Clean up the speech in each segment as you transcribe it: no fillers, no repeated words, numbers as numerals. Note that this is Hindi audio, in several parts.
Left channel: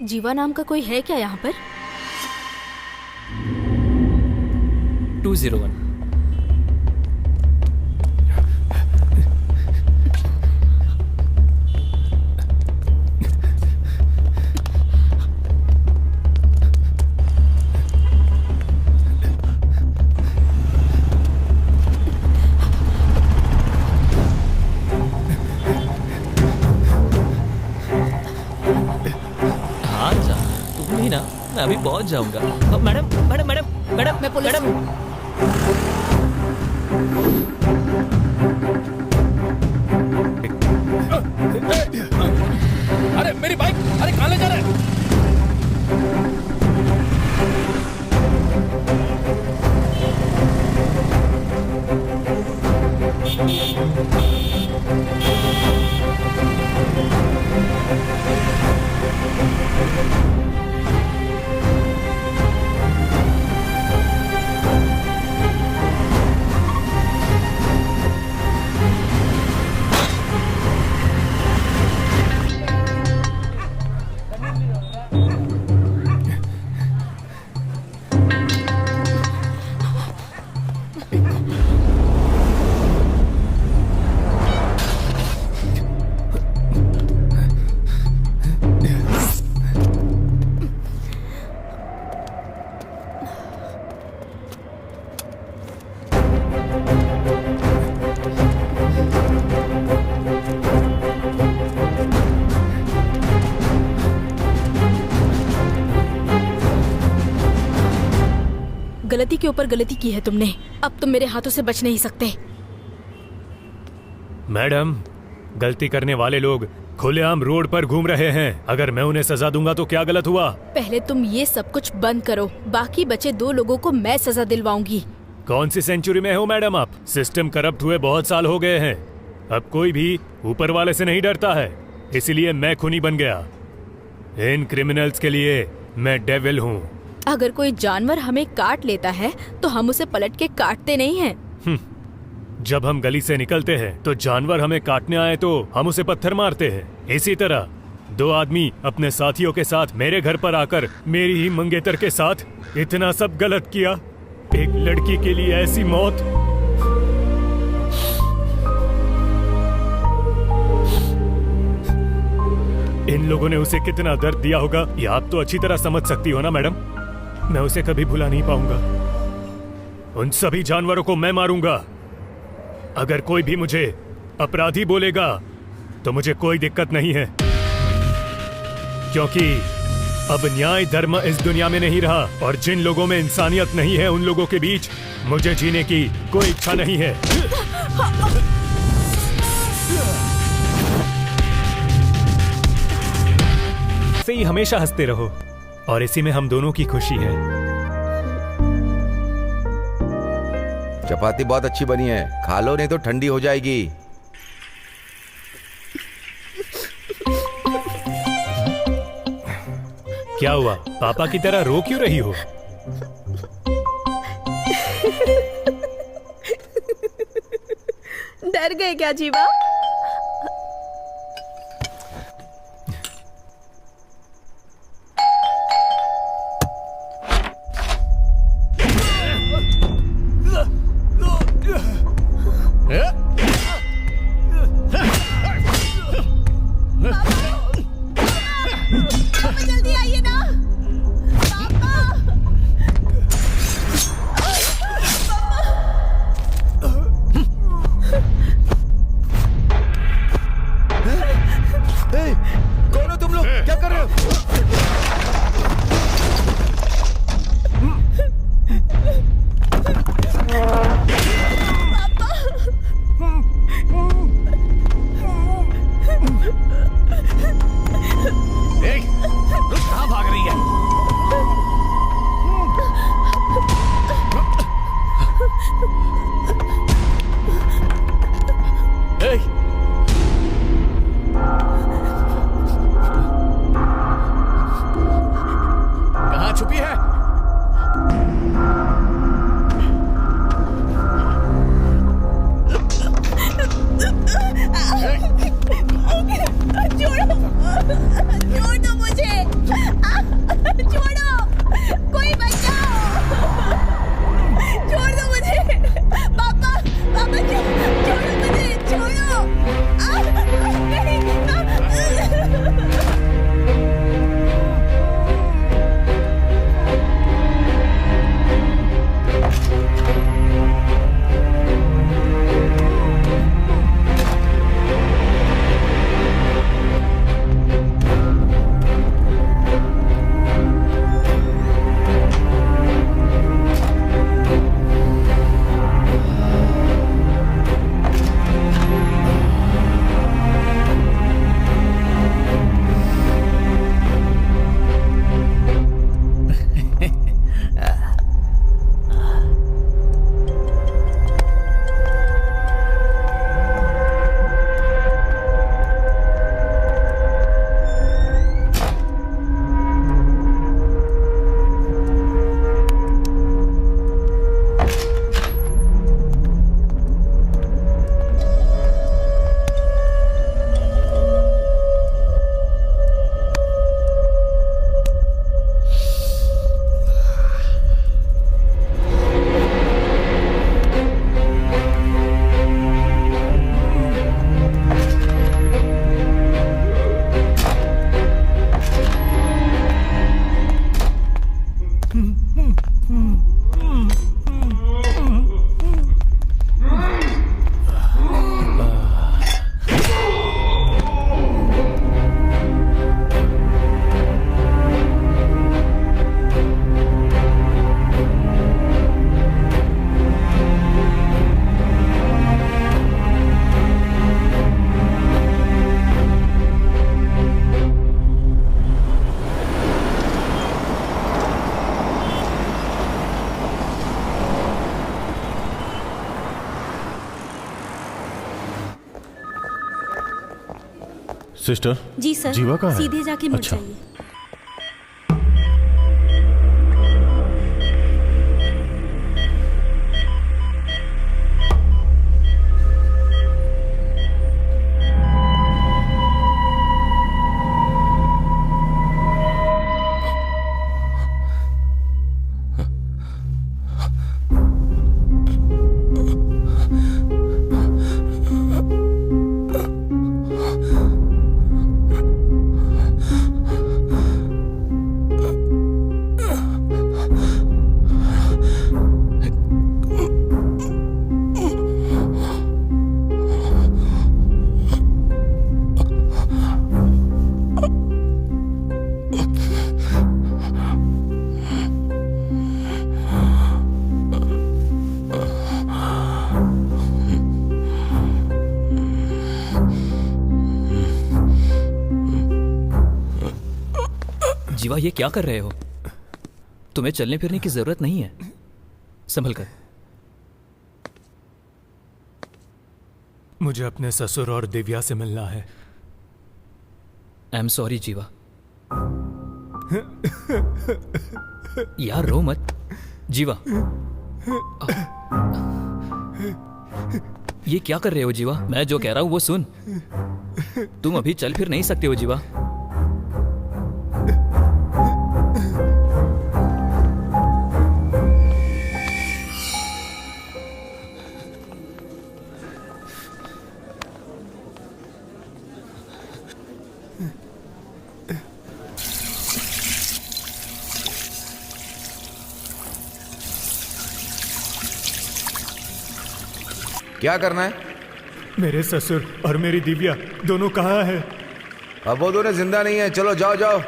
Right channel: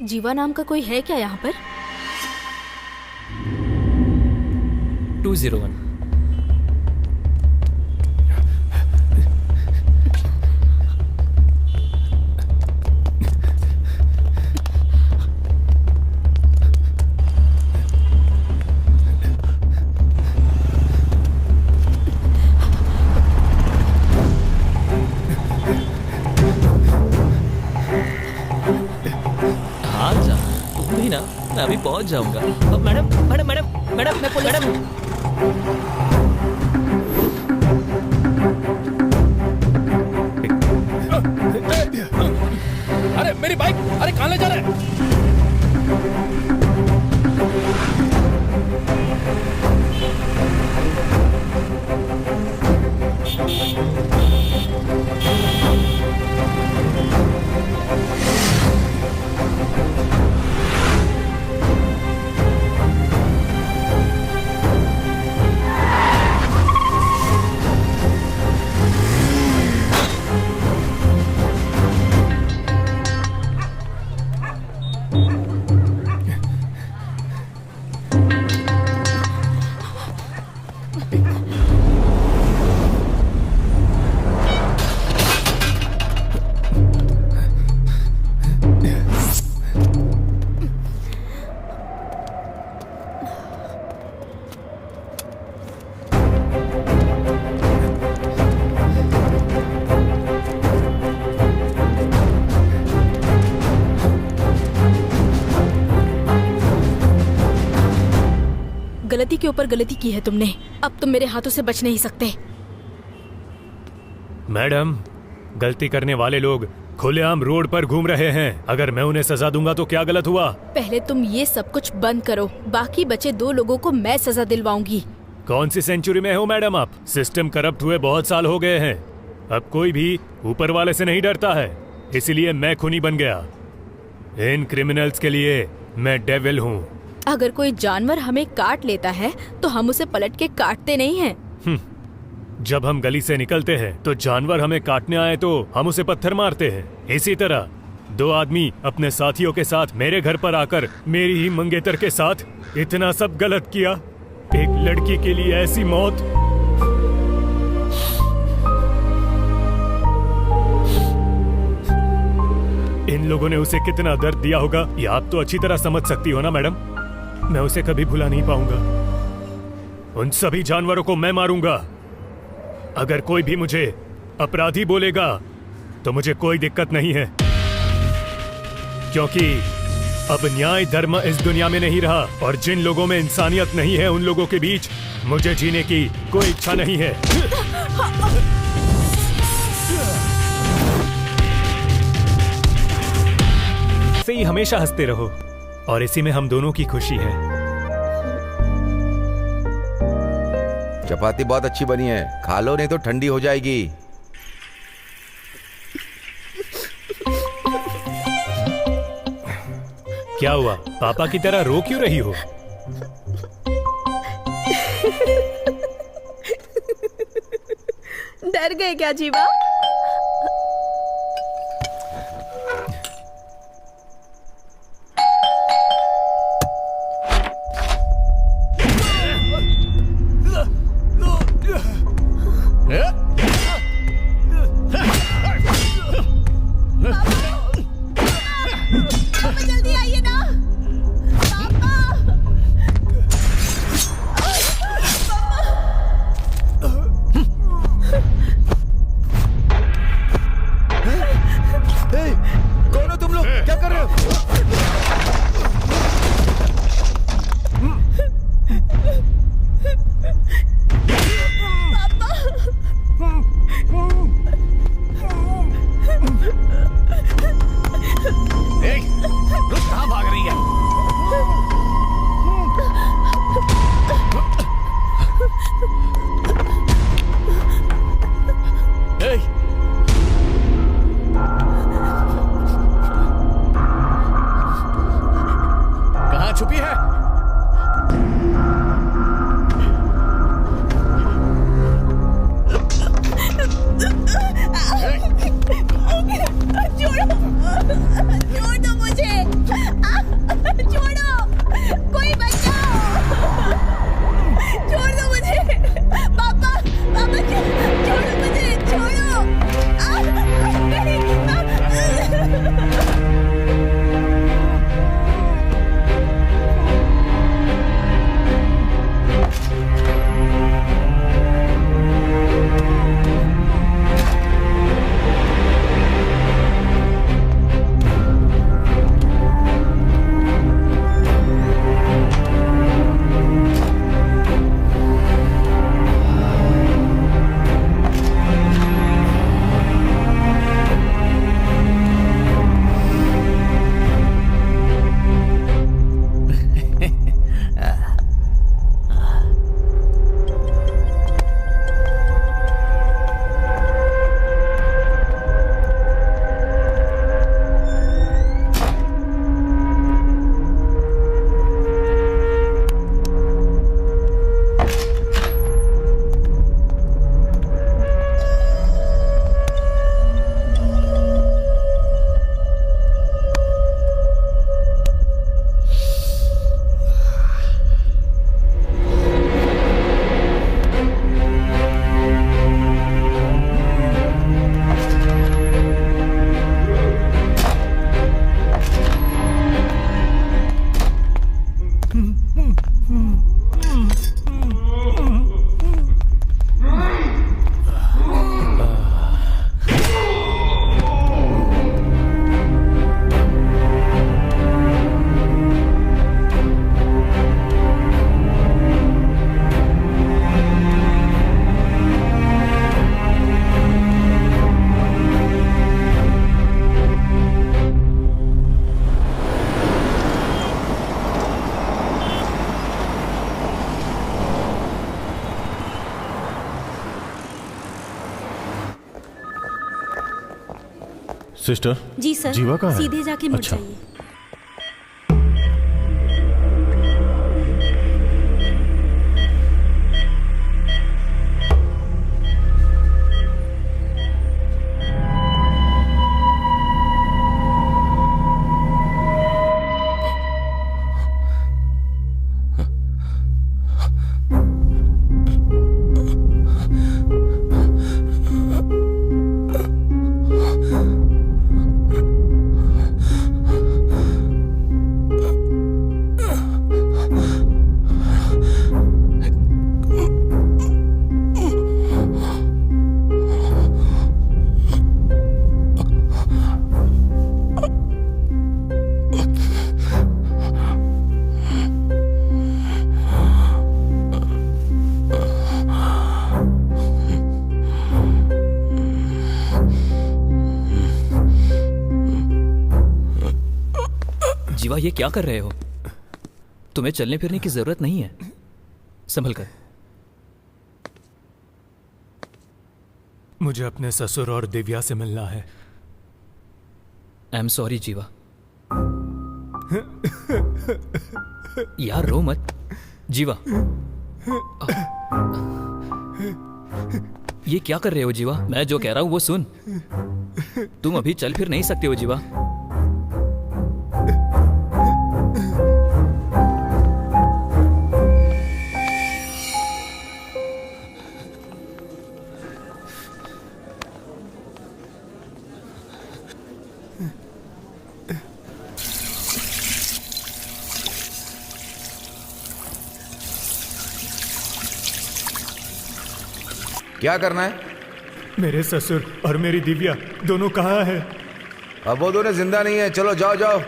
जीवा नाम का कोई है क्या यहाँ पर? 201। हाँ जा, तुम भी ना, मैं अभी पहुंच जाऊंगा। मैडम मैडम मैडम मैडम मैं पुलिस मैडम। अरे मेरी बाइक, अरे कहाँ ले जा रहे हैं? गलती के ऊपर गलती की है तुमने, अब तुम मेरे हाथों से बच नहीं सकते। मैडम, गलती करने वाले लोग खुलेआम रोड पर घूम रहे हैं। अगर मैं उन्हें सजा दूंगा तो क्या गलत हुआ? पहले तुम ये सब कुछ बंद करो, बाकी बचे 2 लोगों को मैं सजा दिलवाऊंगी। कौन सी सेंचुरी में हो मैडम आप? सिस्टम करप्ट हुए बहुत साल हो गए हैं। अब कोई भी ऊपर वाले से नहीं डरता है, इसीलिए मैं खूनी बन गया। इन क्रिमिनल्स के लिए मैं डेविल हूँ। अगर कोई जानवर हमें काट लेता है तो हम उसे पलट के काटते नहीं हैं। जब हम गली से निकलते हैं तो जानवर हमें काटने आए तो हम उसे पत्थर मारते हैं। इसी तरह 2 आदमी अपने साथियों के साथ मेरे घर पर आकर मेरी ही मंगेतर के साथ इतना सब गलत किया। एक लड़की के लिए ऐसी मौत। इन लोगों ने उसे कितना दर्द दिया होगा, ये आप तो अच्छी तरह समझ सकती हो ना मैडम। मैं उसे कभी भुला नहीं पाऊंगा। उन सभी जानवरों को मैं मारूंगा। अगर कोई भी मुझे अपराधी बोलेगा तो मुझे कोई दिक्कत नहीं है, क्योंकि अब न्याय धर्म इस दुनिया में नहीं रहा और जिन लोगों में इंसानियत नहीं है उन लोगों के बीच मुझे जीने की कोई इच्छा नहीं है। से ही हमेशा हंसते रहो और इसी में हम दोनों की खुशी है। चपाती बहुत अच्छी बनी है, खा लो नहीं तो ठंडी हो जाएगी। क्या हुआ, पापा की तरह रो क्यों रही हो? डर गए क्या जीवा? पापा जल्दी आइए ना। पापा, कौन हो तुम लोग? क्या कर रहे हो? रुक, कहाँ भाग रही है? कहाँ छुपी है? छोड़ो, छोड़ दो मुझे। सिस्टर जी सर। जीवा कहाँ है? सीधे जाके मुड़ अच्छा। जाइए। जीवा, ये क्या कर रहे हो? तुम्हें चलने फिरने की जरूरत नहीं है, संभल कर। मुझे अपने ससुर और दिव्या से मिलना है। आई एम सॉरी जीवा। यार रो मत जीवा। ये क्या कर रहे हो जीवा? मैं जो कह रहा हूं वो सुन। तुम अभी चल फिर नहीं सकते हो जीवा। क्या करना है? मेरे ससुर और मेरी दिव्या दोनों कहाँ हैं? अब वो दोनों जिंदा नहीं है। चलो जाओ जाओ।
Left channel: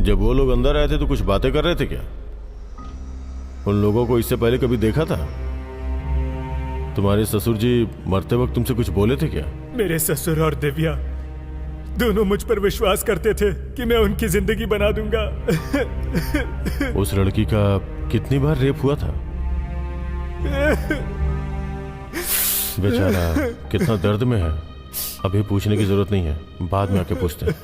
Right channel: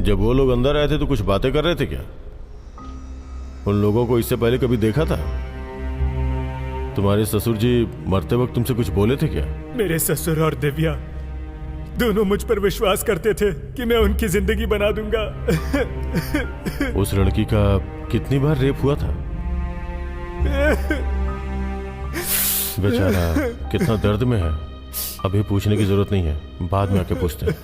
जब वो लोग अंदर आए थे तो कुछ बातें कर रहे थे क्या? उन लोगों को इससे पहले कभी देखा था? तुम्हारे ससुर जी मरते वक्त तुमसे कुछ बोले थे क्या? मेरे ससुर और दिव्या दोनों मुझ पर विश्वास करते थे कि मैं उनकी जिंदगी बना दूंगा। उस लड़की का कितनी बार रेप हुआ था? बेचारा कितना दर्द में है। अभी पूछने की जरूरत नहीं है, बाद में आके पूछते हैं।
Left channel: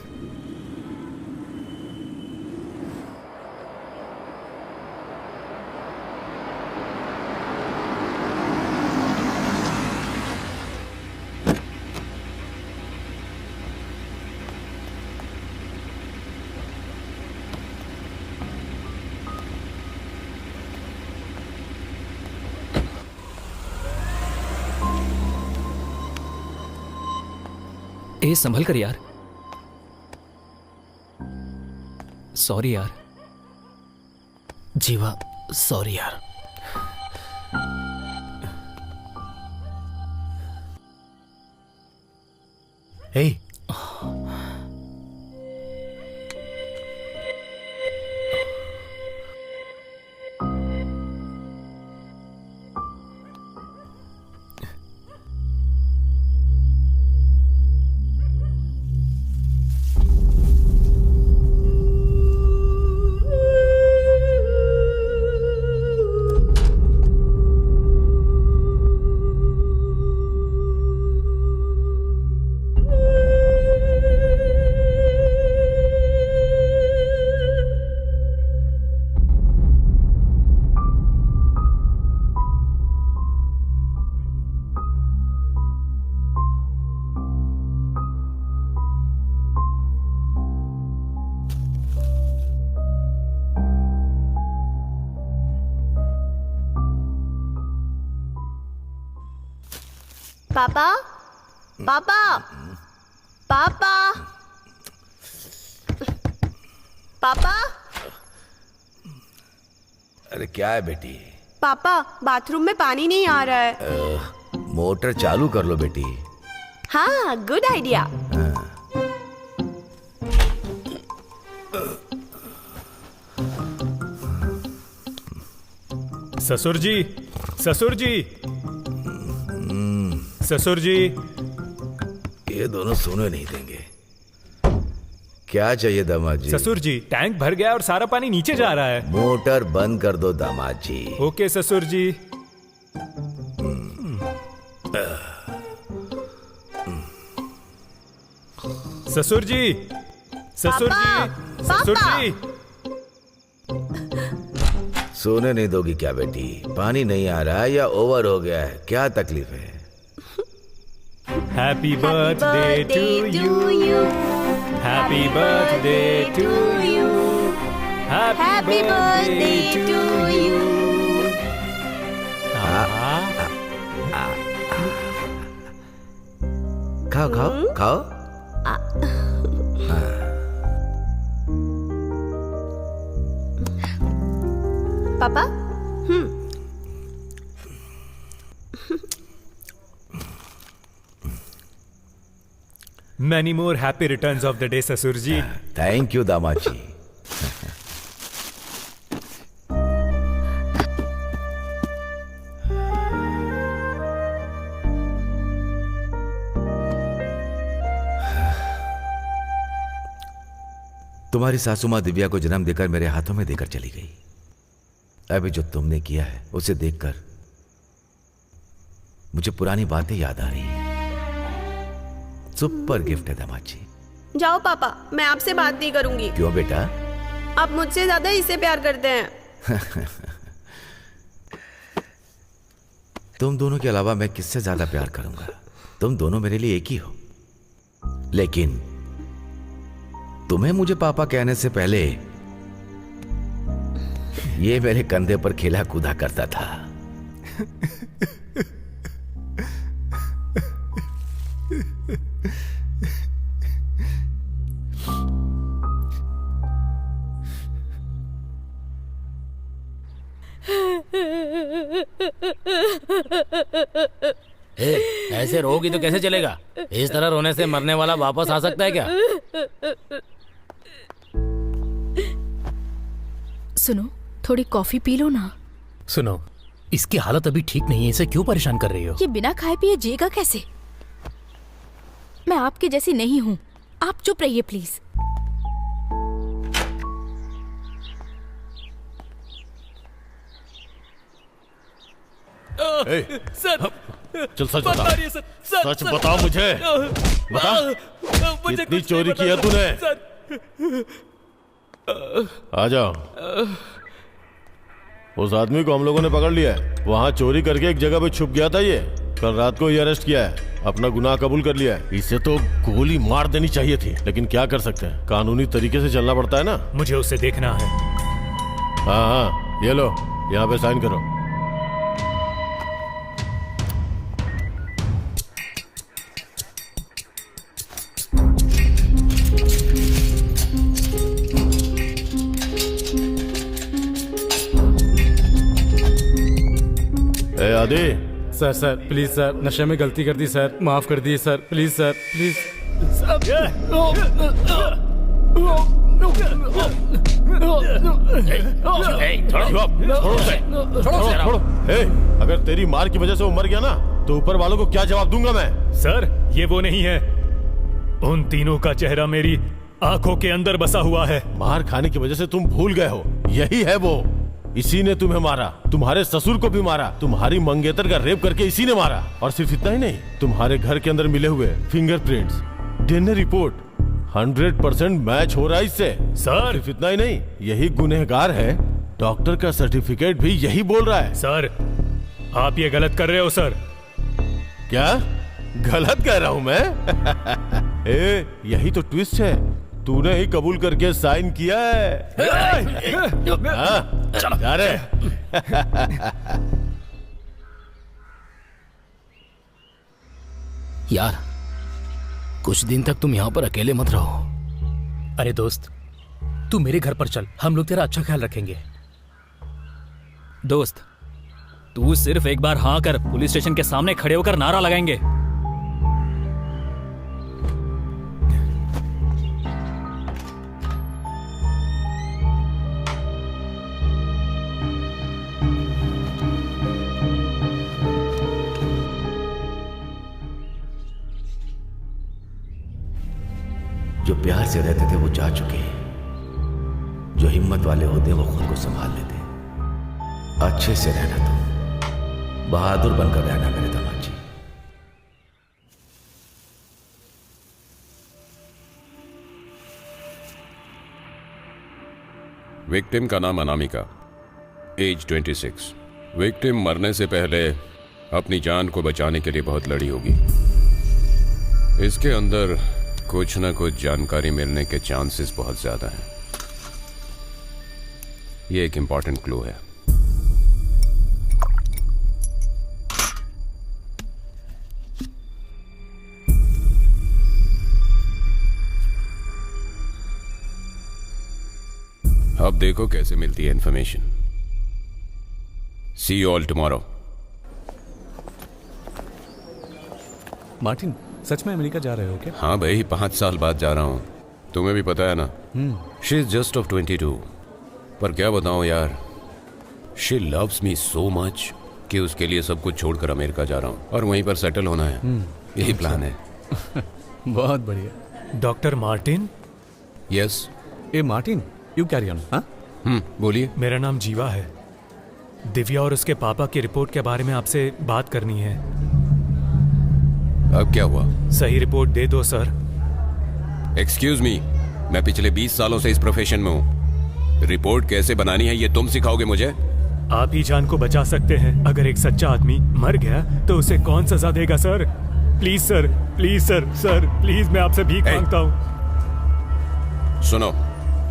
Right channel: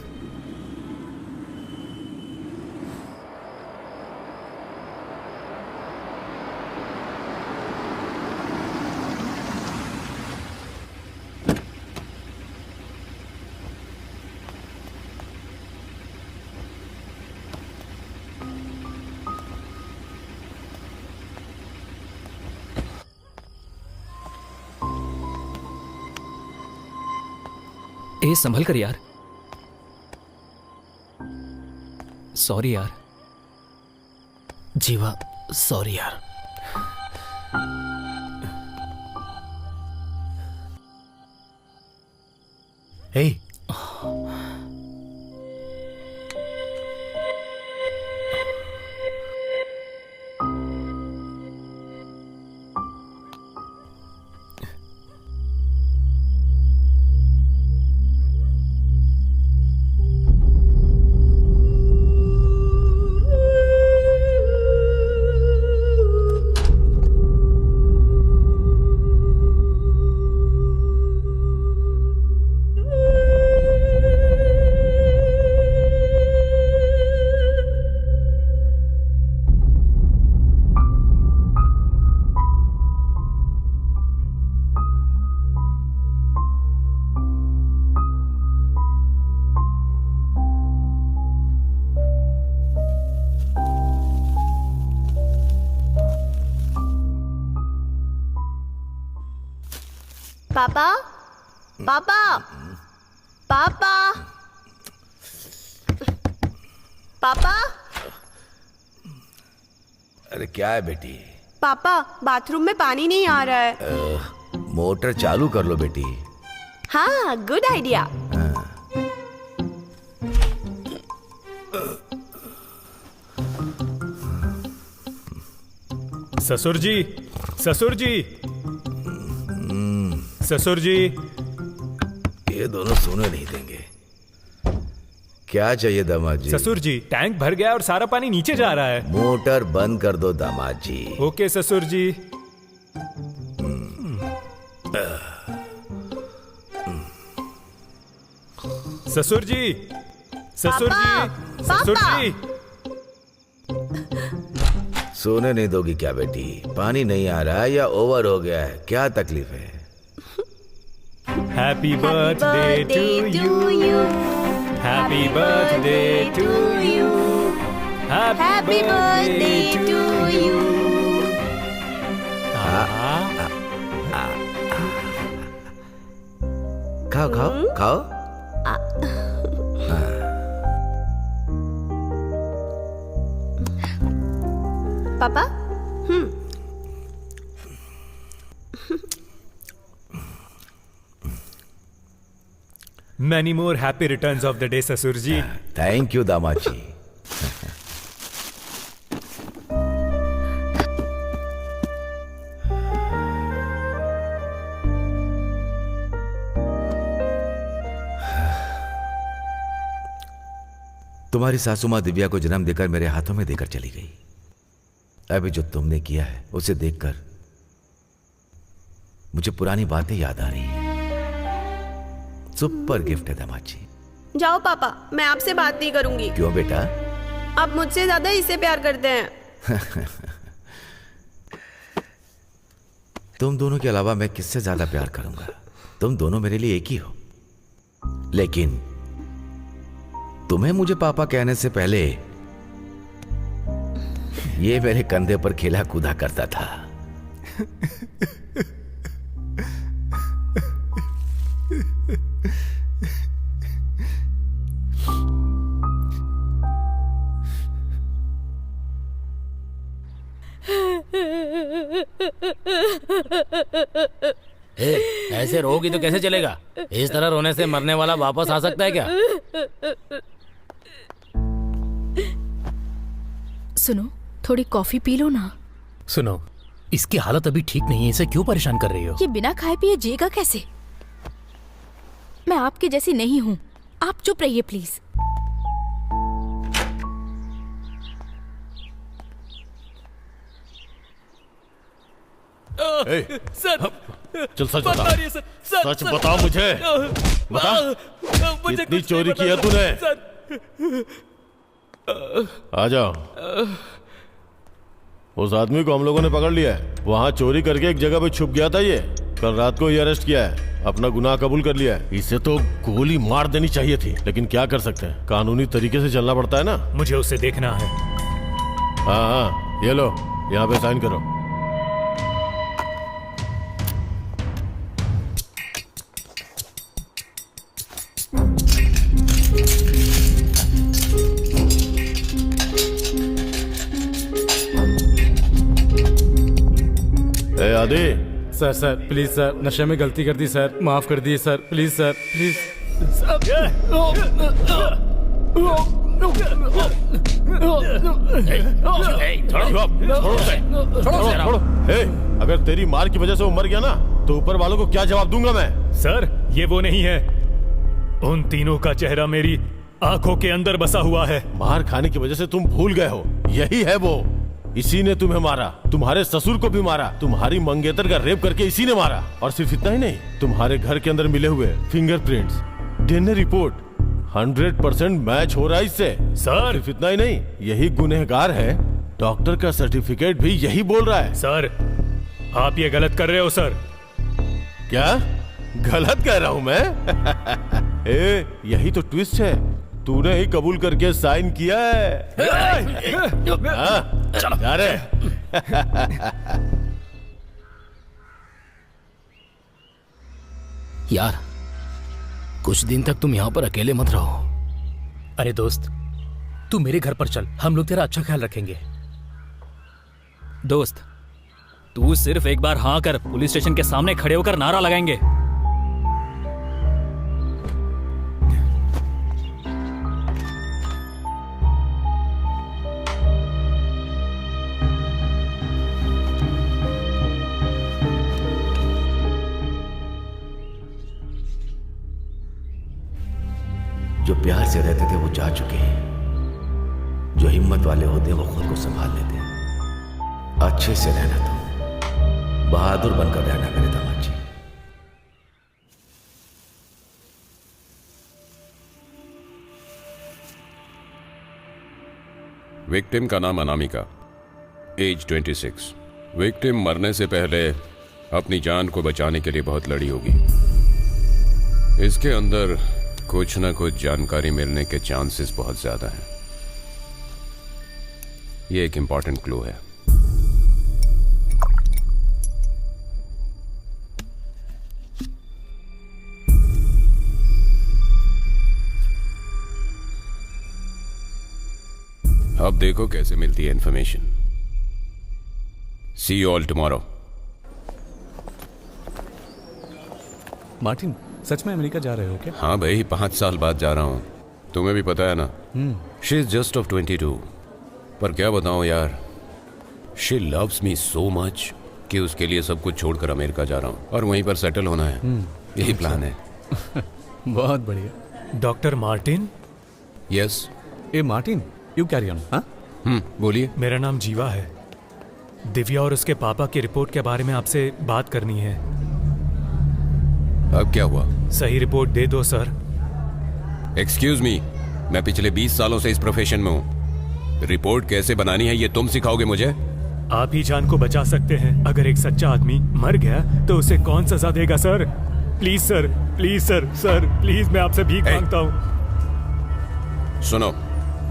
ए संभल कर यार। सॉरी यार। जीवा सॉरी यार। हे पापा पापा पापा पापा। अरे क्या है बेटी? पापा बाथरूम में पानी नहीं आ रहा है। मोटर चालू कर लो बेटी। हाँ गुड आइडिया। ससुर जी, ससुर जी, ससुर जी। ये दोनों सोने नहीं देंगे। क्या चाहिए दामाद जी? ससुर जी, टैंक भर गया और सारा पानी नीचे जा रहा है। मोटर बंद कर दो दामाद जी। ओके ससुर जी। ससुर जी, ससुर जी, ससुर जी। सोने नहीं दोगी क्या बेटी? पानी नहीं आ रहा है या ओवर हो गया है? क्या तकलीफ है? Happy birthday to you, happy birthday to you, happy birthday to you. खाओ खाओ खाओ। पापा। Many more happy returns of the day, ससुर जी। थैंक यू दामाद जी। तुम्हारी सासू माँ दिव्या को जन्म देकर मेरे हाथों में देकर चली गई। अभी जो तुमने किया है उसे देखकर मुझे पुरानी बातें याद आ रही हैं। सुपर गिफ्ट है दामाद जी। जाओ पापा, मैं आपसे बात नहीं करूंगी। क्यों बेटा? आप मुझसे ज्यादा इसे प्यार करते हैं। तुम दोनों के अलावा मैं किससे ज्यादा प्यार करूंगा? तुम दोनों मेरे लिए एक ही हो। लेकिन तुम्हें मुझे पापा कहने से पहले ये मेरे कंधे पर खेला कूदा करता था। ऐसे रोगी तो कैसे चलेगा? इस तरह रोने से मरने वाला वापस आ सकता है क्या? सुनो, थोड़ी कॉफी पी लो ना। सुनो, इसकी हालत अभी ठीक नहीं है, इसे क्यों परेशान कर रही हो? ये बिना खाए पिए जिएगा कैसे? मैं आपके जैसी नहीं हूँ। आप चुप रहिए प्लीज। सर, चल सच बता। सच बता मुझे। बता, कितनी चोरी की है तूने? आ जाओ। उस आदमी को हम लोगों ने पकड़ लिया है। वहां चोरी करके एक जगह पे छुप गया था। ये कल रात को ही अरेस्ट किया है। अपना गुनाह कबूल कर लिया है। इसे तो गोली मार देनी चाहिए थी, लेकिन क्या कर सकते हैं, कानूनी तरीके से चलना पड़ता है ना। मुझे उसे देखना है। हाँ हाँ, ये लो, यहाँ पे साइन करो। ए आदि। सर प्लीज सर, नशे में गलती कर दी सर, माफ कर दिए सर, प्लीज सर, प्लीज। छोड़ो। अगर तेरी मार की वजह से वो मर गया ना, तो ऊपर वालों को क्या जवाब दूंगा मैं? सर, ये वो नहीं है। उन तीनों का चेहरा मेरी आंखों के अंदर बसा हुआ है। मार खाने की वजह से तुम भूल गए हो, यही है वो। इसी ने तुम्हें मारा, तुम्हारे ससुर को भी मारा, तुम्हारी मंगेतर का रेप करके इसी ने मारा। और सिर्फ इतना ही नहीं, तुम्हारे घर के अंदर मिले हुए फिंगरप्रिंट्स, डीएनए रिपोर्ट 100% मैच हो रहा है इससे। सर, सिर्फ इतना ही नहीं, यही गुनहगार है। डॉक्टर का सर्टिफिकेट भी यही बोल रहा है। सर, आप ये गलत कर रहे हो सर। क्या गलत कह रहा हूं मैं? यही तो ट्विस्ट है। तूने ही कबूल करके साइन किया है। हाँ, जा रहे। यार, कुछ दिन तक तुम यहाँ पर अकेले मत रहो। अरे दोस्त, तू मेरे घर पर चल, हम लोग तेरा अच्छा ख्याल रखेंगे। दोस्त, तू सिर्फ एक बार हाँ कर, पुलिस स्टेशन के सामने खड़े होकर नारा लगाएंगे। जो प्यार से रहते थे वो जा चुके हैं। जो हिम्मत वाले होते हैं वो खुद को संभाल लेते हैं। अच्छे से रहना, तुम बहादुर बनकर रहना मेरे दामाद जी। विक्टिम का नाम अनामिका, एज 26। विक्टिम मरने से पहले अपनी जान को बचाने के लिए बहुत लड़ी होगी। इसके अंदर कुछ ना कुछ जानकारी मिलने के चांसेस बहुत ज्यादा हैं। ये एक इंपॉर्टेंट क्लू है। अब देखो कैसे मिलती है information. See you all tomorrow. Martin, सच में अमेरिका जा रहे हो क्या? हाँ भाई, 5 साल बाद जा रहा हूं। तुम्हें भी पता है ना। She is just of 22। पर क्या बताऊं यार, she loves me so much कि उसके लिए सब कुछ छोड़कर अमेरिका जा रहा हूं और वहीं पर सेटल होना है। यही प्लान है। बहुत बढ़िया। Doctor Martin. Yes. A Martin, you carry on. बोलिए। मेरा नाम जीवा है। दिव्या और उसके पापा की रिपोर्ट के बारे में आपसे बात करनी है। अब क्या हुआ? सही रिपोर्ट दे दो सर। एक्सक्यूज मी, मैं पिछले 20 सालों से इस प्रोफेशन में हूं। रिपोर्ट कैसे बनानी है ये तुम सिखाओगे मुझे? आप ही जान को बचा सकते हैं। अगर एक सच्चा आदमी मर गया तो उसे कौन सजा देगा sir? Please sir, please sir, sir please, मैं आपसे भीख मांगता हूं। सुनो,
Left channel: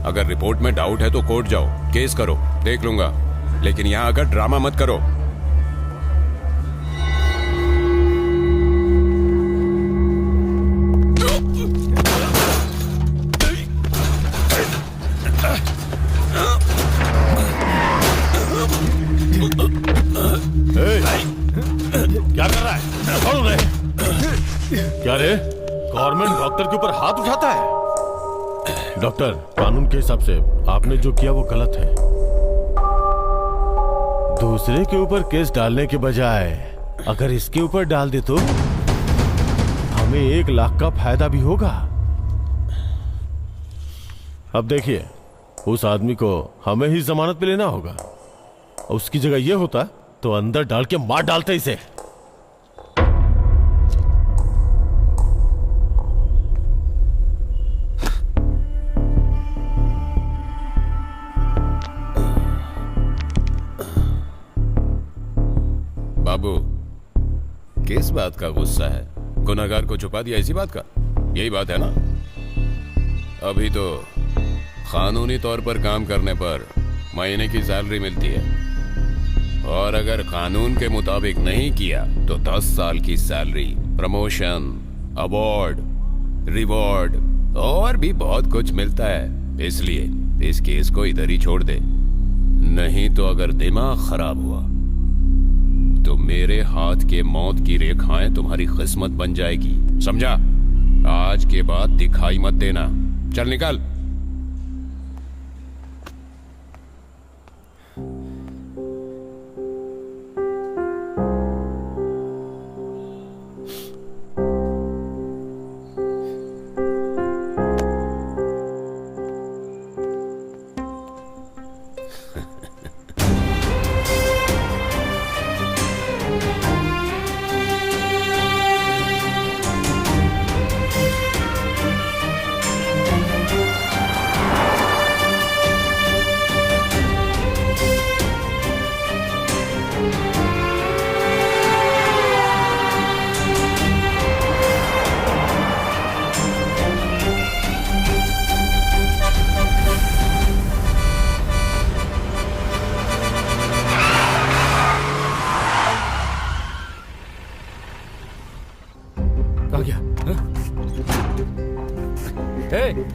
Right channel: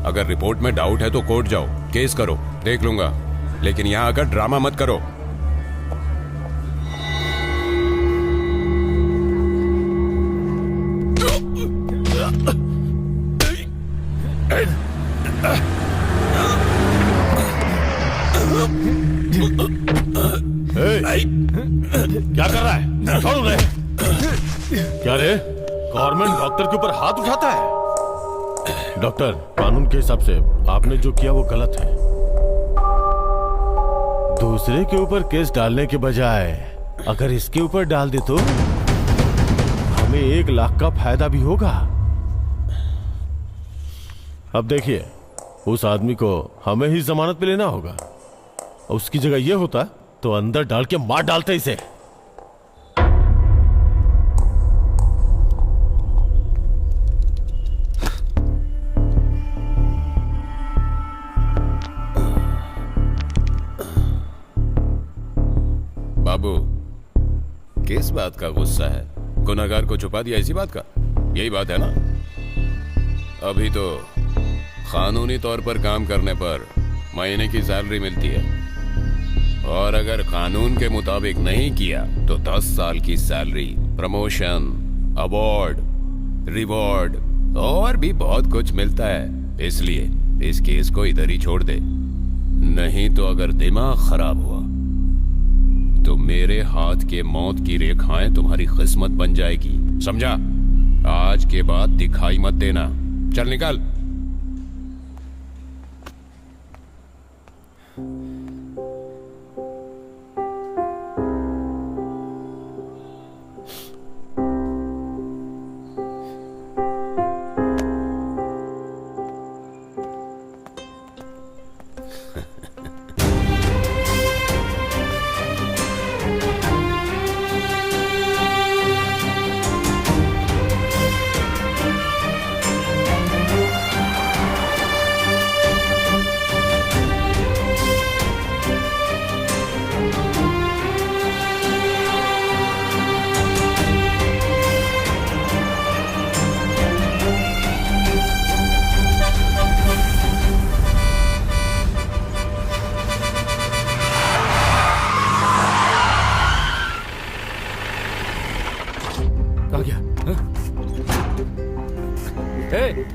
अगर रिपोर्ट में डाउट है तो कोर्ट जाओ, केस करो, देख लूंगा। लेकिन यहां आकर ड्रामा मत करो। क्या कर रहा है? छोड़ उन्हें। क्या रे, गवर्नमेंट डॉक्टर के ऊपर हाथ उठाता है? डॉक्टर, कानून के हिसाब से आपने जो किया वो गलत है। दूसरे के ऊपर केस डालने के बजाय अगर इसके ऊपर डाल दे तो हमें 1 लाख का फायदा भी होगा। अब देखिए, उस आदमी को हमें ही जमानत पे लेना होगा। उसकी जगह ये होता तो अंदर डाल के मार डालते इसे। बाबू, किस बात का गुस्सा है? गुनहगार को छुपा दिया इसी बात का? यही बात है ना? अभी तो कानूनी तौर पर काम करने पर महीने की सैलरी मिलती है, और अगर कानून के मुताबिक नहीं किया तो 10 साल की सैलरी, प्रमोशन, अवार्ड, रिवॉर्ड और भी बहुत कुछ मिलता है। इसलिए इस केस को इधर ही छोड़ दे, नहीं तो अगर दिमाग खराब हुआ तो मेरे हाथ के मौत की रेखाएं तुम्हारी किस्मत बन जाएगी, समझा? आज के बाद दिखाई मत देना। चल निकल।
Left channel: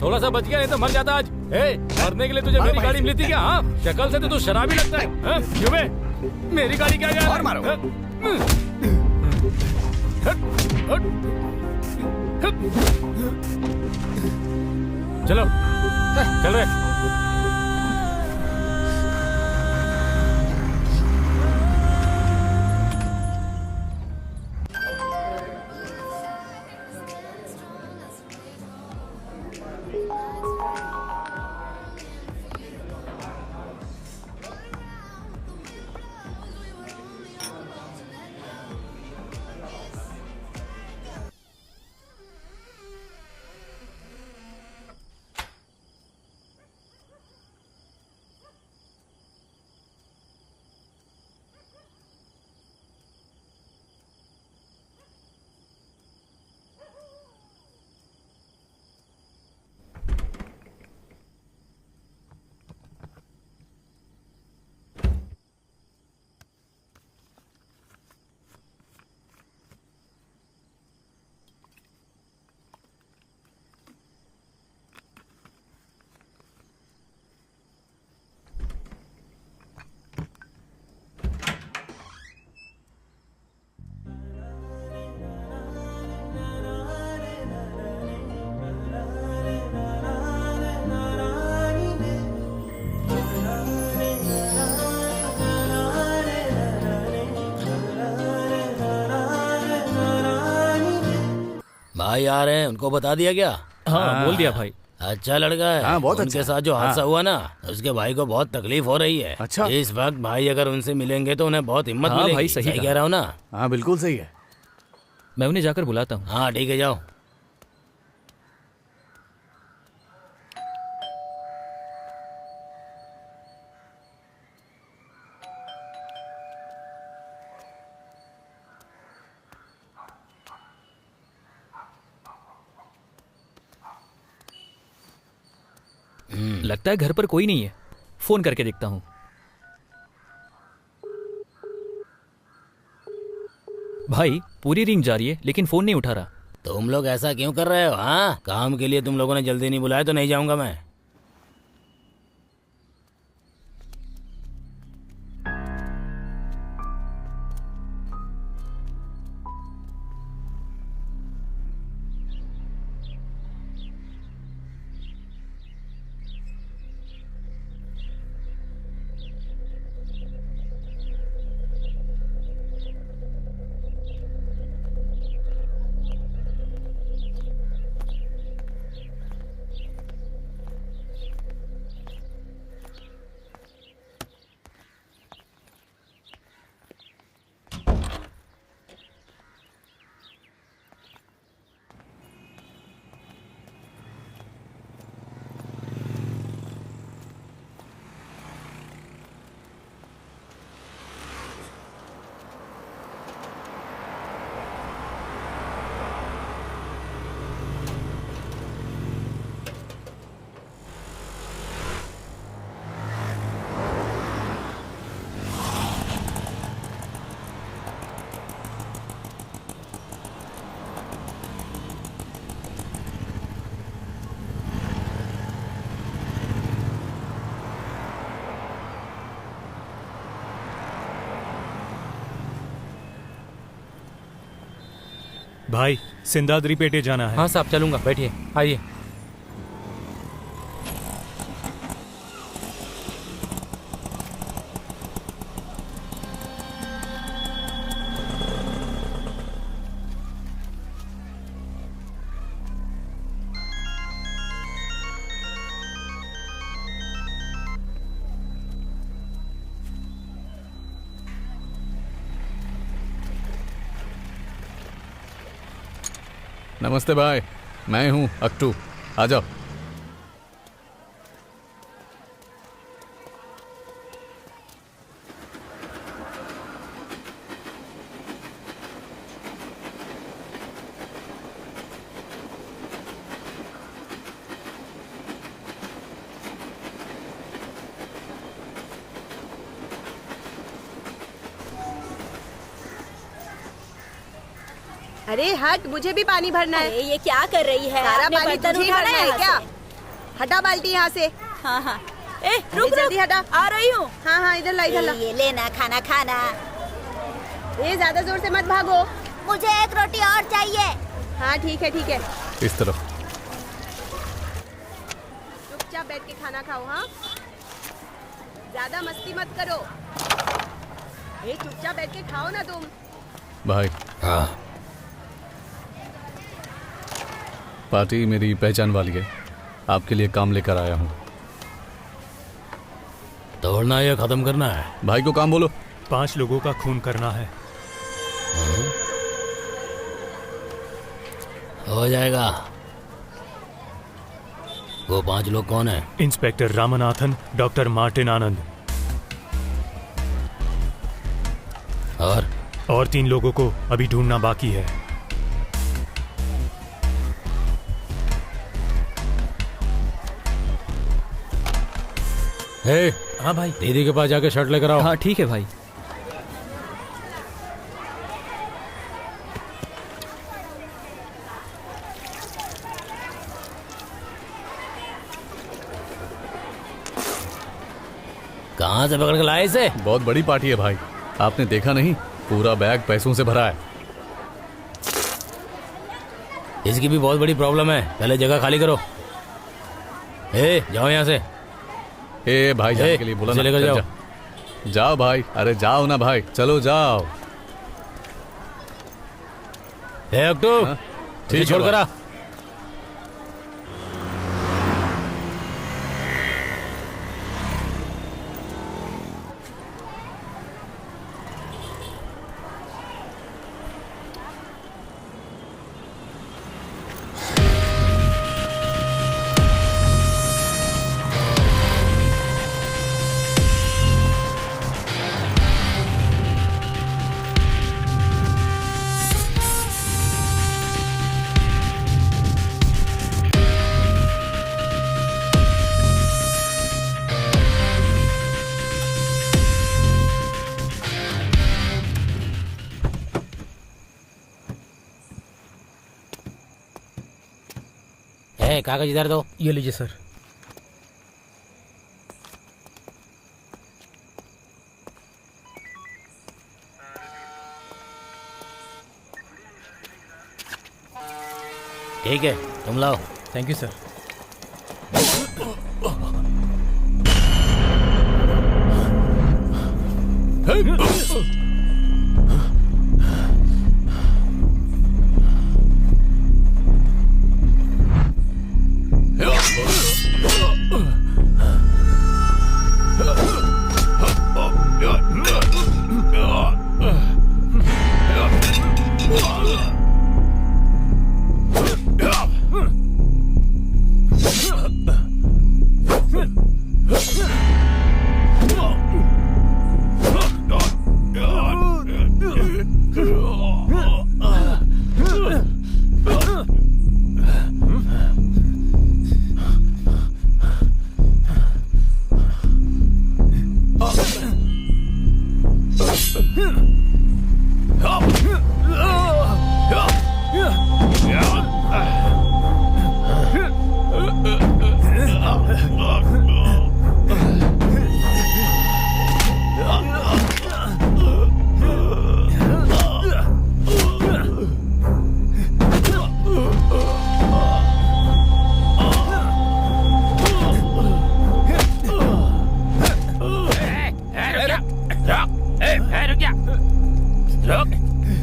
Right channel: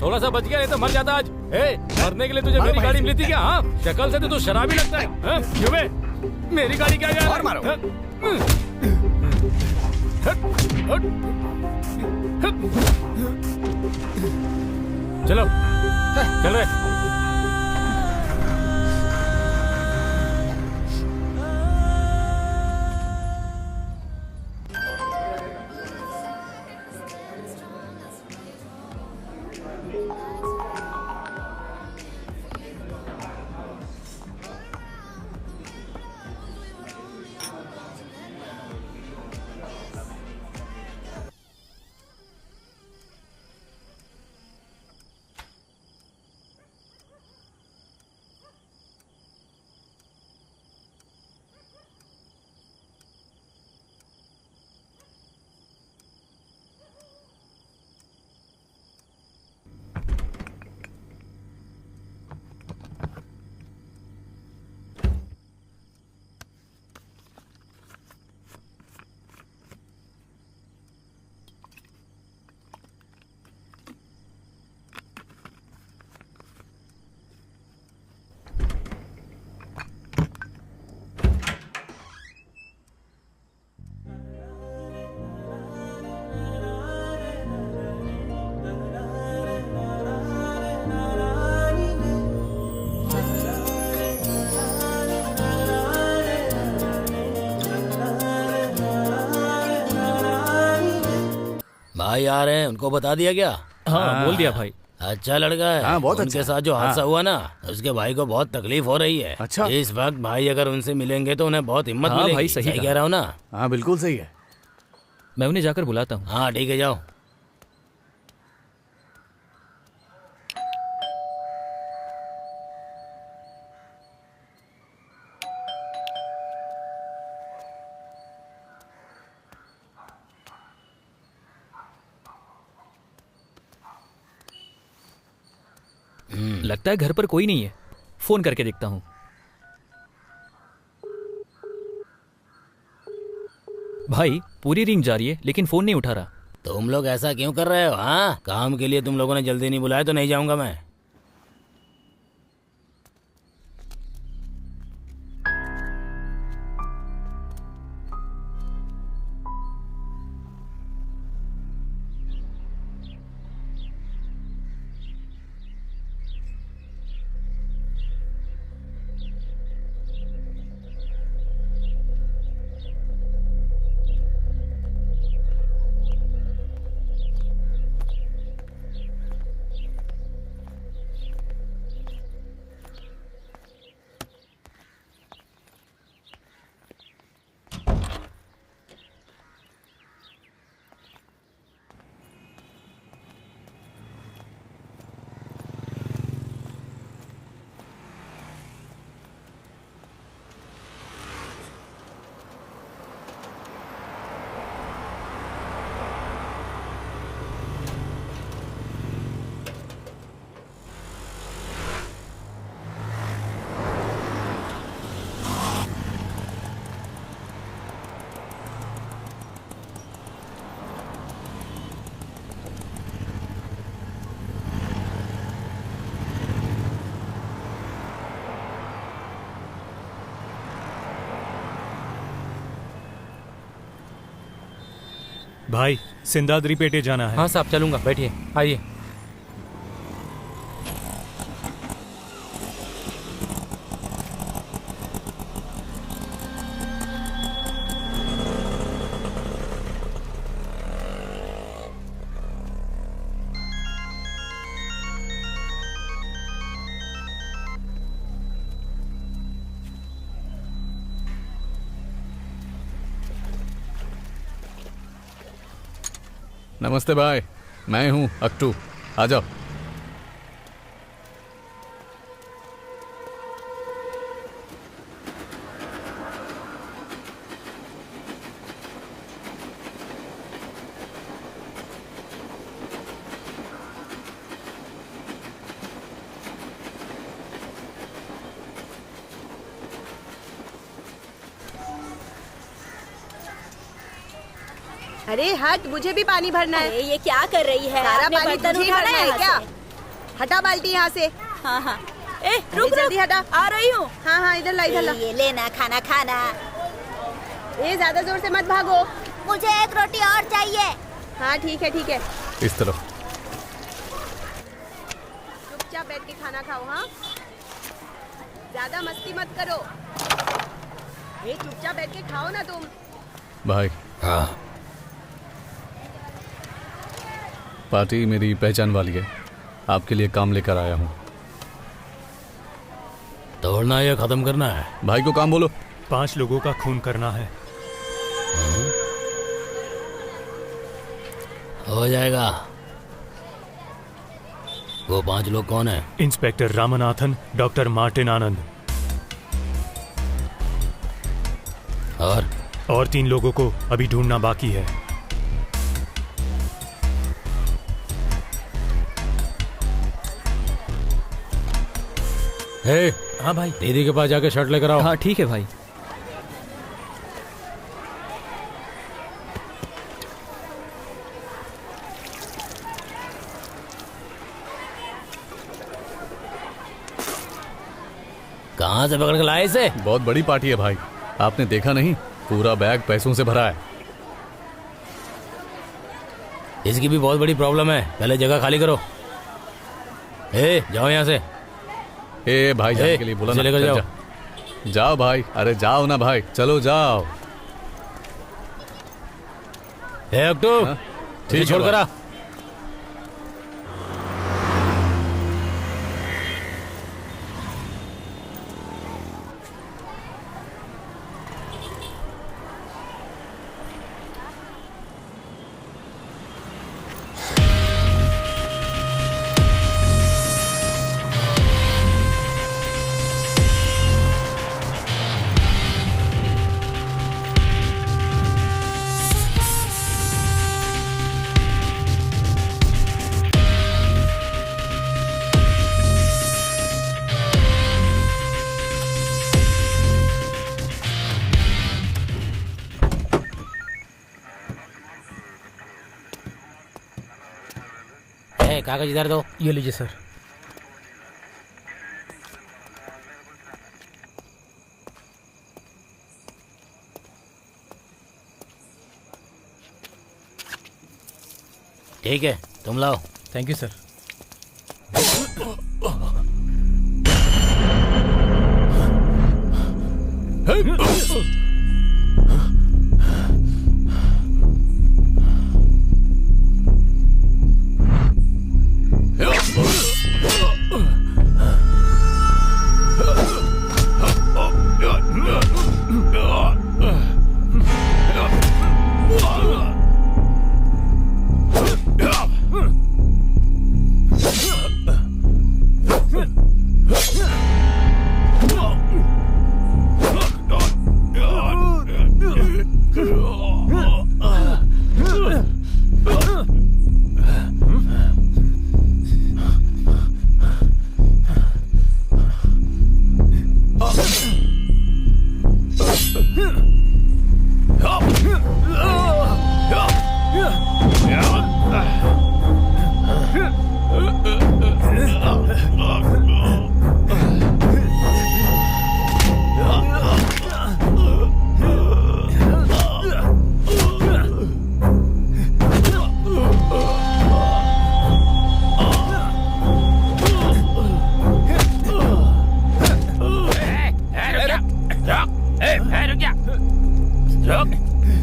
थोड़ा सा बच गया, नहीं तो मर जाता आज। मरने के लिए तुझे मेरी गाड़ी मिली थी क्या? हाँ, शक्ल से तो तू शराबी लगता है। क्यों बे? मेरी गाड़ी क्या गया? और मारो। चलो चल रहे। भाई आ रहे हैं, उनको बता दिया क्या? हाँ बोल दिया भाई। अच्छा लड़का है। हाँ, बहुत उनके अच्छा। साथ जो हादसा हाँ। हुआ ना, उसके भाई को बहुत तकलीफ हो रही है। अच्छा। इस वक्त भाई अगर उनसे मिलेंगे तो उन्हें बहुत हिम्मत हाँ, मिलेगी। भाई, सही कहा। कह रहा हूँ ना? हाँ बिल्कुल सही है। मैं उन्हें जाकर बुलाता हूँ। हाँ ठीक है, जाओ। लगता है घर पर कोई नहीं है, फोन करके देखता हूँ। भाई पूरी रिंग जा रही है लेकिन फोन नहीं उठा रहा। तुम लोग ऐसा क्यों कर रहे हो? हाँ, काम के लिए तुम लोगों ने जल्दी नहीं बुलाया तो नहीं जाऊंगा मैं। भाई सिंदाद्री पेटे जाना है। हाँ साहब, चलूंगा, बैठिए, आइए। नमस्ते भाई, मैं हूँ अक्टू, आ जाओ। अरे हट, मुझे भी पानी भरना है। अरे ये क्या कर रही है? सारा आपने पानी बर्तन तुझे ही उठाना भरना है यहाँ क्या? से। हटा बाल्टी यहाँ से। हाँ हाँ। ए अरे रुक जल्दी रुक, हटा। आ रही हूँ। हाँ हाँ, इधर ला, इधर ला। ये लेना खाना खाना। ए ज्यादा जोर से मत भागो। मुझे एक रोटी और चाहिए। हाँ ठीक है ठीक है, इस तरफ। चुपचाप बैठ के खाना खाओ। हाँ, ज्यादा मस्ती मत करो। ए चुपचाप बैठ के खाओ ना तुम। भाई हाँ, पार्टी मेरी पहचान वाली है, आपके लिए काम लेकर आया हूँ। तोड़ना या खत्म करना है? भाई को काम बोलो। 5 लोगों का खून करना है। हो जाएगा। वो 5 लोग कौन है? इंस्पेक्टर रामनाथन, डॉक्टर मार्टिन आनंद और 3 लोगों को अभी ढूंढना बाकी है। हे, हाँ भाई। दीदी के पास जाके शर्ट लेकर आओ। हाँ ठीक है भाई। कहाँ से पकड़ के लाए इसे? बहुत बड़ी पार्टी है भाई, आपने देखा नहीं? पूरा बैग पैसों से भरा है। इसकी भी बहुत बड़ी प्रॉब्लम है, पहले जगह खाली करो। ए, जाओ यहाँ से। ए भाई, जाने ए, के लिए बोला इसे ना। लेकर चल, जाओ। जा। जाओ भाई, अरे जाओ ना भाई, चलो जाओ। हे अक्टू, हाँ? ठीक छोड़ है कर आ। कागज इधर दो। ये लीजिए सर। ठीक है, तुम लाओ। Thank you sir.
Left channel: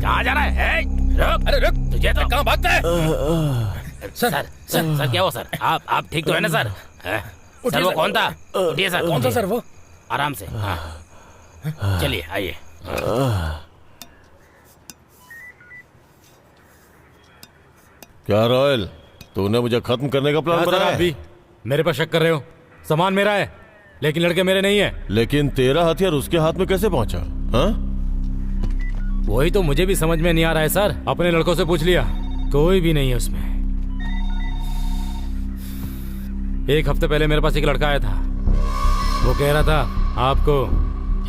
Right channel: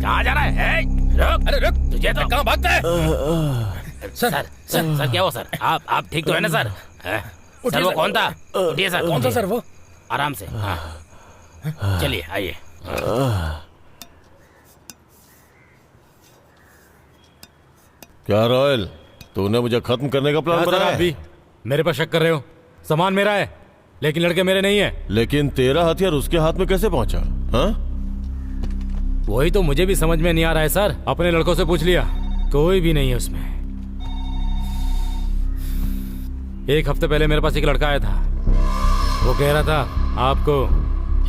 कहाँ जा रहा है? रुक, अरे रुक, तुझे तो कहाँ भागता है? सर क्या हुआ सर? आप ठीक तो है ना सर? सर वो कौन था? उठिए सर। कौन था सर वो? आराम से। हाँ, चलिए आइए। क्या रॉयल, तूने मुझे खत्म करने का प्लान बनाया? आप भी मेरे पर शक कर रहे हो? सामान मेरा है, लेकिन लड़के मेरे नहीं है। लेकिन तेरा हथियार उसके हाथ में कैसे पहुंचा? हाँ? वही तो मुझे भी समझ में नहीं आ रहा है सर। अपने लड़कों से पूछ लिया, कोई भी नहीं है उसमें। एक हफ्ते पहले मेरे पास एक लड़का आया था। वो कह रहा था आपको,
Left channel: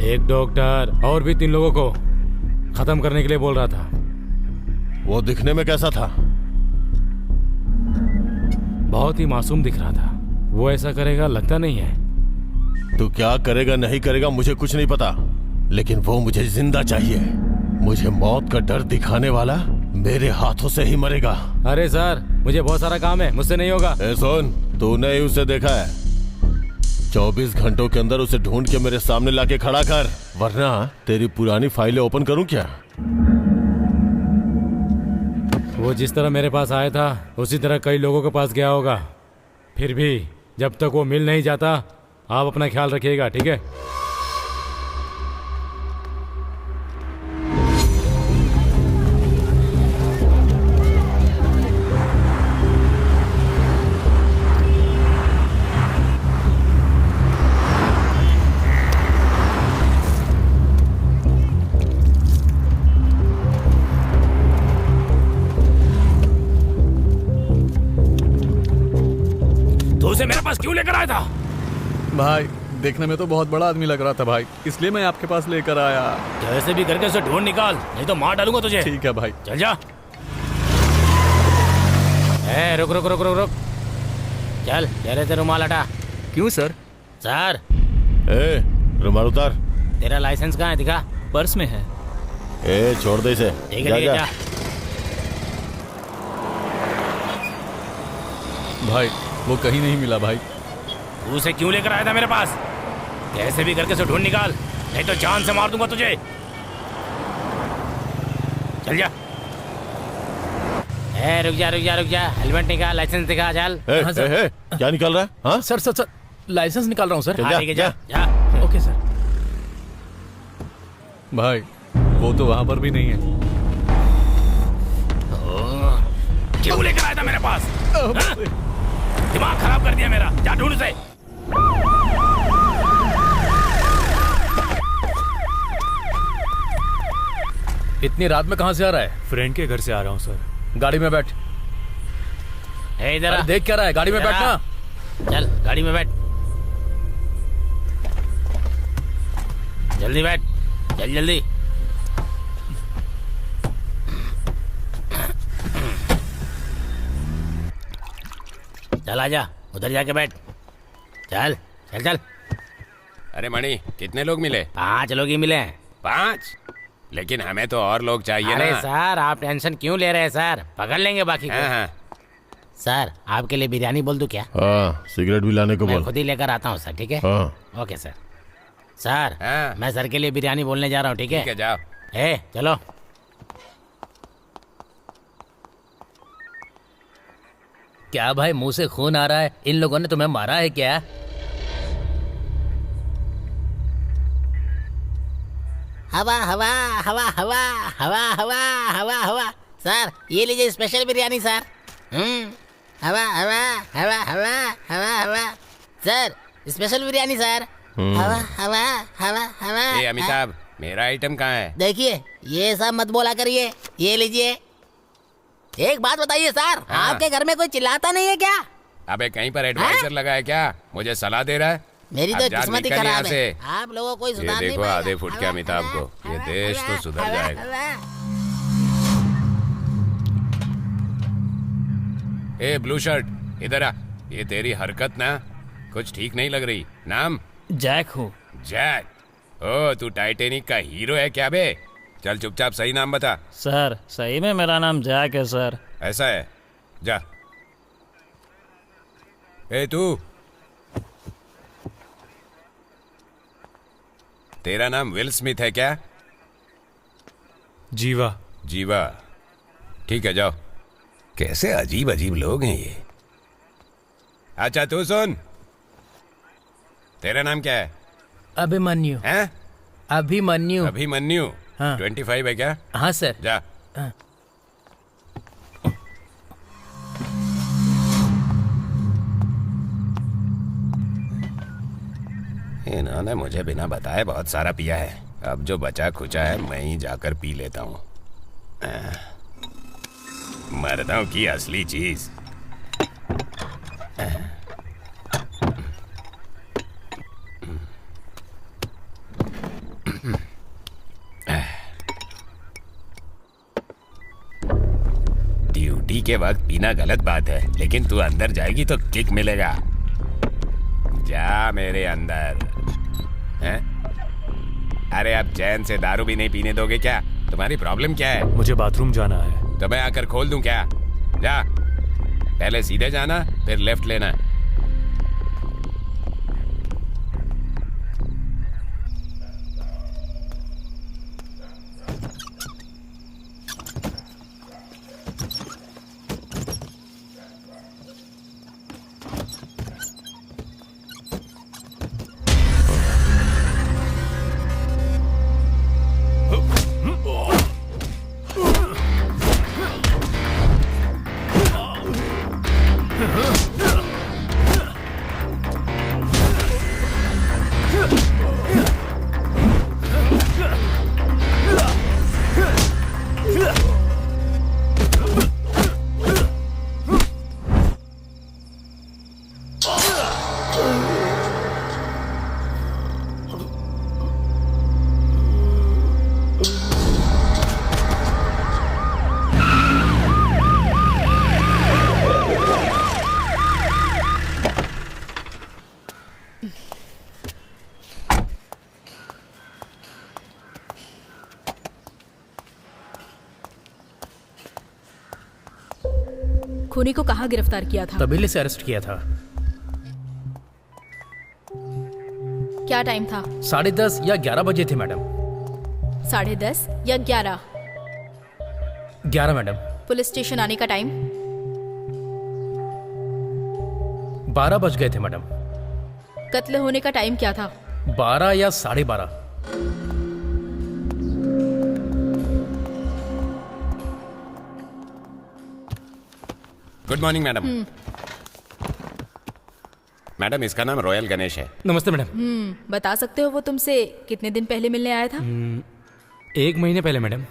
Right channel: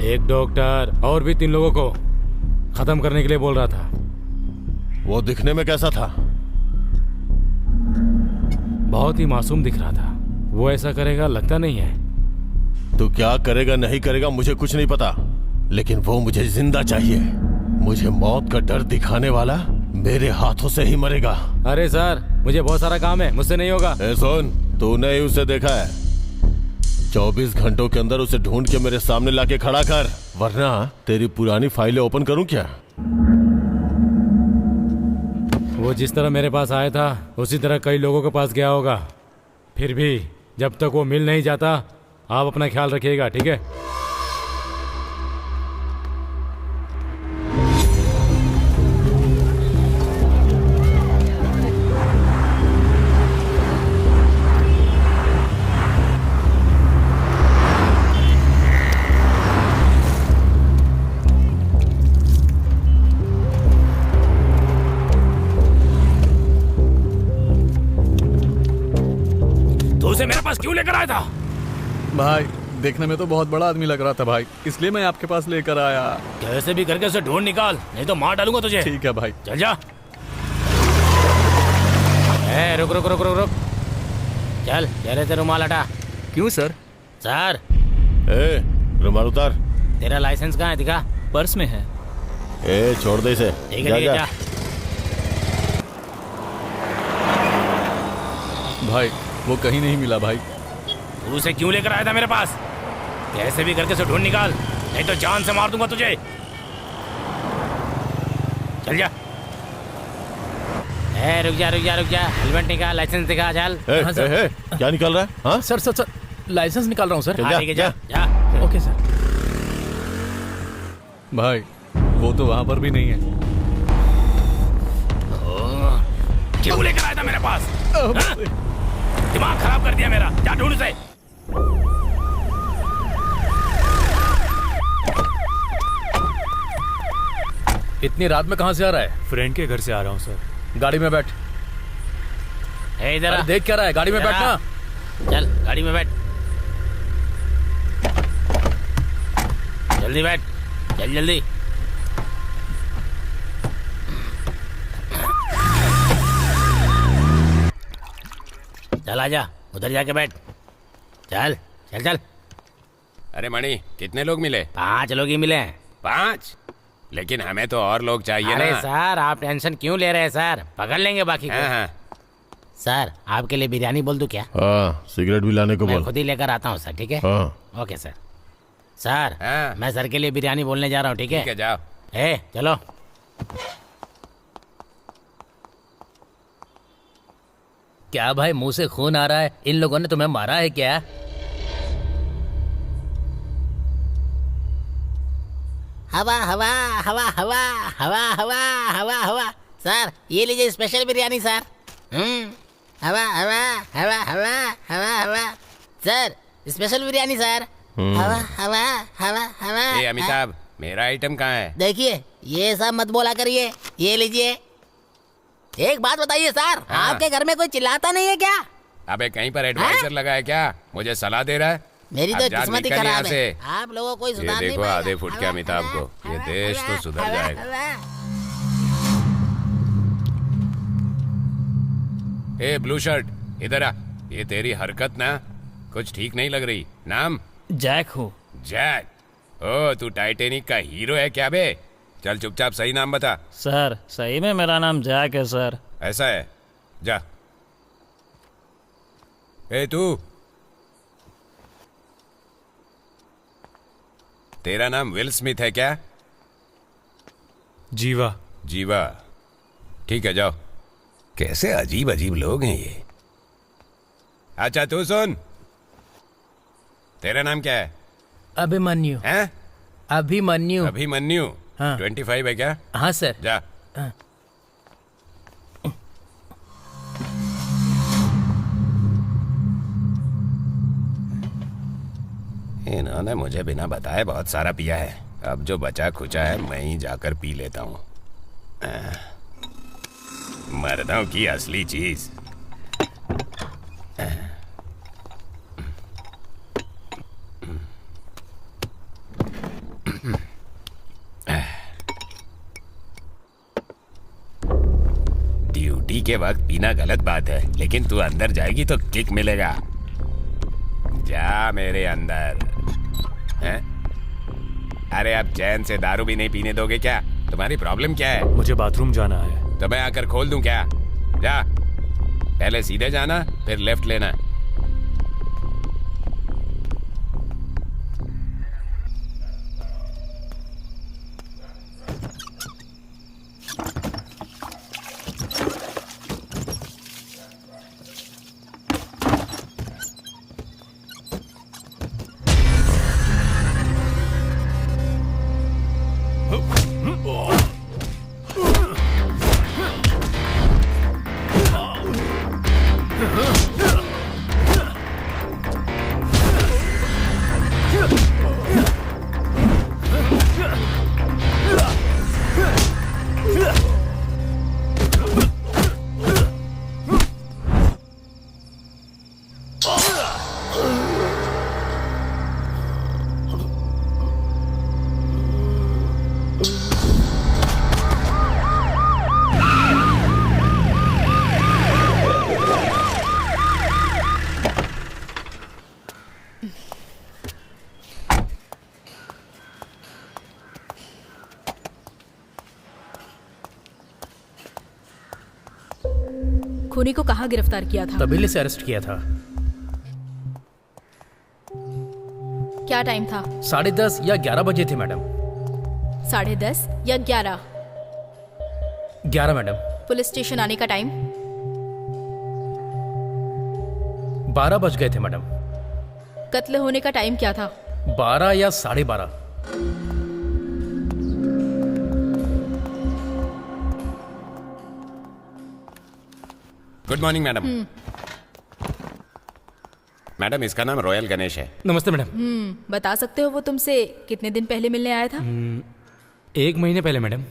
एक डॉक्टर और भी 3 लोगों को खत्म करने के लिए बोल रहा था। वो दिखने में कैसा था? बहुत ही मासूम दिख रहा था। वो ऐसा करेगा लगता नहीं है। तू क्या करेगा नहीं करेगा मुझे कुछ नहीं पता, लेकिन वो मुझे जिंदा चाहिए। मुझे मौत का डर दिखाने वाला मेरे हाथों से ही मरेगा। अरे सर, मुझे बहुत सारा काम है, मुझसे नहीं होगा। ए सुन, तूने ही उसे देखा है। 24 घंटों के अंदर उसे ढूंढ के मेरे सामने लाके खड़ा कर, वरना तेरी पुरानी फाइलें ओपन करूं क्या? वो जिस तरह मेरे पास आया था उसी तरह कई लोगों के पास गया होगा। फिर भी जब तक वो मिल नहीं जाता, आप अपना ख्याल रखिएगा, ठीक है? उसे मेरे पास क्यों लेकर आया था? भाई देखने में तो बहुत बड़ा आदमी लग रहा था भाई, इसलिए मैं आपके पास लेकर आया। कैसे भी करके उसे ढूंढ निकाल, नहीं तो मार डालूंगा तुझे। ठीक है भाई। चल जा। रुक रुक रुक रुक रुक, चल चले ते रुमाल हटा। क्यों सर? सर, ए रुमाल उतार। तेरा लाइसेंस कहाँ है? दिखा। पर्स में है। ए छोड़ दे इसे। ठीक है जा। भाई वो कहीं नहीं मिला भाई। तू उसे क्यों लेकर आया था मेरे पास? कैसे भी करके उसे ढूंढ निकाल, नहीं तो जान से मार दूंगा तुझे। चल जा। रुक जा, हेलमेट निकाल, लाइसेंस दिखा, चल। क्या निकल रहा है? हाँ सर सर सर लाइसेंस निकाल रहा हूँ सर। चल, हाँ, जा, ठीक है, जा। जा। Okay sir. भाई वो तो वहां पर भी नहीं है। क्यों लेकर आया था मेरे पास? हाँ? दिमाग खराब कर दिया मेरा। जा ढूंढ उसे। इतनी रात में कहाँ से आ रहा है? फ्रेंड के घर से आ रहा हूँ सर। गाड़ी में बैठ। इधर अरे देख क्या रहा है? गाड़ी में इधर आ। बैठना। चल गाड़ी में बैठ, जल्दी बैठ, चल जल्दी। चल आजा, उधर जाके बैठ। चल चल चल। अरे मणि, कितने लोग मिले? 5 लोग ही मिले हैं। 5? लेकिन हमें तो और लोग चाहिए अरे ना। सर आप टेंशन क्यों ले रहे हैं सर, पकड़ लेंगे बाकी को। हाँ हाँ। सर आपके लिए बिरयानी बोल दूं क्या? हाँ, सिगरेट भी लाने को मैं बोल। खुद ही लेकर आता हूँ सर, ठीक है? हाँ। Okay sir. सर हाँ। मैं सर के लिए बिरयानी बोलने जा रहा हूँ, ठीक है? ठीक है, जाओ। चलो। क्या भाई मुंह से खून आ रहा है? इन लोगों ने तुम्हें मारा है क्या? हवा हवा हवा हवा हवा हवा हवा हवा। सर ये लीजिए स्पेशल बिरयानी सर। हवा हवा हवा हवा हवा हवा। Sir special biryani sir. हवा हवा हवा हवा। ए अमिताभ, मेरा आइटम कहाँ है? देखिए ये सब मत बोला करिए, ये लीजिए। एक बात बताइए सर, हाँ। आपके घर में कोई चिल्लाता नहीं है क्या? अबे कहीं पर एडवाइजर लगा है क्या? मुझे सलाह दे रहा है? मेरी अब तो जा, किस्मत ही निकल यहाँ खराब है। से। आप लोगों को ये सुधार नहीं देखो पाएगा। आधे फुट के हवा, अमिताभ हवा, को, ये हवा, देश तो हवा, सुधर हवा, जाएगा। हवा। ए ब्लू शर्ट, इधर आ। ये तेरी हरकत ना कुछ ठीक नहीं लग रही। नाम? जैक हूँ। जैक? ओ तू टाइटेनिक का हीरो है क्या बे? चल चुपचाप सही नाम बता। सर सही में मेरा नाम जैक है सर। ऐसा है, जा। ए तू, तेरा नाम विल स्मिथ है क्या? जीवा। जीवा, ठीक है, जाओ। कैसे अजीब अजीब लोग हैं ये। अच्छा तू सुन, तेरा नाम क्या है? अभिमन्यु। हैं? अभिमन्यु। अभिमन्यु। हाँ। 25 है क्या? हाँ सर। जा। हाँ। इन्होंने मुझे बिना बताए बहुत सारा पिया है। अब जो बचा खुचा है मैं ही जाकर पी लेता हूँ। मर्दों की असली चीज। ड्यूटी के वक्त पीना गलत बात है, लेकिन तू अंदर जाएगी तो किक मिलेगा। जा मेरे अंदर। हैं? अरे अब चैन से दारू भी नहीं पीने दोगे क्या? तुम्हारी प्रॉब्लम क्या है? मुझे बाथरूम जाना है। तो मैं आकर खोल दूं क्या? जा, पहले सीधे जाना फिर लेफ्ट लेना। खूनी को कहाँ गिरफ्तार किया था? तबीले से अरेस्ट किया था। क्या टाइम था? 10:30 या 11 बजे थे मैडम। 10:30 या 11? 11 मैडम। पुलिस स्टेशन आने का टाइम? 12 बज गए थे मैडम। कत्ल होने का टाइम क्या था? 12 या 12:30। Good morning madam. मैडम इसका नाम रॉयल गणेश है। नमस्ते मैडम। बता सकते हो वो तुमसे कितने दिन पहले मिलने आया था? 1 महीने पहले मैडम।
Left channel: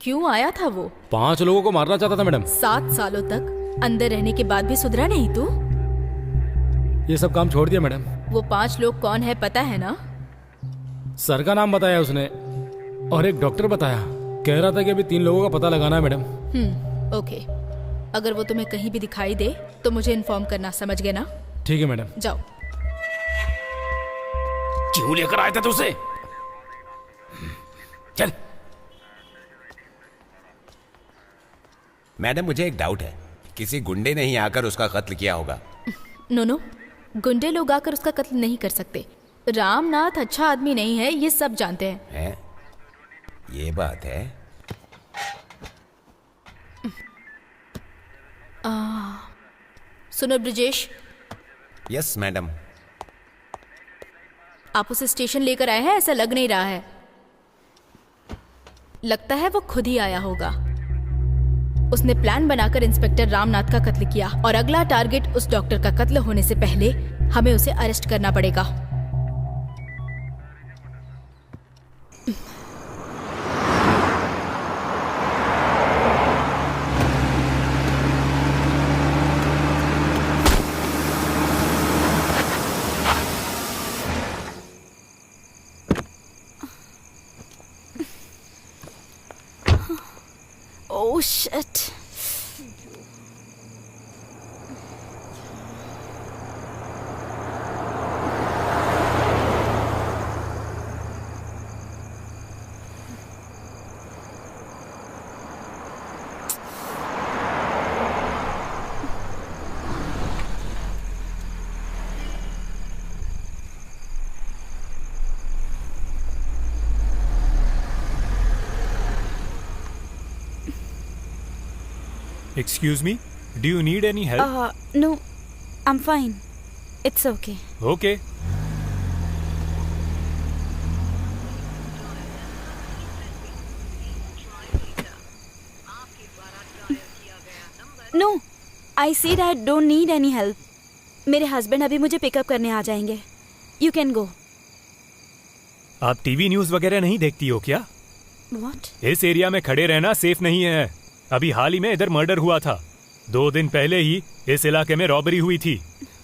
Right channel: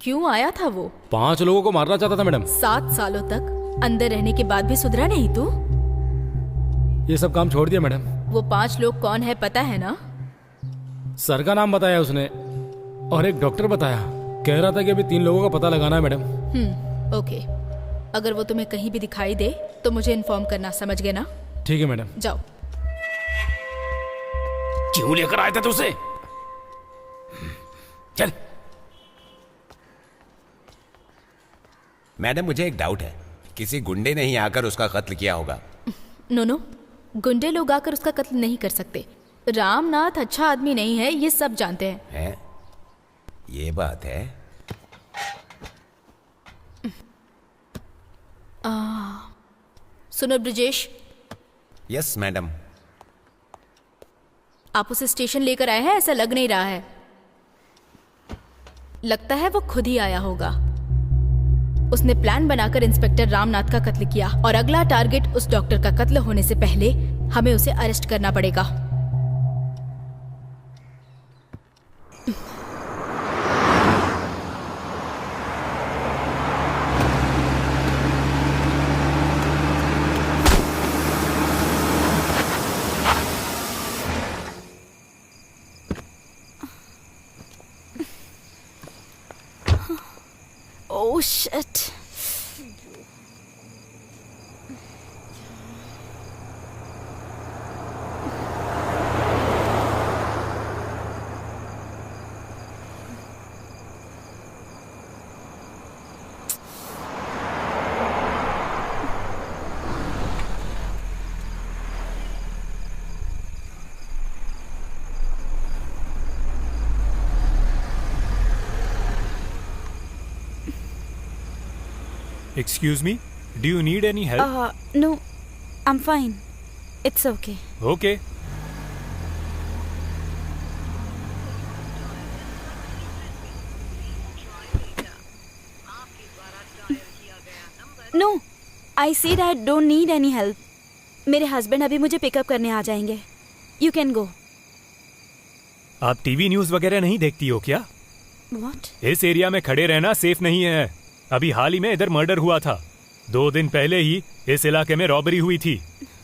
क्यों आया था वो? 5 लोगों को मारना चाहता था मैडम। 7 सालों तक अंदर रहने के बाद भी सुधरा नहीं तू? ये सब काम छोड़ दिया मैडम। वो 5 लोग कौन है पता है ना? सर का नाम बताया उसने और एक डॉक्टर बताया। कह रहा था कि अभी 3 लोगों का पता लगाना है मैडम। ओके। अगर वो तुम्हें कहीं भी दिखाई दे तो मुझे इन्फॉर्म करना, समझ गए ना? ठीक है मैडम। जाओ। क्यों लेकर आए थे तू उसे? चल। मैडम मुझे एक डाउट है, किसी गुंडे ने ही आकर उसका कत्ल किया होगा। नो, गुंडे लोग आकर उसका कत्ल नहीं कर सकते। रामनाथ अच्छा आदमी नहीं है, ये सब जानते हैं। है? ये बात है। सुनो ब्रिजेश, यस मैडम। आप उसे स्टेशन लेकर आए हैं, ऐसा लग नहीं रहा है। लगता है वो खुद ही आया होगा। उसने प्लान बनाकर इंस्पेक्टर रामनाथ का कत्ल किया और अगला टारगेट उस डॉक्टर का कत्ल होने से पहले हमें उसे अरेस्ट करना पड़ेगा। Oh shit. Excuse me, do you need any help? No, I'm fine. It's okay. Okay. No, I said I don't need any help. मेरे हस्बैंड अभी मुझे पिकअप करने आ जाएंगे. You can go. आप टीवी न्यूज़ वगैरह नहीं देखती हो क्या? What? इस एरिया में खड़े रहना सेफ नहीं है। अभी हाल ही में इधर मर्डर हुआ था। 2 दिन पहले ही इस इलाके में रॉबरी हुई थी।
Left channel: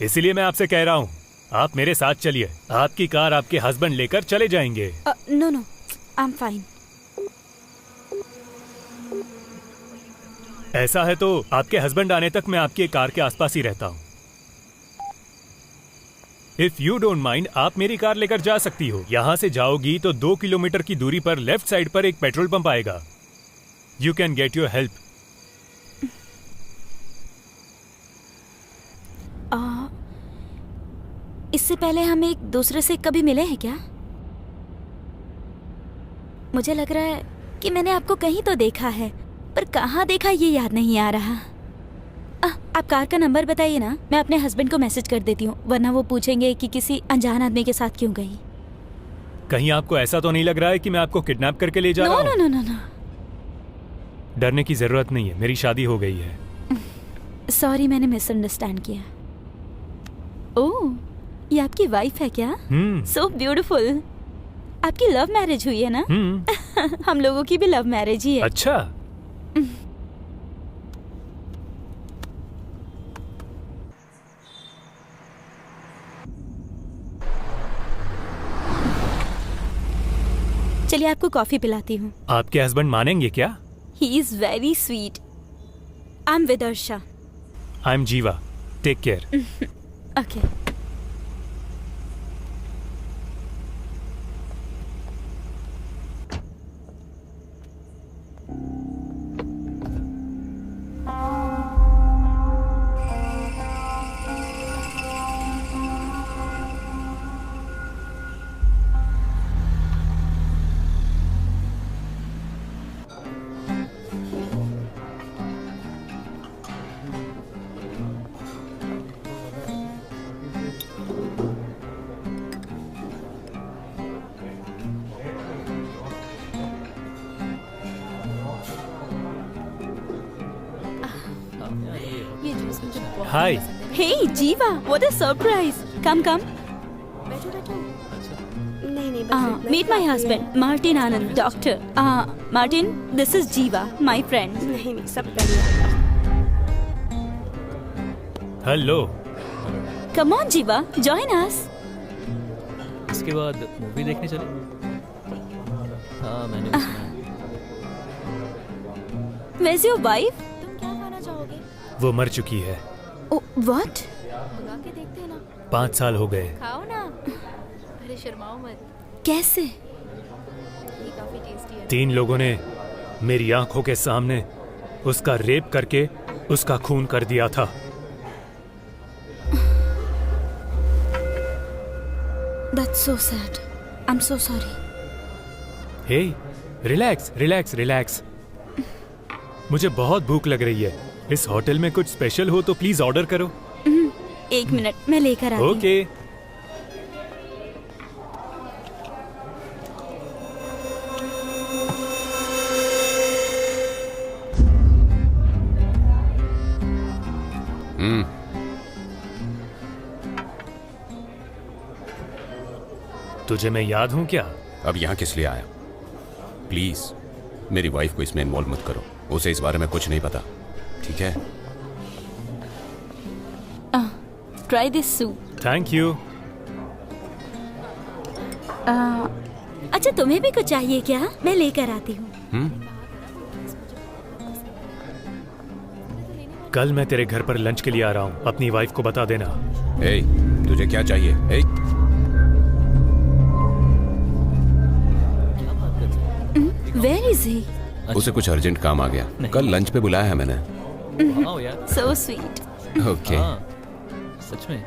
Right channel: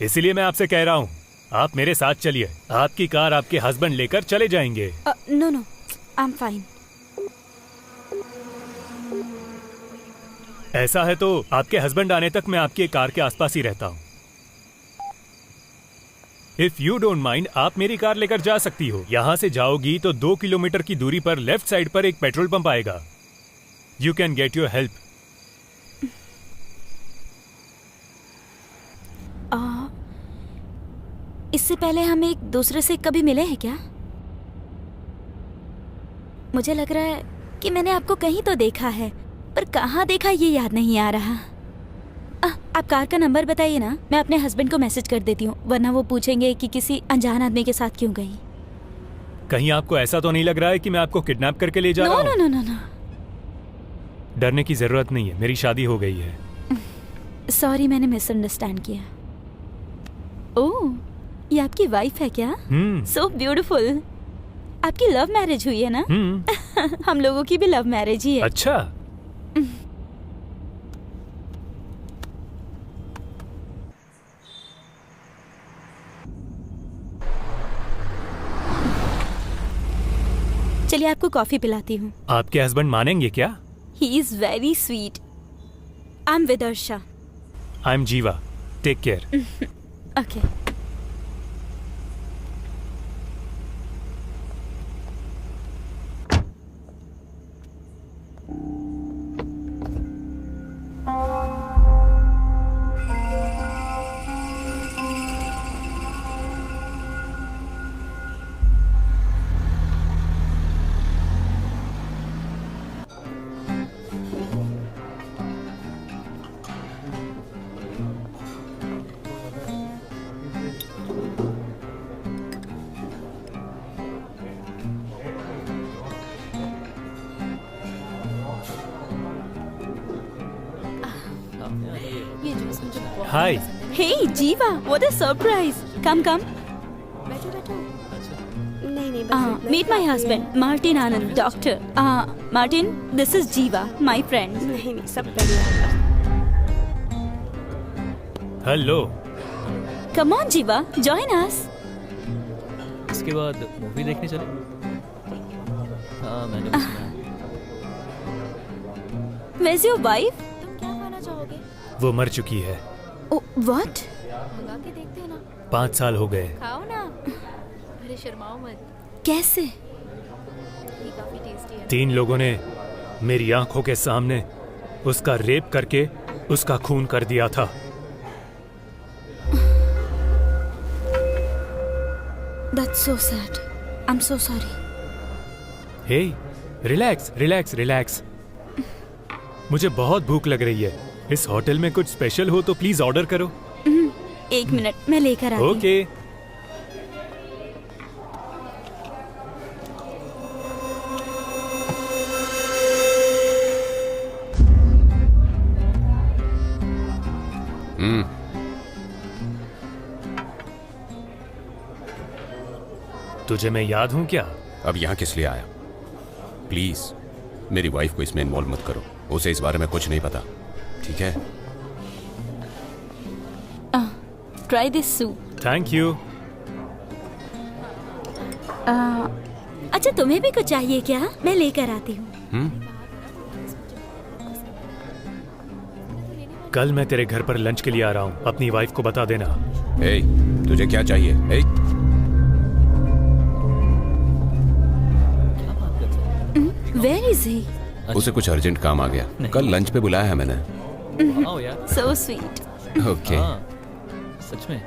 इसलिए मैं आपसे कह रहा हूँ, आप मेरे साथ चलिए। आपकी कार आपके हस्बैंड लेकर चले जाएंगे। No, I'm fine. ऐसा है तो आपके हस्बैंड आने तक मैं आपकी कार के आसपास ही रहता हूँ। इफ यू डोंट माइंड, आप मेरी कार लेकर जा सकती हो। यहाँ से जाओगी तो 2 किलोमीटर की दूरी पर लेफ्ट साइड पर एक पेट्रोल पंप आएगा। You can get your help. इससे पहले हम एक दूसरे से कभी मिले हैं क्या? मुझे लग रहा है कि मैंने आपको कहीं तो देखा है, पर कहाँ देखा ये याद नहीं आ रहा। आप कार का नंबर बताइए ना, मैं अपने हस्बैंड को मैसेज कर देती हूँ, वरना वो पूछेंगे कि किसी अनजान आदमी के साथ क्यों गई। कहीं आपको ऐसा तो नहीं लग रहा है कि मैं आपको किडनैप करके ले जा रहा हूँ? नो। डरने की जरूरत नहीं है, मेरी शादी हो गई है। सॉरी, मैंने मिसअंडरस्टैंड किया। ओह, ये आपकी वाइफ है क्या? So beautiful. आपकी लव मैरिज हुई है ना? हम लोगों की भी लव मैरिज ही है। अच्छा। चलिए आपको कॉफी पिलाती हूँ। आपके हस्बैंड मानेंगे क्या? He is very sweet. I'm Vidarsha. I'm Jiva. Take care. Okay. ये जूस मुझे बहुत Hi. पसंद है। Hey, Jeeva, what a surprise! Come, come. बैठो बैठो। नहीं नहीं बस इतना Meet my काफी है। husband, Martin Anand, doctor. Martin, this is Jeeva, my friend. नहीं नहीं सब बढ़िया। Hello. Come on, Jeeva, join us. इसके बाद मूवी देखने चले? हाँ, मैंने भी सुना है। Where's your wife? तुम क्या खाना चाहोगे? वो मर चुकी है। Oh, what? मंगा के देखते हैं ना। 5 साल हो गए। खाओ ना। अरे शर्माओ मत, कैसे? ये काफी टेस्टी है ना। 3 लोगों ने मेरी आंखों के सामने उसका रेप करके उसका खून कर दिया था। That's so sad. I'm so sorry. Hey, relax relax relax. मुझे बहुत भूख लग रही है। इस होटल में कुछ स्पेशल हो तो प्लीज ऑर्डर करो। 1 मिनट, मैं लेकर आती हूँ। ओके। तुझे मैं याद हूं क्या? अब यहाँ किस लिए आया? प्लीज मेरी वाइफ को इसमें इन्वॉल्व मत करो। उसे इस बारे में कुछ नहीं पता, ठीक है? Try this soup. Thank you. अच्छा, तुम्हें भी कुछ चाहिए क्या? मैं लेकर आती हूँ। कल मैं तेरे घर पर लंच के लिए आ रहा हूँ। अपनी वाइफ को बता देना। ए, तुझे क्या चाहिए? ए, क्या बात कर रहे हो? Where is he? उसे कुछ अर्जेंट काम आ गया। कल लंच पे बुलाया है मैंने। वाओ यार। So sweet. ओके। हाँ, सच में।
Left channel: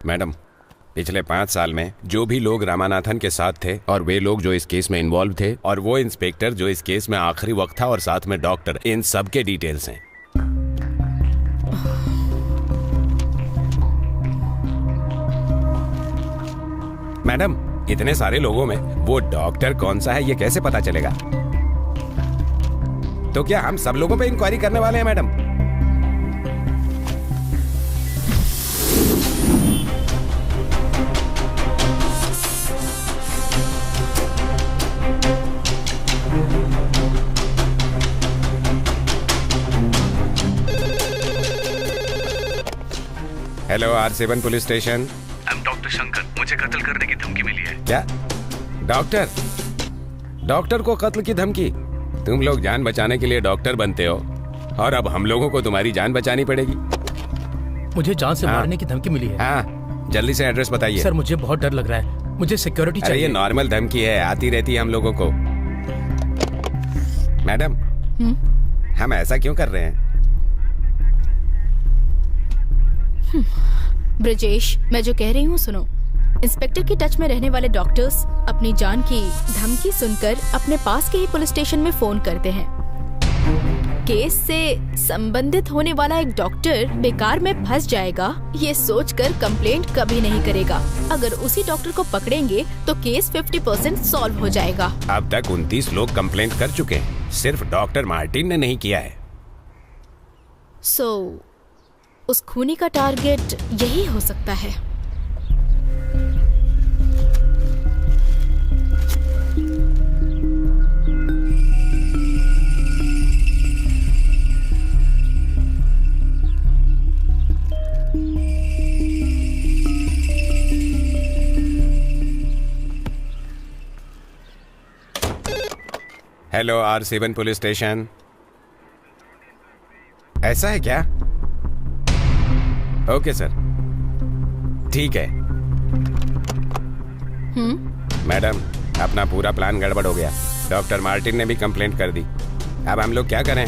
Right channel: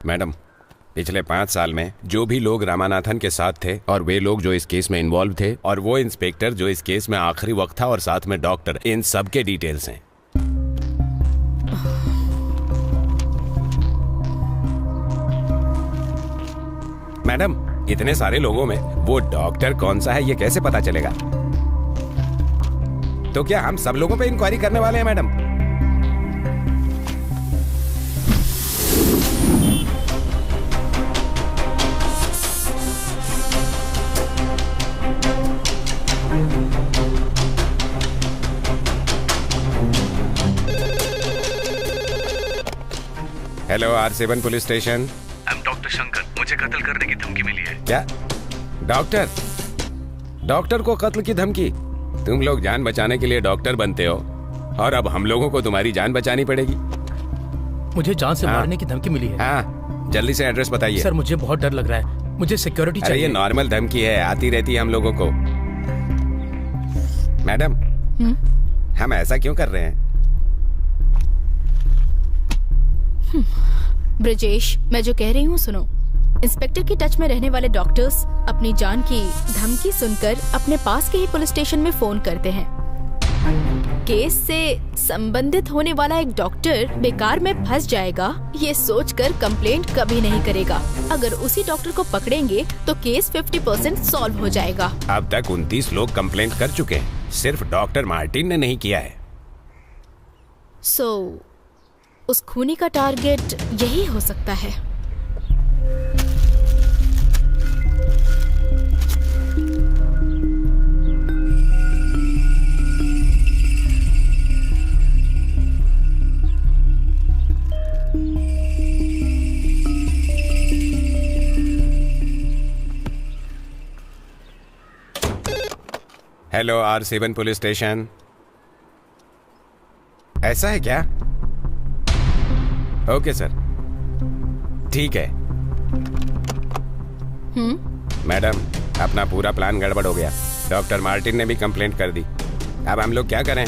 मैडम, पिछले 5 साल में जो भी लोग रामानाथन के साथ थे और वे लोग जो इस केस में इन्वॉल्व थे और वो इंस्पेक्टर जो इस केस में आखिरी वक्त था और साथ में डॉक्टर, इन सब के डिटेल्स हैं। मैडम, इतने सारे लोगों में वो डॉक्टर कौन सा है ये कैसे पता चलेगा? तो क्या हम सब लोगों पे इंक्वायरी करने वाले हैं madam? Hello, R7 police station. Doctor Shankar, मुझे कत्ल करने की धमकी मिली है। क्या? डॉक्टर? डॉक्टर को कत्ल की धमकी? तुम लोग जान बचाने के लिए डॉक्टर बनते हो और अब हम लोगों को तुम्हारी जान बचानी पड़ेगी। मुझे जान से मारने की धमकी मिली है। हाँ, जल्दी से एड्रेस बताइए। सर मुझे बहुत डर लग रहा है, मुझे सिक्योरिटी अरे ये चाहिए। नॉर्मल धमकी है, आती रहती है हम लोगों को। मैडम, हम ऐसा क्यों कर रहे हैं? ब्रजेश, मैं जो कह रही हूँ सुनो। इंस्पेक्टर की टच में रहने वाले डॉक्टर्स अपनी जान की धमकी सुनकर अपने पास के ही पुलिस स्टेशन में फोन करते हैं। केस से संबंधित होने वाला एक डॉक्टर बेकार में फंस जाएगा ये सोचकर कंप्लेंट कभी नहीं करेगा। अगर उसी डॉक्टर को पकड़ेंगे तो केस 50% सॉल्व हो जाएगा। अब तक 29 लोग कंप्लेंट कर चुके हैं, सिर्फ डॉक्टर मार्टिन ने नहीं किया है। उस खूनी का टारगेट यही हो सकता है। Hello, R7 police station. ऐसा है क्या? ओके सर, ठीक है। मैडम, अपना पूरा प्लान गड़बड़ हो गया। डॉक्टर मार्टिन ने भी कंप्लेंट कर दी। अब हम लोग क्या करें?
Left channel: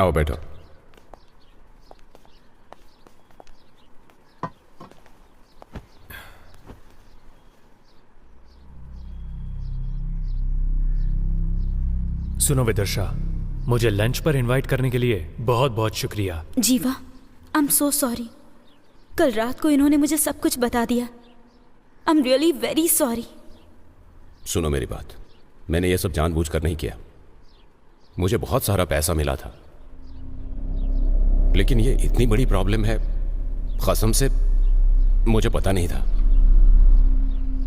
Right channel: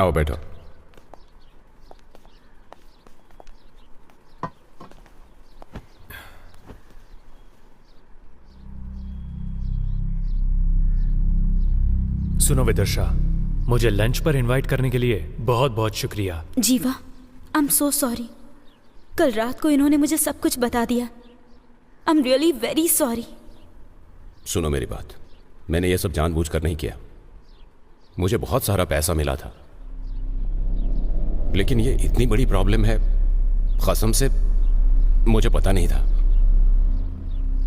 आओ बैठो। सुनो विदर्शा, मुझे लंच पर इनवाइट करने के लिए बहुत बहुत शुक्रिया। जीवा, आई एम सो सॉरी। कल रात को इन्होंने मुझे सब कुछ बता दिया। I am really very sorry. सुनो मेरी बात, मैंने ये सब जानबूझकर नहीं किया। मुझे बहुत सारा पैसा मिला था, लेकिन ये इतनी बड़ी प्रॉब्लम है, कसम से मुझे पता नहीं था।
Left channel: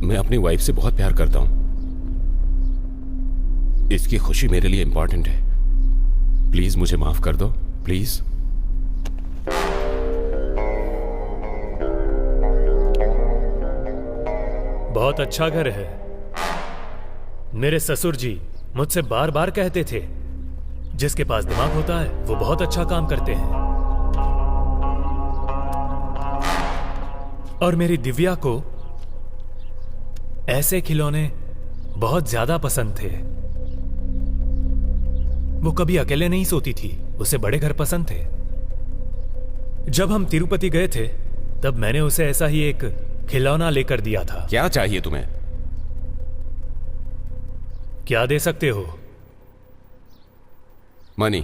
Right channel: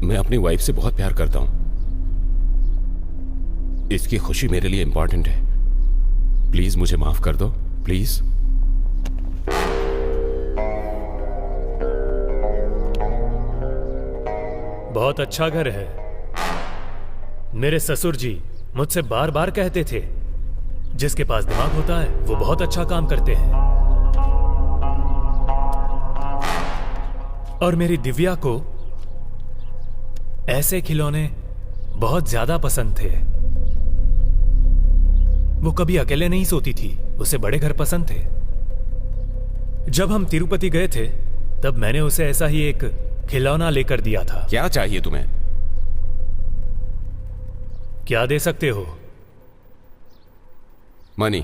मैं अपनी वाइफ से बहुत प्यार करता हूं। इसकी खुशी मेरे लिए इंपॉर्टेंट है। प्लीज मुझे माफ कर दो, प्लीज। बहुत अच्छा घर है। मेरे ससुर जी मुझसे बार बार कहते थे, जिसके पास दिमाग होता है वो बहुत अच्छा काम करते हैं। और मेरी दिव्या को ऐसे खिलौने बहुत ज्यादा पसंद थे। वो कभी अकेले नहीं सोती थी, उसे बड़े घर पसंद थे। जब हम तिरुपति गए थे तब मैंने उसे ऐसा ही एक खिलौना लेकर दिया था। क्या चाहिए तुम्हें? क्या दे सकते हो? मनी।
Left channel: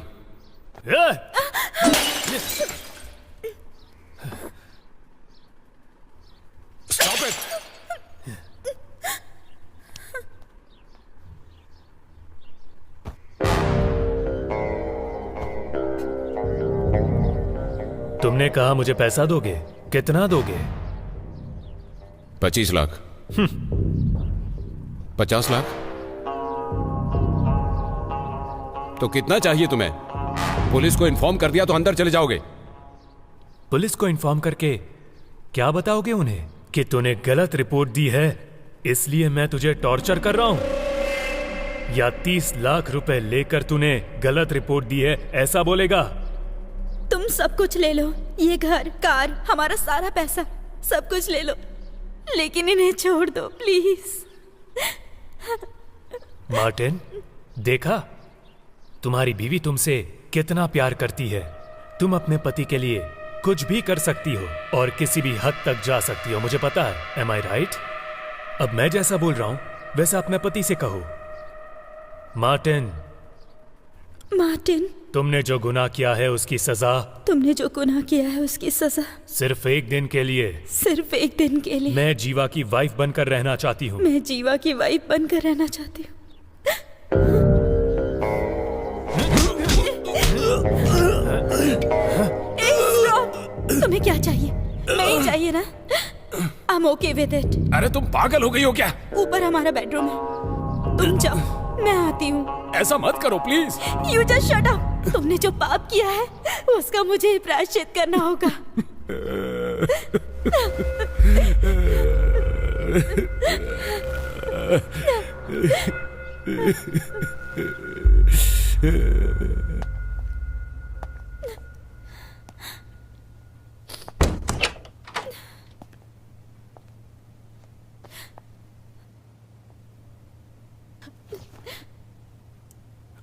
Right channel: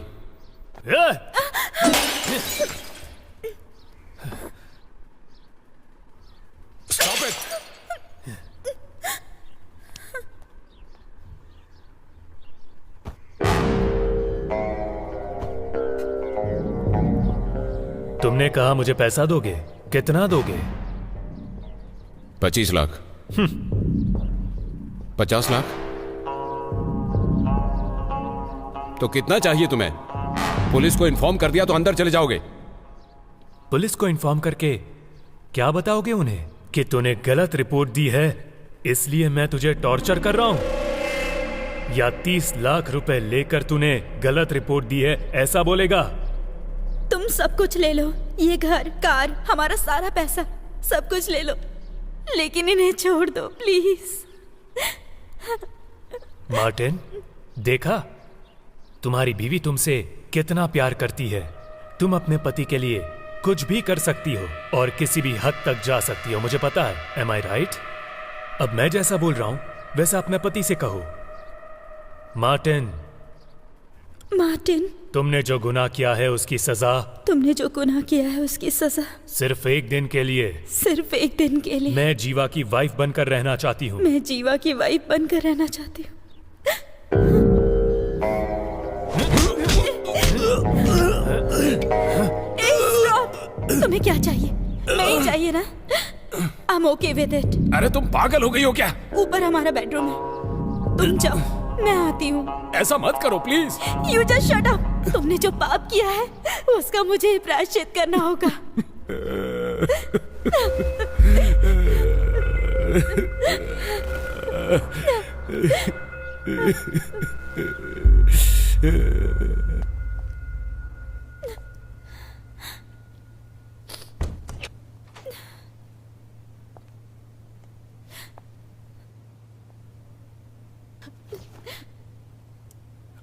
Stop it. तुमने कहा मुझे पैसा दोगे, कितना दोगे? 25 लाख। 50 लाख? तो कितना चाहिए तुम्हें? पुलिस को इन्फॉर्म कर दिया तो अंदर चले जाओगे। पुलिस को इन्फॉर्म करके क्या बताओगे उन्हें? कि तूने गलत रिपोर्ट दी है इसलिए मैं तुझे टॉर्चर कर रहा हूं? या 30 लाख रुपए लेकर तूने गलत रिपोर्ट दी है, ऐसा बोलेगा? तुम सब कुछ ले लो, ये घर, कार, हमारा सारा पैसा, सब कुछ ले लो, लेकिन इन्हें छोड़ दो प्लीज। मार्टिन, देखा तुम्हारी बीवी तुमसे कितना प्यार करती है। तुम अपने पति के लिए कुछ भी कर सकती हो और किसी भी हद तक जा सकती हो, मुझे पता है। एम आई राइट? अब मैं जैसा बोल रहा हूं वैसा अपने पति से कहो। मार्टिन, मार्टिन, तुमने जो गुनाह किया है उसकी सजा, तुमने जो गुनाह किया है उसकी सजा सिर्फ एक दिन के लिए, सिर्फ एक दिन के लिए। मैं जीवा की वाइफ बनकर रहना चाहती हूँ। मैं जीवा की वाइफ बनकर रहना चाहती हूँ। तुम्हें क्या चाहिए? नहीं चाहिए ना? I'm okay with it। अरे तुम पागल हो गई हो क्या? ऊपर हमारा बेडरूम है, तुम जाओ, मैं आती हूँ। ऐसा मत करो please. You just shut up। तुमने जो पाप किया है उसका मुझे प्रायश्चित करना होगा।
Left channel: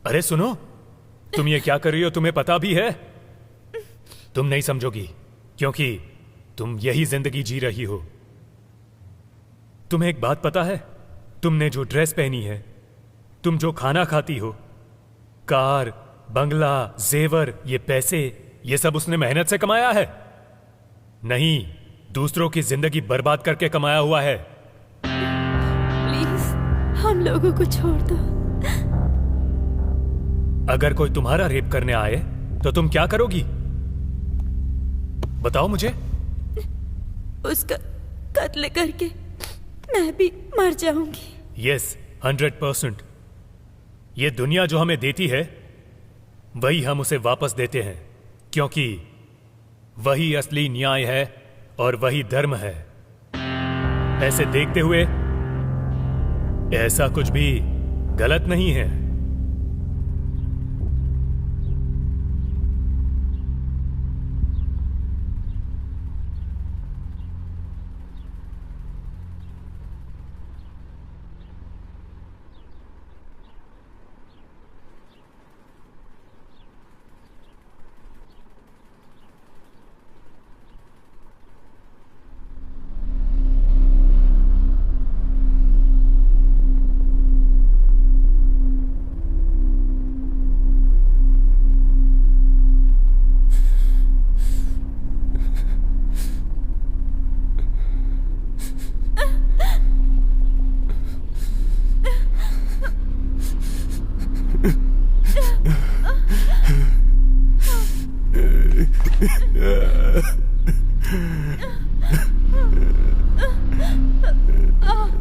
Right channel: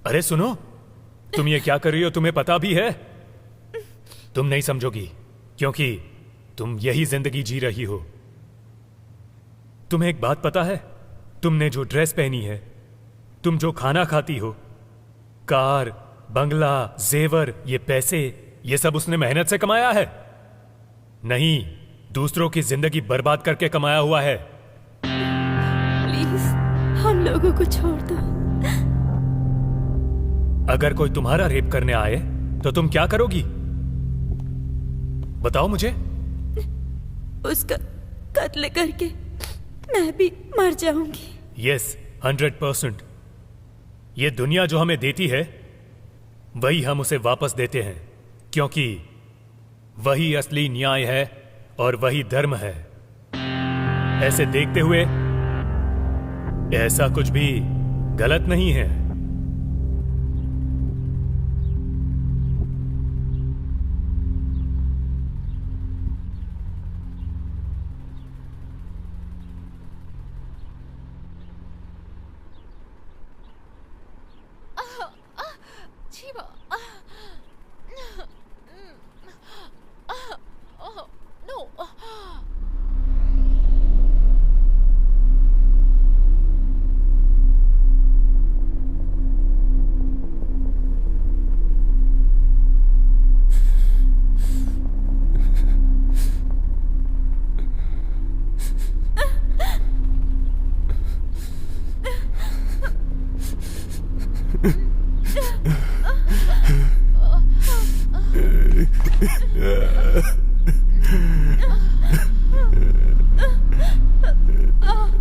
अरे सुनो, तुम ये क्या कर रही हो? तुम्हें पता भी है? तुम नहीं समझोगी क्योंकि तुम यही जिंदगी जी रही हो। तुम्हें एक बात पता है? तुमने जो ड्रेस पहनी है, तुम जो खाना खाती हो, कार, बंगला, जेवर, ये पैसे, ये सब उसने मेहनत से कमाया है? नहीं, दूसरों की जिंदगी बर्बाद करके कमाया हुआ है। प्लीज हम लोगों को छोड़ दो। अगर कोई तुम्हारा रेप करने आए तो तुम क्या करोगी? बताओ मुझे। उसका कत्ल करके मैं भी मर जाऊंगी। यस, 100%। ये दुनिया जो हमें देती है वही हम उसे वापस देते हैं, क्योंकि वही असली न्याय है और वही धर्म है। ऐसे देखते हुए ऐसा कुछ भी गलत नहीं है।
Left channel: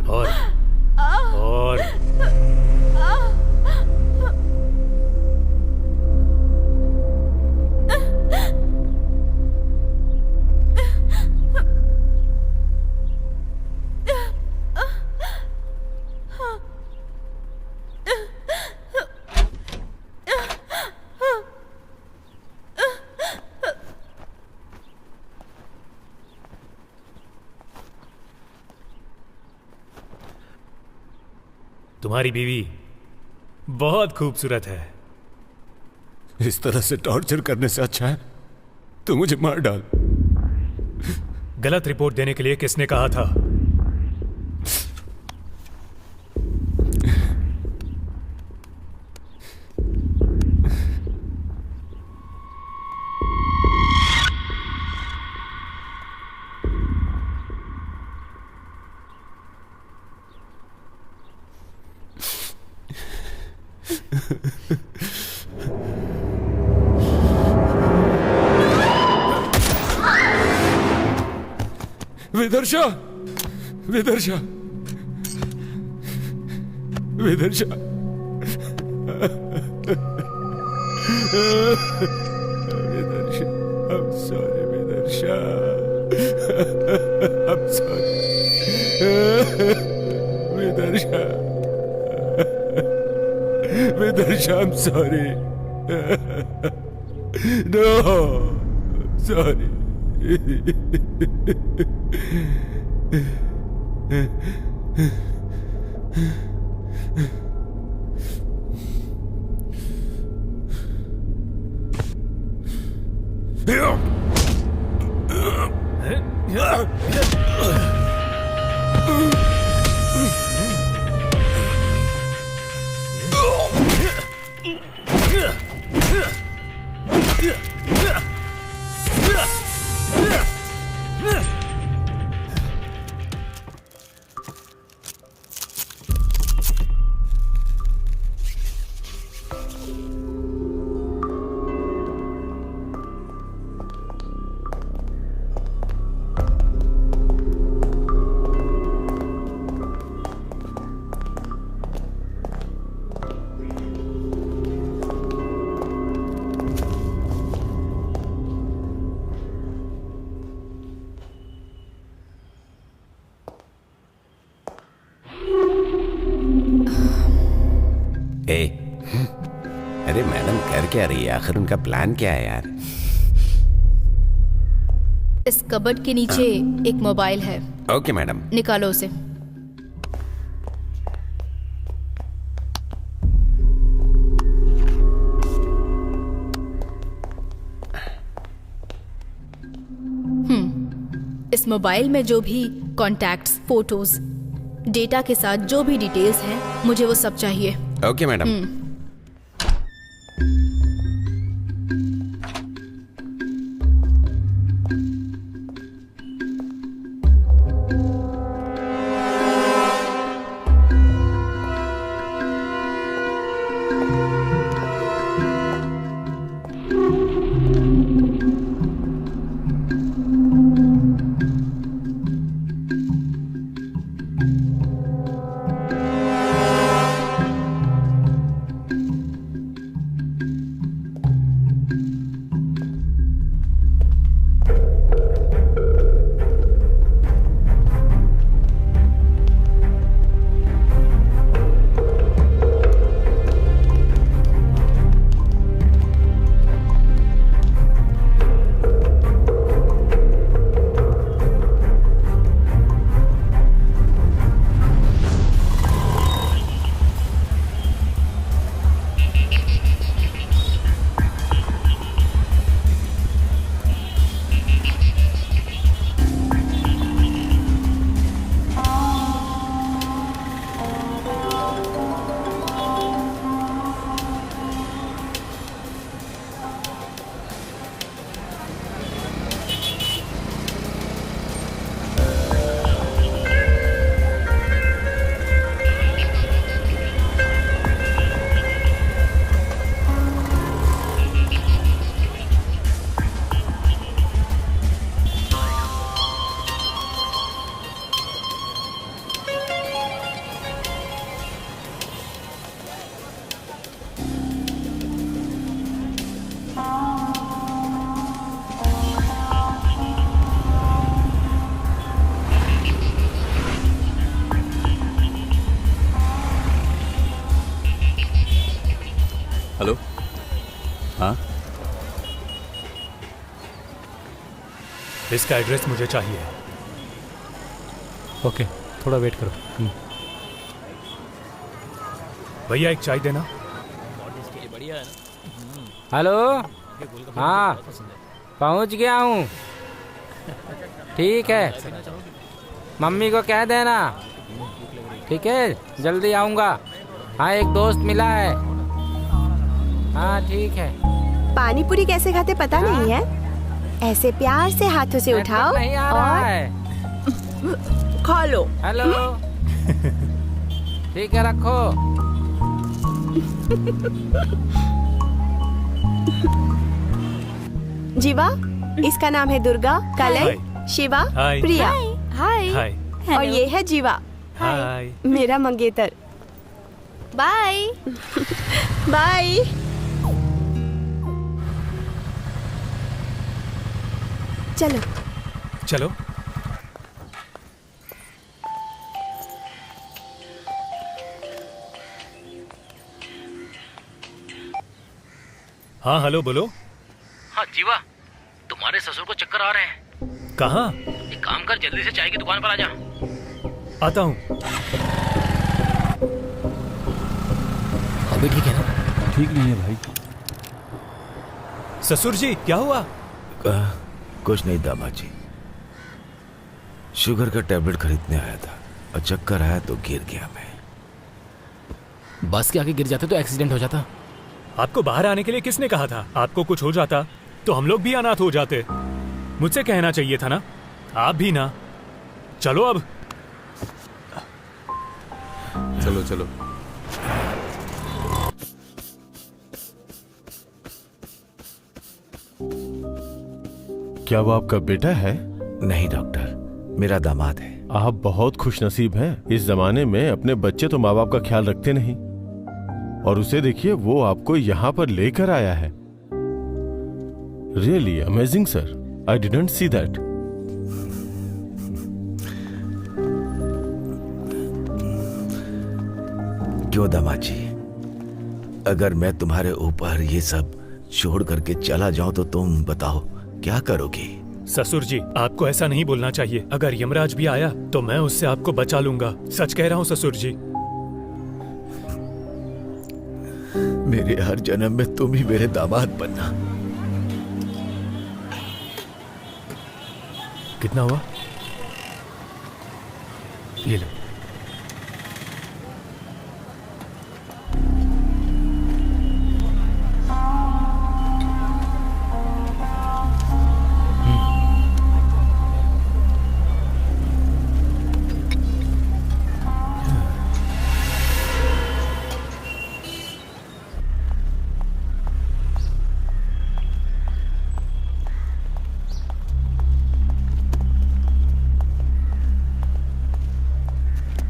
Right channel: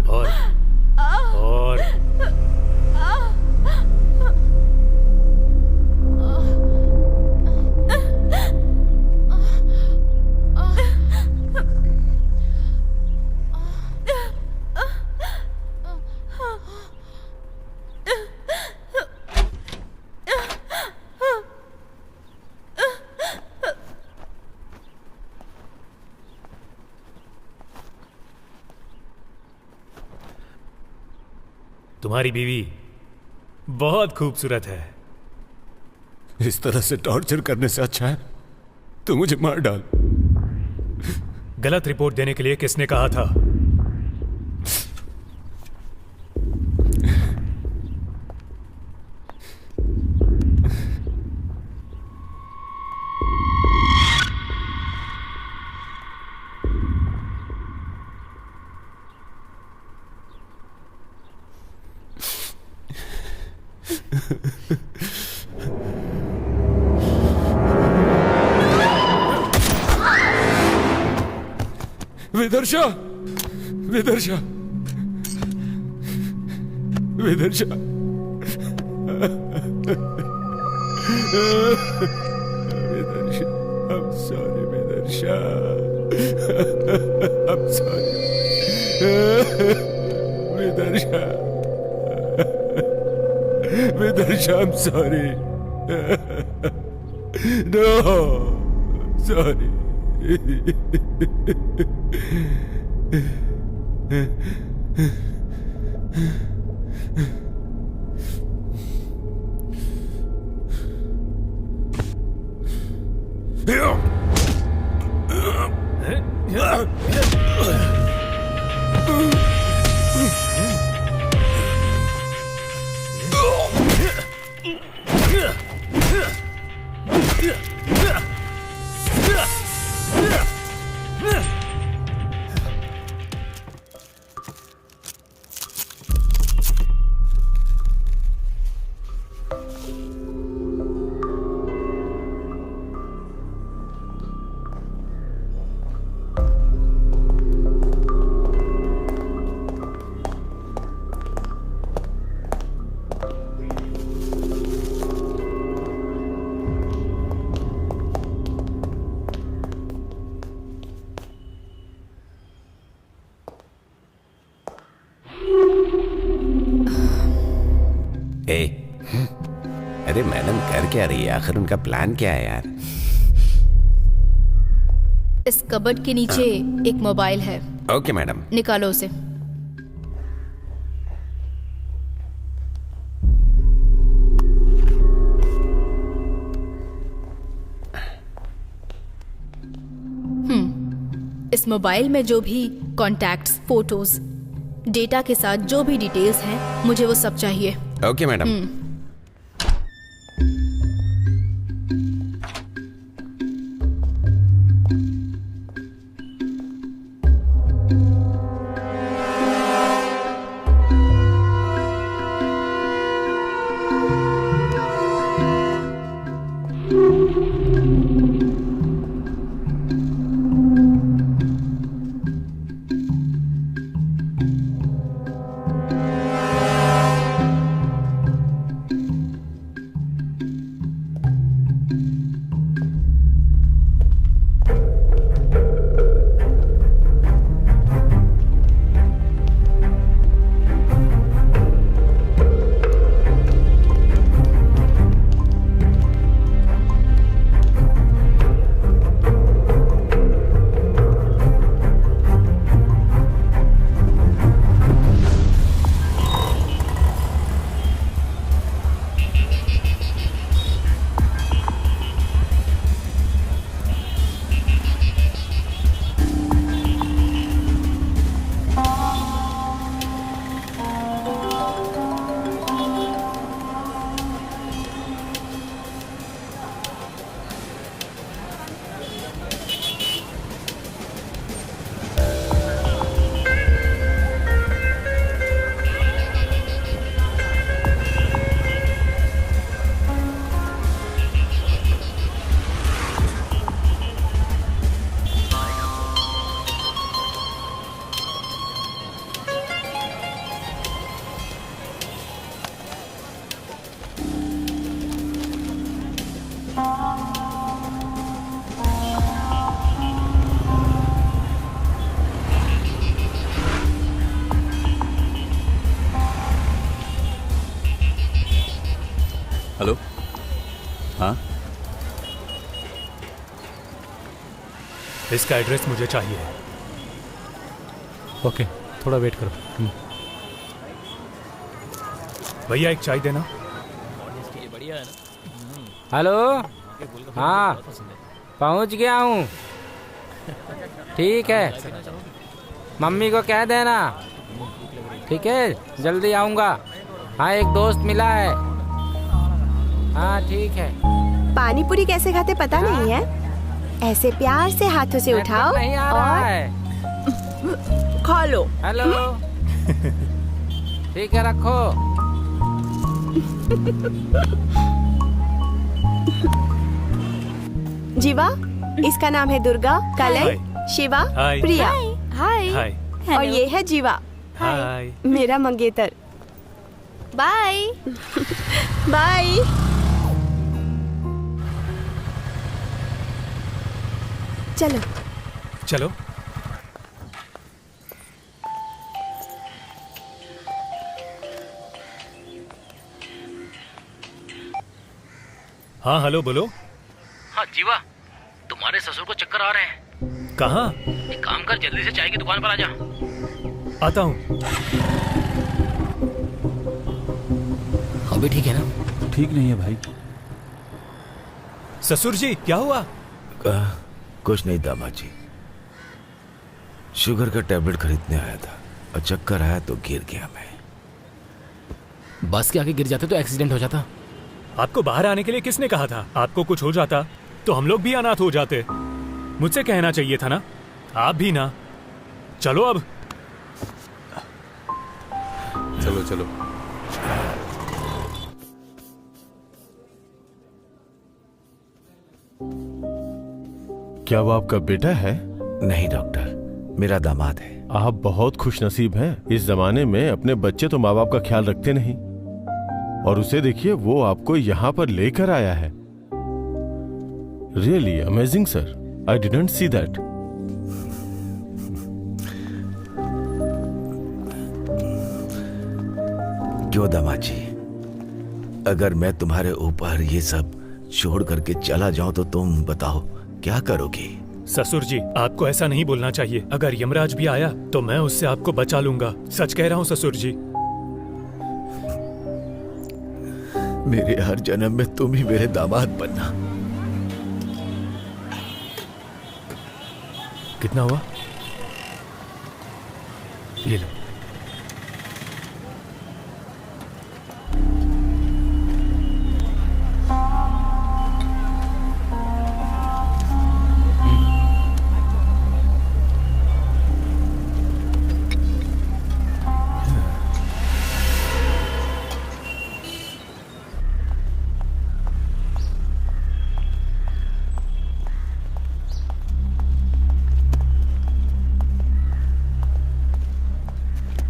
और तुम्हारी बीवी बहुत खूबसूरत है। इस तरह से टॉर्चर करने से अच्छा है तो मुझे मार डाल। गलत रिपोर्ट देने के लिए किसने कहा था? विदर्शा, विदर्शा, विदर्शा, विदर्शा, I'm sorry, विदर्शा, I'm sorry, विदर्शा, विदर्शा, I'm sorry, no, sorry. अरे मैडम कर क्या रही है? आखिर उनका प्लान क्या है यार? इस कबर्ड के नीचे एक मोबाइल है। Okay madam. निकालो उसे। इस मोबाइल में जो भी कॉन्टैक्ट्स, फोटोज, डेटा के साथ जो भी डिटेल्स हैं, मुझे वो सब चाहिए। Okay madam. इसका एड्रेस मुझे चाहिए। ओके, थोड़ा वेट करो। भैया एक चाय देना। बढ़िया है ना। हेलो, हाँ पहुंच गया हूँ। ठीक है, मम्मी को कह देना। ठीक है, जल्दी आऊँगा। हाँ, एक दोस्त मिला है। हाँ ठीक है। पानी पूरी कैसे खाते पता नहीं है? ऐसे प्यार से हाथों से उठाओ नहीं आ रहा और है। खा लो। हेलो। ठीक है, रखो। जीवा, इसका नाम है दुर्गा, कलय, शिवा, हाय। प्रिया। हाय। हाय। और ये है जीवा, हाय। मेरा मंगेतर। बाय। बाय। चलो चलो। हाँ हेलो, बोलो। हाँ जीवा, तुम्हारे ससुर को चक्कर आ रहे हैं। कहाँ? एक काम कर, जल्दी से चाय की दुकान पर आ जा। आता हूँ। अभी ठीक है ना? ठीक नहीं है भाई। ससुर जी क्या हुआ? कुछ नहीं दामाद जी, शुगर का टैबलेट खरीदने आया था और चक्कर आया तो गिर गया मैं। बस के आगे गिर जाते तो एक्सीडेंट हो जाता। आपको बाहर आने के लिए किसने कहा था? आपको कुछ हो जाता तो हम लोग भी अनाथ हो जाते। मुझसे कहना चाहिए था ना। आप भी ना। चलो अब। चलो चलो। क्या वो आपका बेटा है? नहीं डॉक्टर, मेरा दामाद है। आप बहुत खुशनसीब हैं। इस जमाने में अपने बच्चे तो माँ बाप का ख्याल रखते नहीं, और उसे देखिए, वो आपको यहाँ पर लेकर आया है। Really amazing sir, I didn't see that. क्यों दामाद जी, अगर मैं तुम्हारे ऊपर ये सब छोड़ करके चला जाऊं तो तुम बताओ क्या करोगे? ससुर जी, आपको ऐसा नहीं बोलना चाहिए। अगर यमराज भी आया तो मैं उससे आपको बचा लूंगा। सच कह रहा हूँ ससुर जी। मेरे हर जन्म में तुम ही मेरे दामाद बनना। कितना हुआ? ये लो।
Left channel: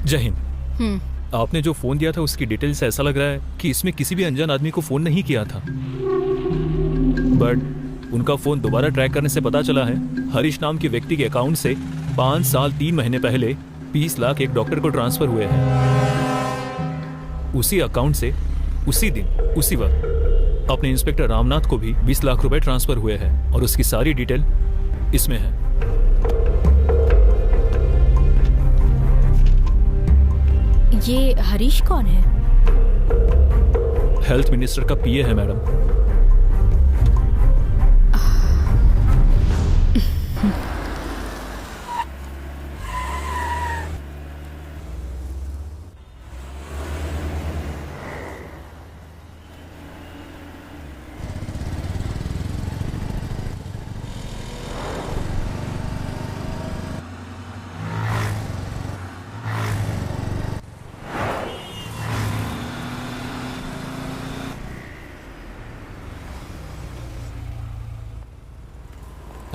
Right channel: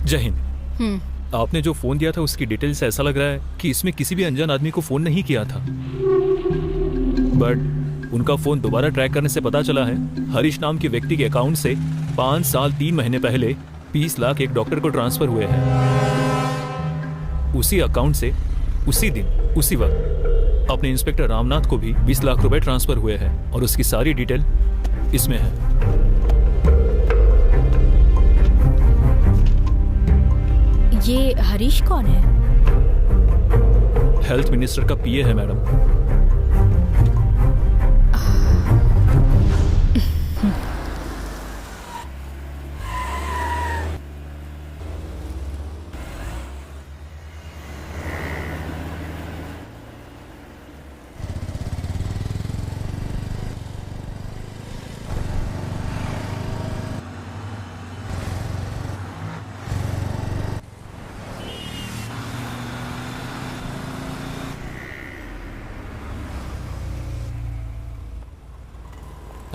जय हिंद। आपने जो फोन दिया था उसकी डिटेल से ऐसा लग रहा है कि इसमें किसी भी अनजान आदमी को फोन नहीं किया था, बट उनका फोन दोबारा ट्रैक करने से पता चला है हरीश नाम के व्यक्ति के अकाउंट से 5 साल 3 महीने पहले 20 लाख एक डॉक्टर को ट्रांसफर हुए हैं। उसी अकाउंट से उसी दिन उसी वक्त अपने इंस्पेक्टर रामनाथ को भी 20 लाख रुपए ट्रांसफर हुए हैं, और उसकी सारी डिटेल इसमें है। ये हरीश कौन है? हेल्थ मिनिस्टर का पीए है मैडम।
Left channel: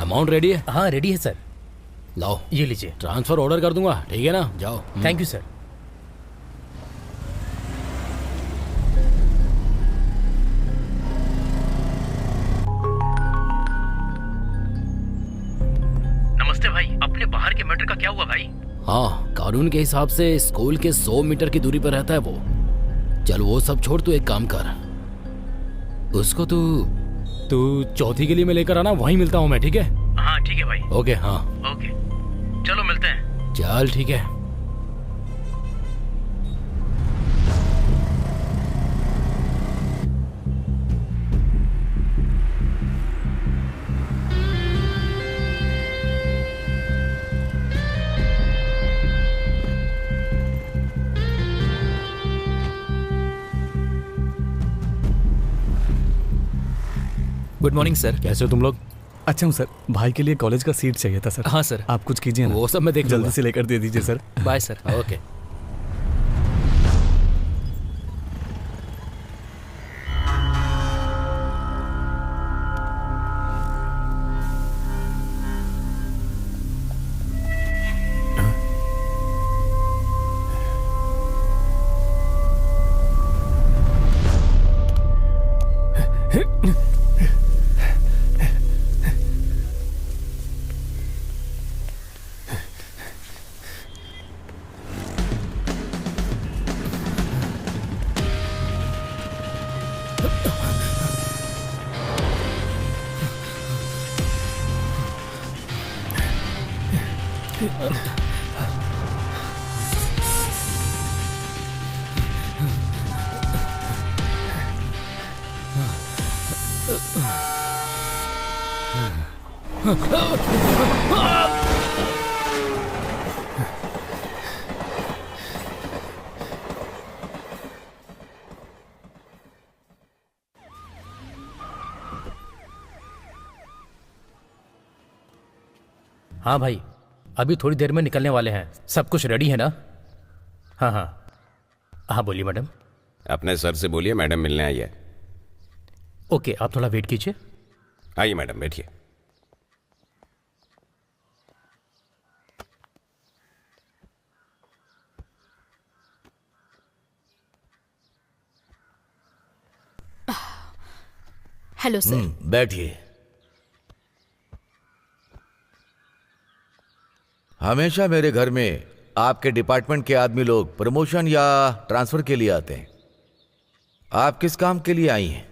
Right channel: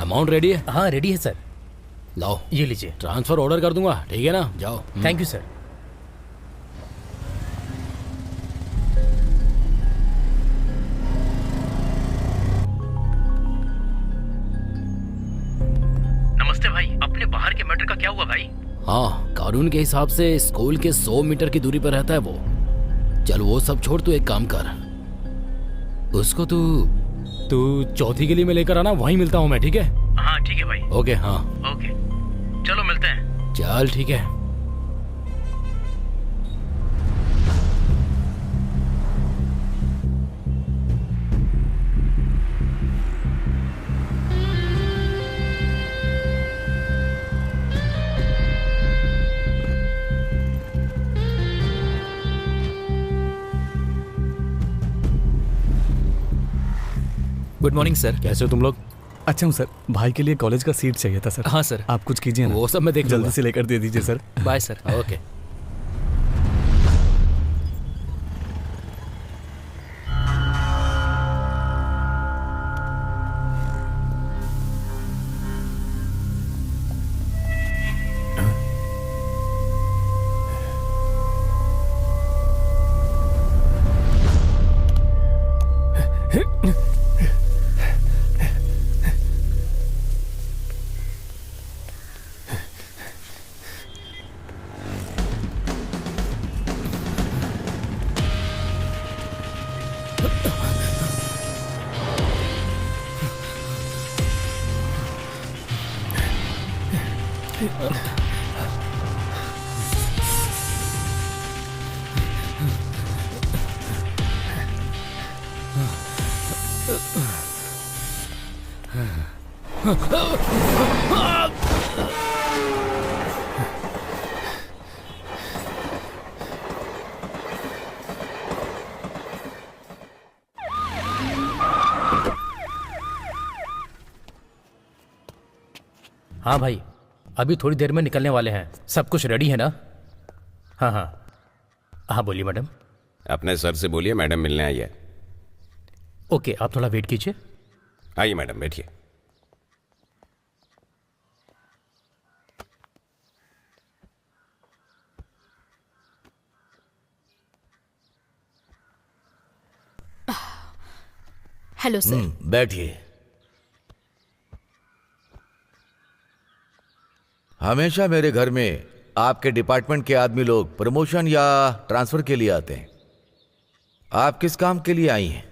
अमाउंट रेडी है? हाँ रेडी है सर। लाओ ये लीजिए। ट्रांसफर ऑर्डर कर दूंगा, ठीक है ना? जाओ। Thank you sir. नमस्ते भाई, अपने बाहर के मैटर का क्या हुआ भाई? हाँ, कानून के हिसाब से स्कूल के 100 मीटर की दूरी पर रहता है वो। चल वो सब छोड़, तू एक काम कर, उसको तू चौथी गली में लेकर आना, वहीं मिलता हूँ मैं, ठीक है? हाँ ठीक है भाई। ओके हाँ ओके, चलो मिलते हैं। चल ठीक है। Good morning sir. कैसे हो तुम लोग? अच्छा हूँ सर। भाई के लिए कॉलेज का सीट चाहिए था सर। हाँ सर। आप कुछ कीजिए ना। वो सब मैं देख लूंगा। जल्दी से लेकर दे दीजिए सर। Bye sir. ओके। हाँ भाई, अभी थोड़ी देर में निकलने वाले हैं। सब कुछ रेडी है ना? हाँ हाँ हाँ, बोलिए मैडम। अपने सर से बोलिए मैडम मिलने आई है। ओके, आप थोड़ा वेट कीजिए। आइए मैडम, बैठिए। Hello sir. बैठिए। हमेशा मेरे घर में आपके डिपार्टमेंट के आदमी लोग प्रमोशन या ट्रांसफर के लिए आते हैं। आप किस काम के लिए आई हैं?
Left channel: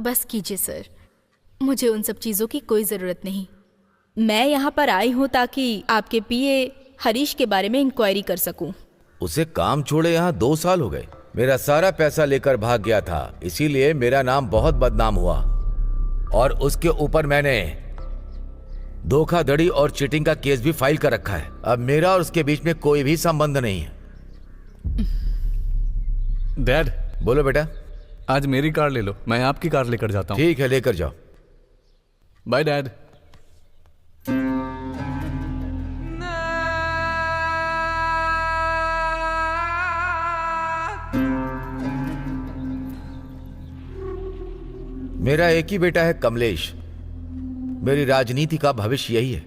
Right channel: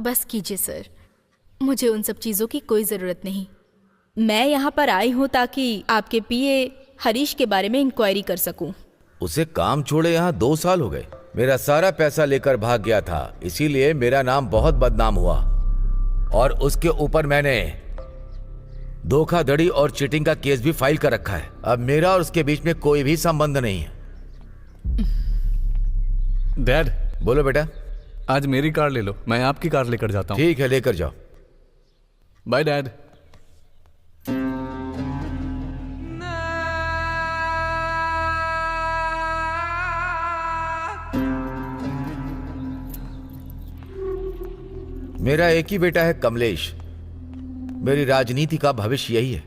बस कीजिए सर, मुझे उन सब चीज़ों की कोई ज़रूरत नहीं। मैं यहाँ पर आई हूँ ताकि आपके पीए हरीश के बारे में इंक्वायरी कर सकूँ। उसे काम छोड़े यहाँ 2 साल हो गए। मेरा सारा पैसा लेकर भाग गया था, इसीलिए मेरा नाम बहुत बदनाम हुआ। और उसके ऊपर मैंने धोखाधड़ी और चीटिंग का केस भी फाइल कर रखा है। अब मेरा और उसके बीच में कोई भी संबंध नहीं है। डैड। बोलो बेटा। आज मेरी कार ले लो, मैं आपकी कार लेकर जाता हूँ। ठीक है, लेकर जाओ। Bye dad. मेरा एक ही बेटा है कमलेश। मेरी राजनीति का भविष्य यही है।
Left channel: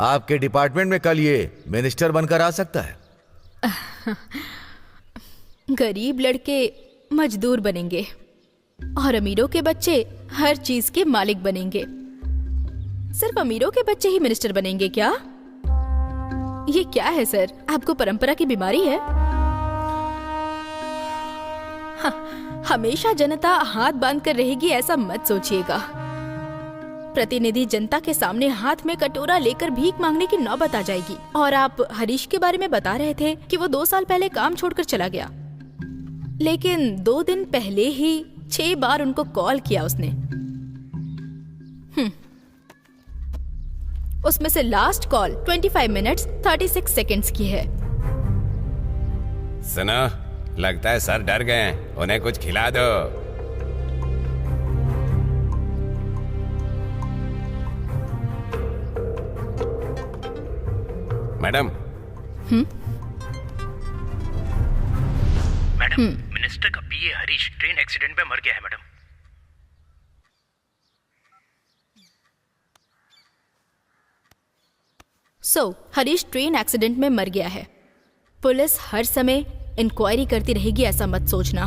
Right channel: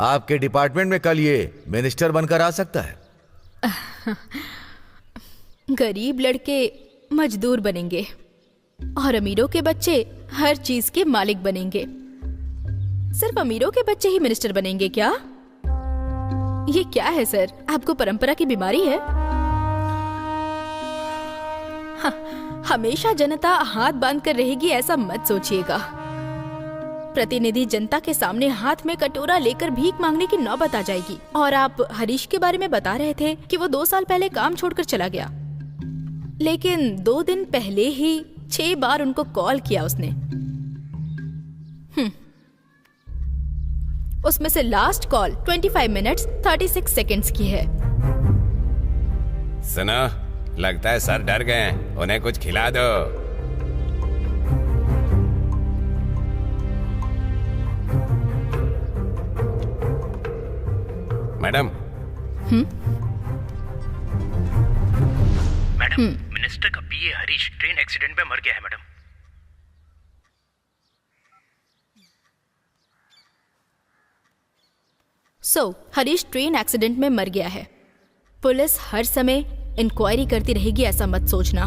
आपके डिपार्टमेंट में कल ये मिनिस्टर बनकर आ सकता है। गरीब लड़के मजदूर बनेंगे और अमीरों के बच्चे हर चीज के मालिक बनेंगे। सिर्फ अमीरों के बच्चे ही मिनिस्टर बनेंगे क्या? ये क्या है सर, आपको परंपरा की बीमारी है? हमेशा जनता हाथ बांध कर रहेगी ऐसा मत सोचिएगा। प्रतिनिधि जनता के सामने हाथ में कटोरा लेकर भीख मांगने की नौबत आ जाएगी। और आप हरीश के बारे में बता रहे थे कि वो 2 साल पहले काम छोड़कर चला गया, लेकिन 2 दिन पहले ही 6 बार उनको कॉल किया उसने। उसमें से लास्ट कॉल 25 मिनट्स 36 सेकंड्स की है। सुनो, लगता है सर डर गए हैं, उन्हें कुछ खिला दो। मैडम। मैडम, मिनिस्टर का पीए हरीश ट्रेन एक्सीडेंट में मर गया है मैडम। हरीश ट्रेन एक्सीडेंट में मर गया है। पुलिस हर समय इंक्वायरी करती रहेगी ऐसा मत सोचना।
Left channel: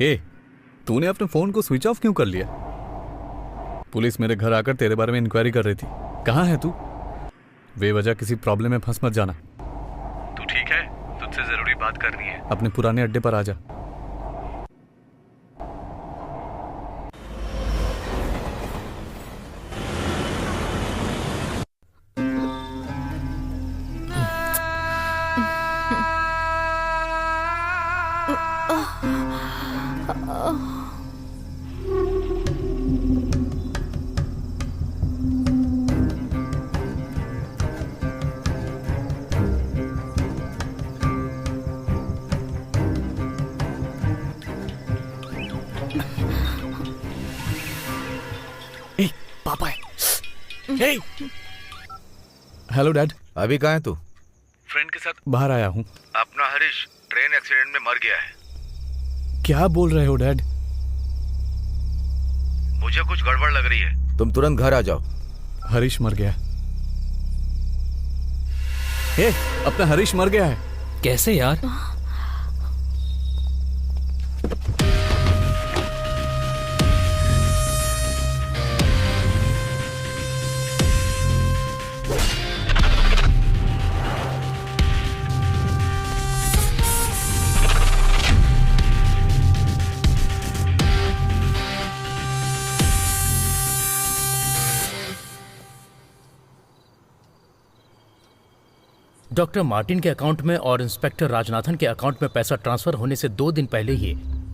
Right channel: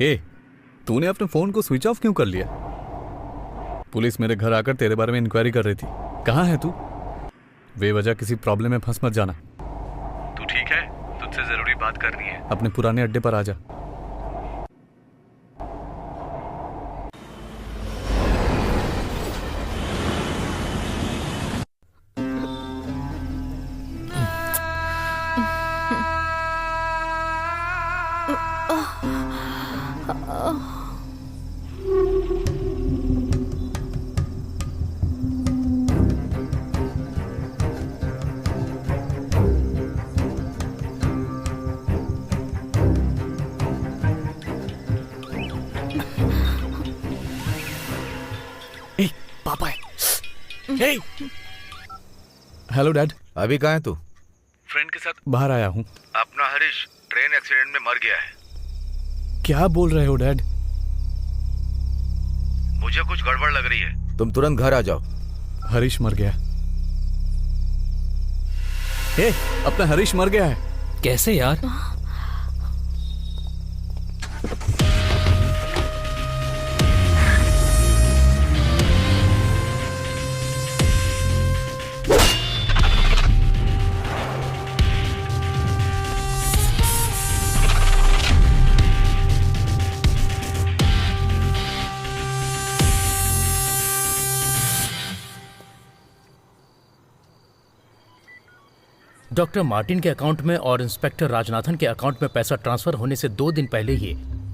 ए, तूने अपने फोन को स्विच ऑफ क्यों कर लिया? पुलिस मेरे घर आकर तेरे बारे में इंक्वायरी कर रही थी। कहाँ है तू? बेवजह किसी प्रॉब्लम में फंस मत जाना। तू ठीक है? तुझसे जरूरी बात करनी है। अपने पुराने अड्डे पर आ जा। पापा है। Hello dad. अभी कहाँ है तू? फ्रेंड के साथ बाहर आया हूँ। अपना हरीश ट्रेन एक्सीडेंट में मर गया है। क्या बोल रहे हो डैड? मुझे कुछ गड़बड़ लग रही है। तुम तुरंत घर आ जाओ। हरीश मर गया। ए, अपना हरीश मर गया है। कैसे यार? डॉक्टर मार्टिन के अकाउंट में और इंस्पेक्टर राजनाथन के अकाउंट में पैसा ट्रांसफर होने से 2 दिन पहले ही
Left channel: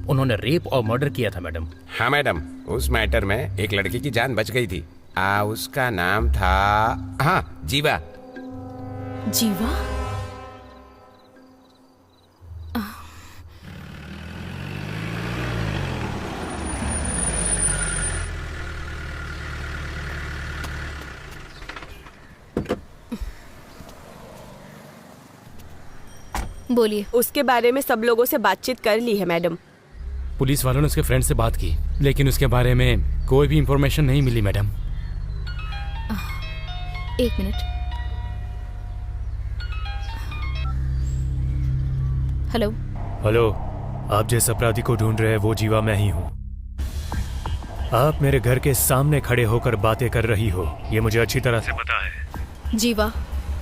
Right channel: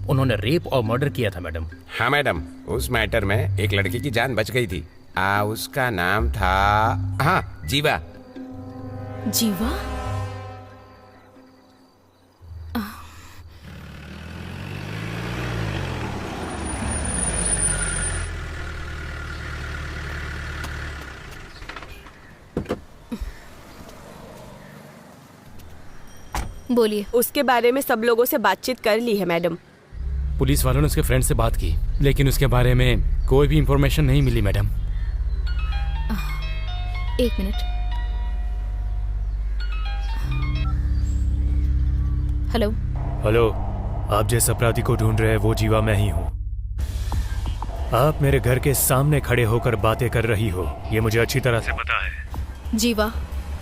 उन्होंने रेप और मर्डर किया था मैडम। हाँ मैडम, उस मैटर में एक लड़की की जान बच गई थी। उसका नाम था, हाँ, जीवा। जीवा? बोलिए। उसके बारे में सब लोगों से बातचीत कर ली है मैडम। पुलिस वालों ने उसके फ्रेंड से बात की, लेकिन उसके बारे में कोई भी इंफॉर्मेशन नहीं मिली मैडम। 1 मिनट। हेलो। हेलो, आप जिस अपराधी को ढूंढ रहे हैं वो जीवा मैं ही हूँ। आप मेरे घर के सामने खड़े होकर बातें कर रही हो, ये मुझे अच्छी तरह से पता है। जीवा,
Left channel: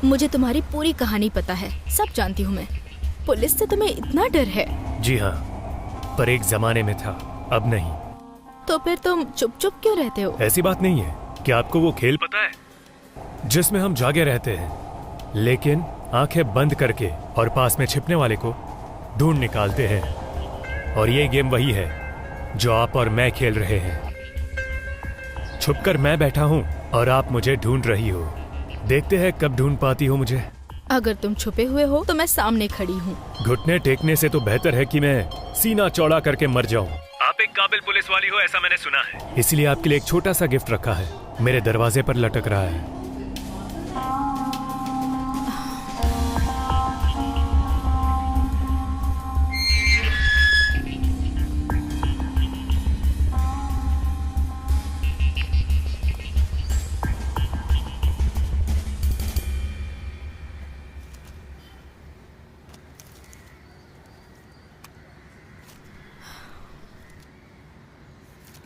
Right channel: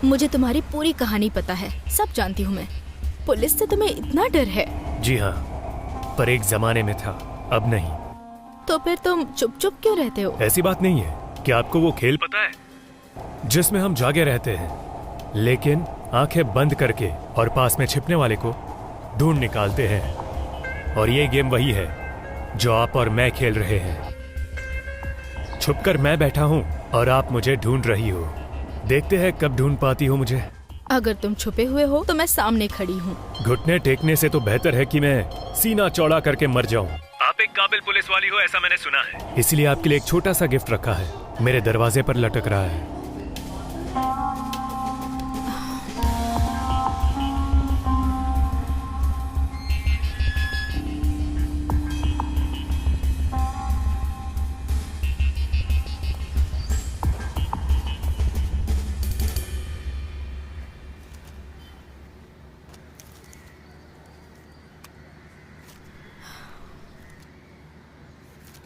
मुझे तुम्हारी पूरी कहानी पता है, सब जानती हूँ मैं। पुलिस से तुम्हें इतना डर है? जी हाँ, पर एक जमाने में था, अब नहीं। तो फिर तुम चुप चुप क्यों रहते हो? ऐसी बात नहीं है। क्या आपको वो खेल पता है जिसमें हम जागे रहते हैं, लेकिन आंखें बंद करके और पास में छिपने वाले को ढूंढ निकालते हैं? और ये गेम वही है जो आप और मैं खेल रहे हैं। छुपकर मैं बैठा हूँ और आप मुझे ढूंढ रही हो। देखते हैं कब ढूंढ पाती हो मुझे। अगर तुम छुपे हुए हो तो मैं सामने खड़ी हूँ। घुटने टेकने से तो बेहतर है कि मैं सीना चौड़ा करके मर जाऊं। आप एक काबिल पुलिस वाली हो, ऐसा मैंने सुना है। इसलिए आपके लिए एक छोटा सा गिफ्ट रखा है, मेरे दरवाजे पर लटक रहा है।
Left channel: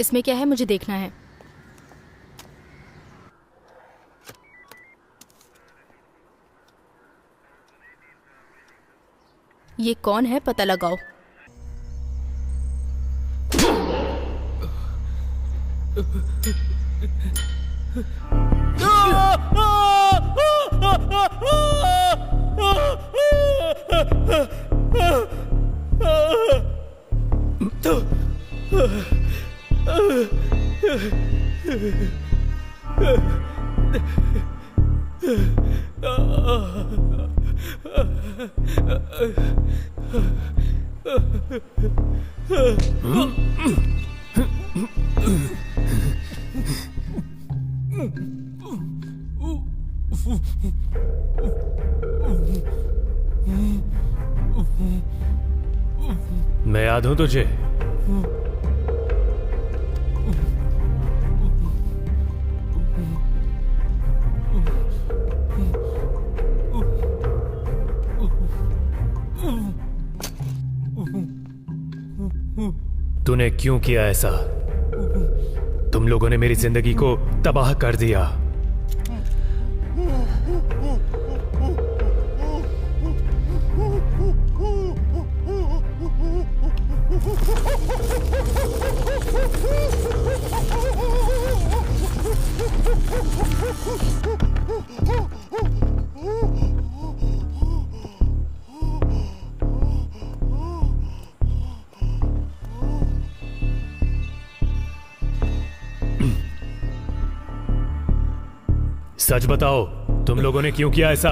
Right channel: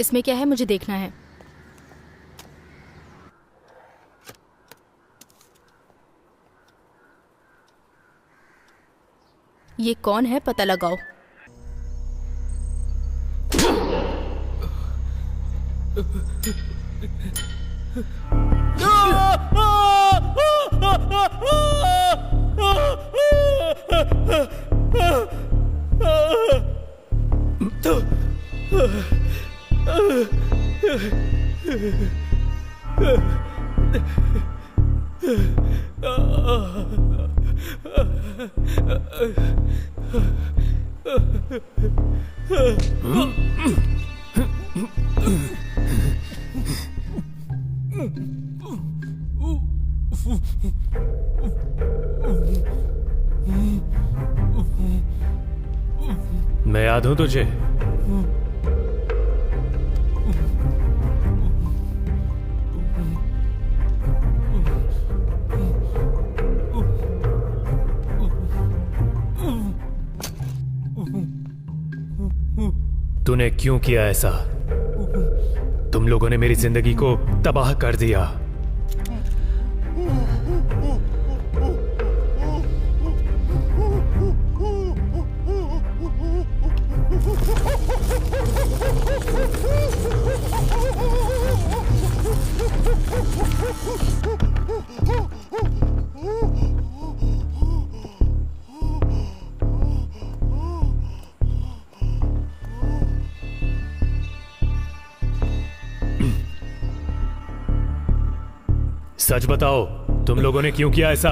इसमें क्या है मुझे देखना है। ये कौन है पता लगाओ। मैं याद हूं तुझे? तूने क्यों किया ऐसा? तुम लोगों ने मेरी जिंदगी को तबाह कर दिया। सच बताओ, तुम लोगों ने क्यों किया ऐसा?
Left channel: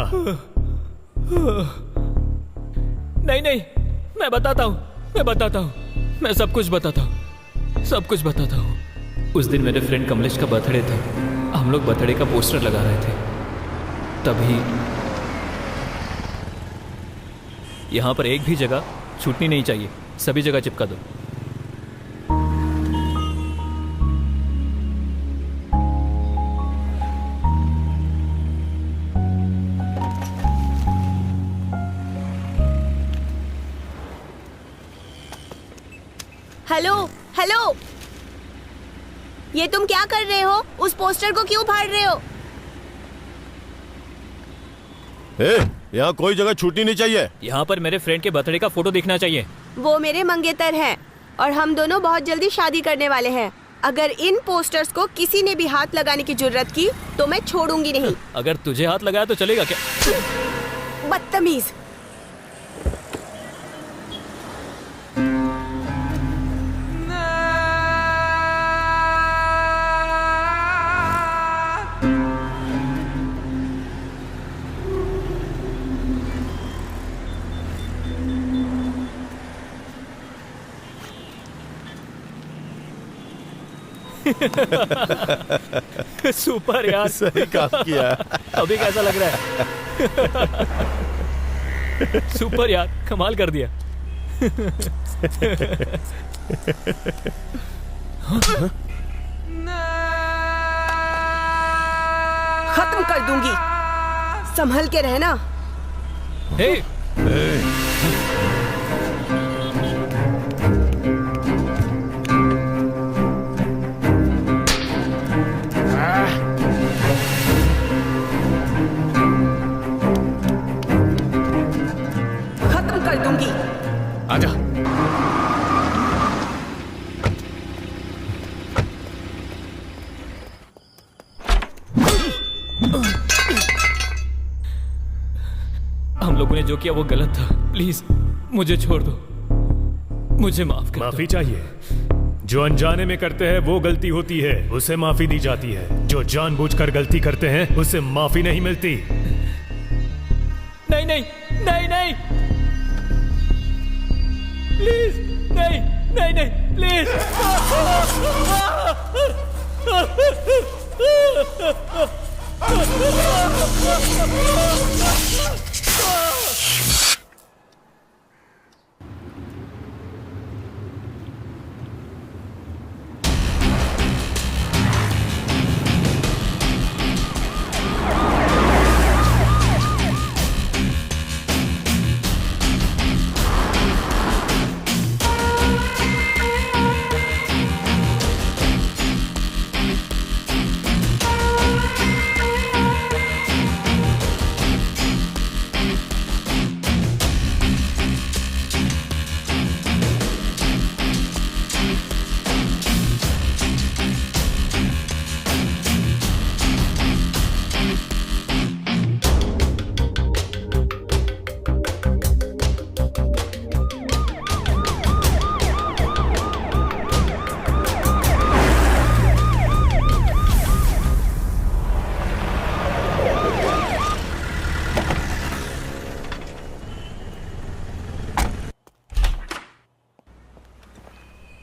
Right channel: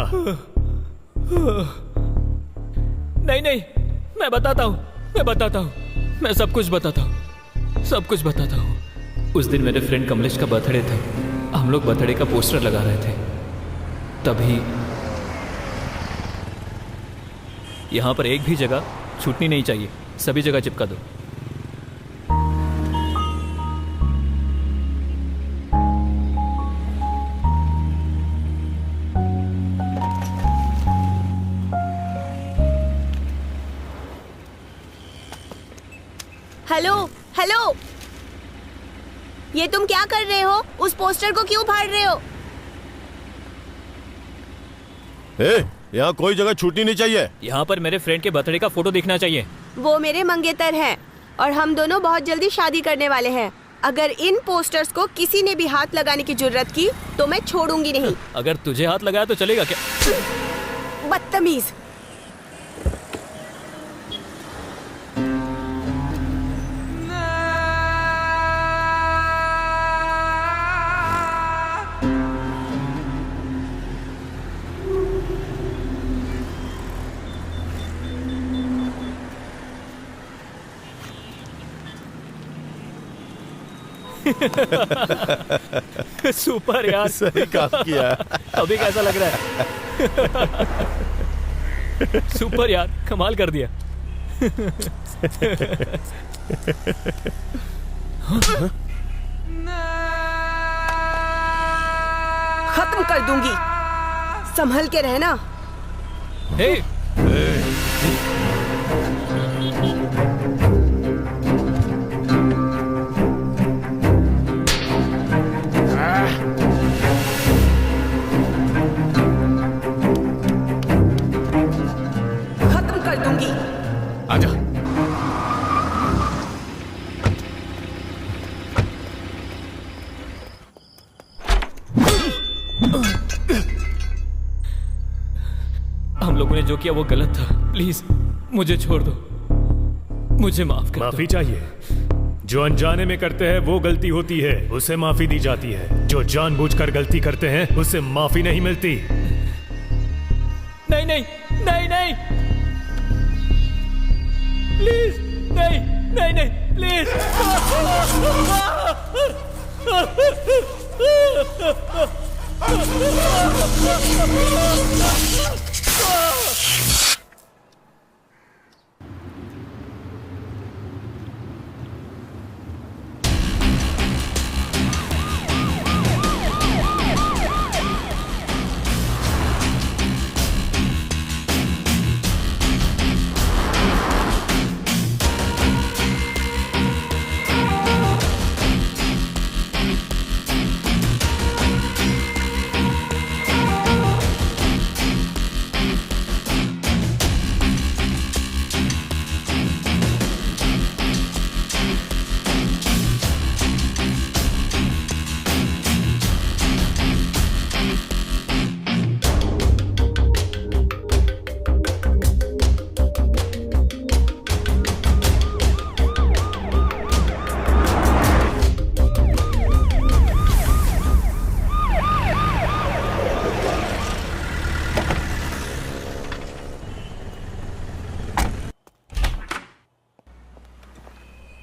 नहीं नहीं, मैं बताता हूँ, मैं सब कुछ बताता हूँ। उस दिन मेरे फ्रेंड कमलेश का बर्थडे था। हम लोग बर्थडे का पोस्टर लगा रहे थे, तभी यहाँ पर एक भी जगह छूटनी नहीं चाहिए, सभी जगह चिपका दो। हेलो हेलो, ये तुम क्या कर रहे हो? उस पोस्टर को क्यों फाड़ रहे हो? यहाँ कोई जगह छूटनी नहीं चाहिए। यहाँ पर मेरे फ्रेंड के बर्थडे का फोटो दिखना चाहिए। वो मेरे मंगेतर हैं और हम दोनों बहुत जल्दी शादी करने वाले हैं। अगर इन पोस्टर्स को किसी ने भी हाथ लगाने की जुर्रत की तो मैं छोड़ूंगी नहीं। अगर तुझे हाथ लगाया तो चलेगा क्या? बदतमीज। सुपर यार, सही काम किया। अभी कैसा लग रहा है? सुपर यार, कमाल कर दिया। खत्म कर दूंगी, संभल के रहना। हे खत्म कर दूंगी। आजा। हम लोगों ने जो किया वो गलत था। प्लीज मुझे छोड़ दो, मुझे माफ कर दो। माफी चाहिए? जो अनजाने में करते हैं वो गलती होती है, उसे माफी दी जाती है। जो जानबूझकर गलती करते हैं उसे माफी नहीं मिलती। नहीं नहीं नहीं नहीं, प्लीज नहीं नहीं नहीं, प्लीज।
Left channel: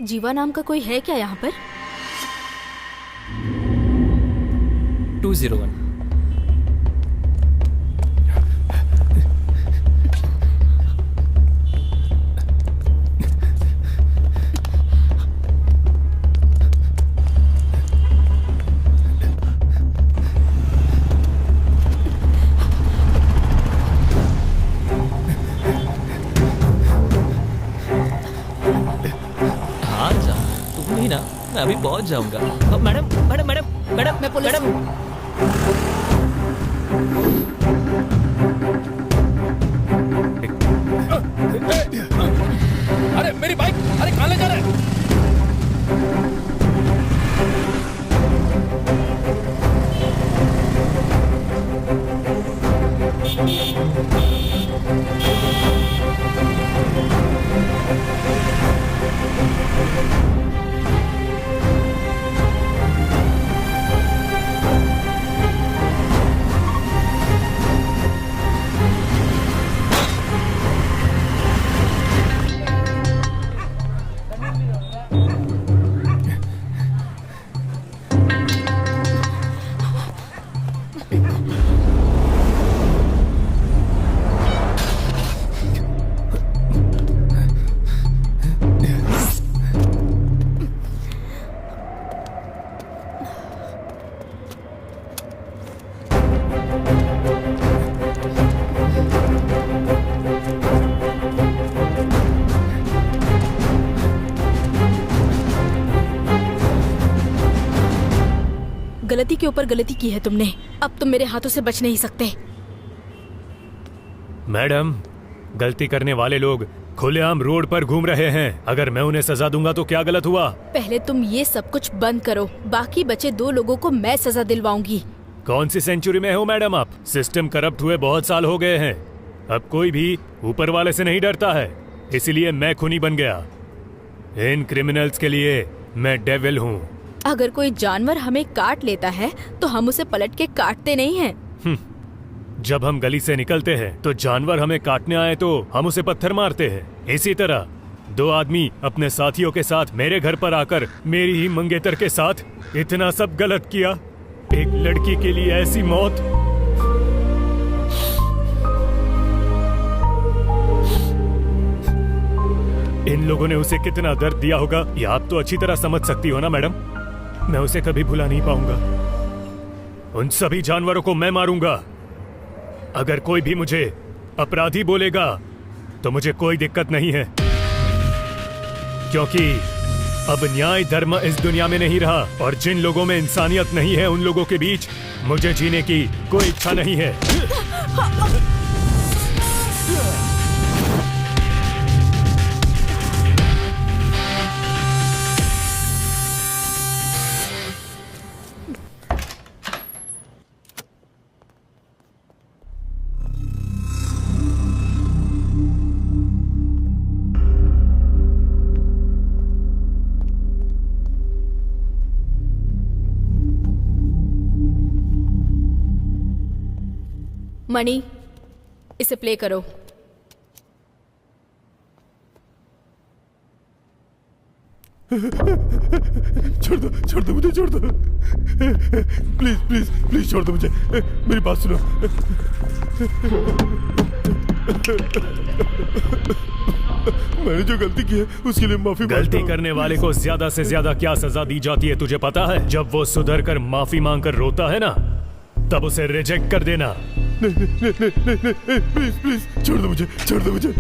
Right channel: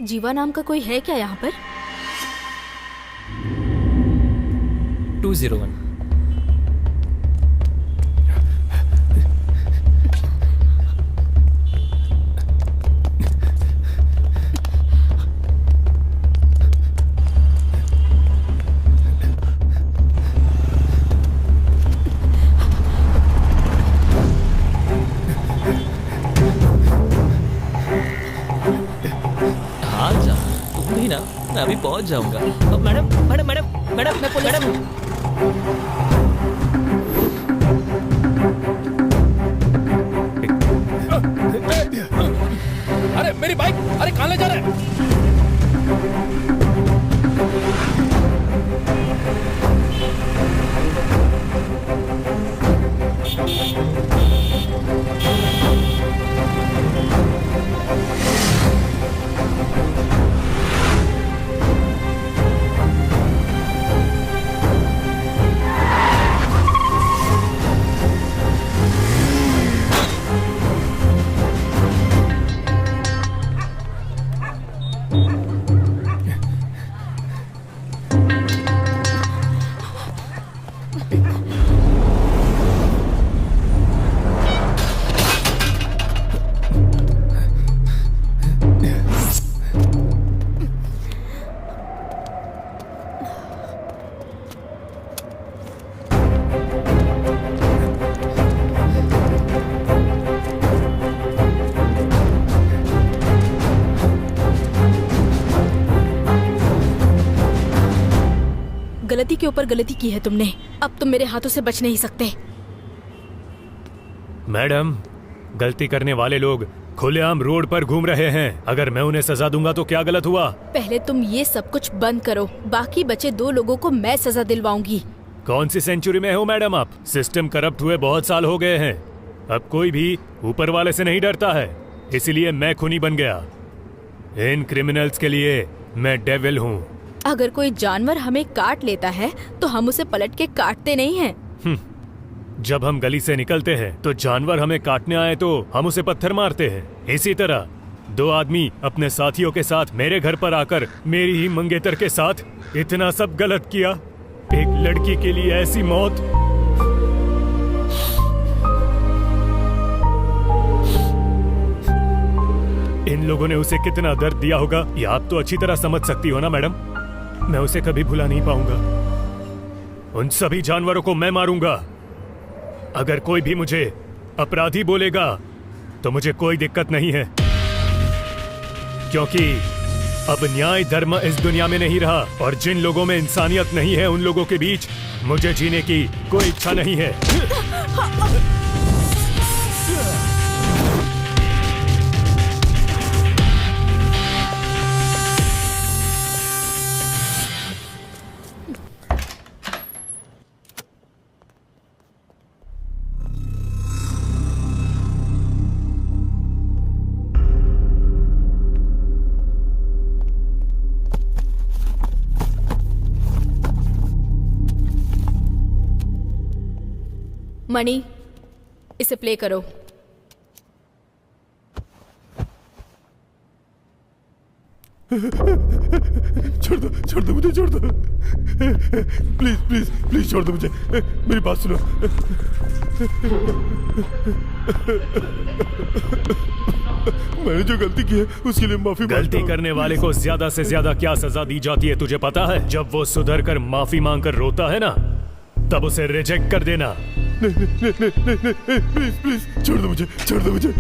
जीवा नाम का कोई है क्या यहाँ पर? 201। आ जा, तुम भी ना, मैं अभी पहुंच जाऊंगा। मैडम मैडम मैडम मैडम मैं पुलिस मैडम अरे मेरी बाइक, अरे कहाँ ले जा रहे हैं? गलती के ऊपर गलती की है तुमने, अब तुम मेरे हाथों से बच नहीं सकते। मैडम, गलती करने वाले लोग खुलेआम रोड पर घूम रहे हैं। अगर मैं उन्हें सजा दूंगा तो क्या गलत हुआ? पहले तुम ये सब कुछ बंद करो, बाकी बचे 2 लोगों को मैं सजा दिलवाऊंगी। कौन सी सेंचुरी में हो मैडम आप? सिस्टम करप्ट हुए बहुत साल हो गए हैं। अब कोई भी ऊपर वाले से नहीं डरता है, इसलिए मैं खूनी बन गया। इन क्रिमिनल्स के लिए मैं डेविल हूँ। अगर कोई जानवर हमें काट लेता है तो हम उसे पलट के काटते नहीं हैं। जब हम गली से निकलते हैं तो जानवर हमें काटने आए तो हम उसे पत्थर मारते हैं। इसी तरह 2 आदमी अपने साथियों के साथ मेरे घर पर आकर मेरी ही मंगेतर के साथ इतना सब गलत किया। एक लड़की के लिए ऐसी मौत। इन लोगों ने उसे कितना दर्द दिया होगा, ये आप तो अच्छी तरह समझ सकती हो ना मैडम। मैं उसे कभी भुला नहीं पाऊंगा। उन सभी जानवरों को मैं मारूंगा। अगर कोई भी मुझे अपराधी बोलेगा तो मुझे कोई दिक्कत नहीं है, क्योंकि अब न्याय धर्म इस दुनिया में नहीं रहा और जिन लोगों में इंसानियत नहीं है उन लोगों के बीच मुझे जीने की कोई इच्छा नहीं है। मणि, इसे प्ले करो। छोड़ दो मुझे, छोड़ दो प्लीज प्लीज प्लीज, छोड़ दो मुझे। मेरी बात सुनो। मैंने जो गलती की है उसके लिए माफी। गलती करने वाले को ज्यादा से ज्यादा क्या सजा दी जाती है तुझे पता है? जब वो सुधर कर माफी मांग कर रोता है ना, तब उसे रिजेक्ट कर देना। नहीं, प्लीज प्लीज, छोड़ दो मुझे, छोड़ दो मुझे।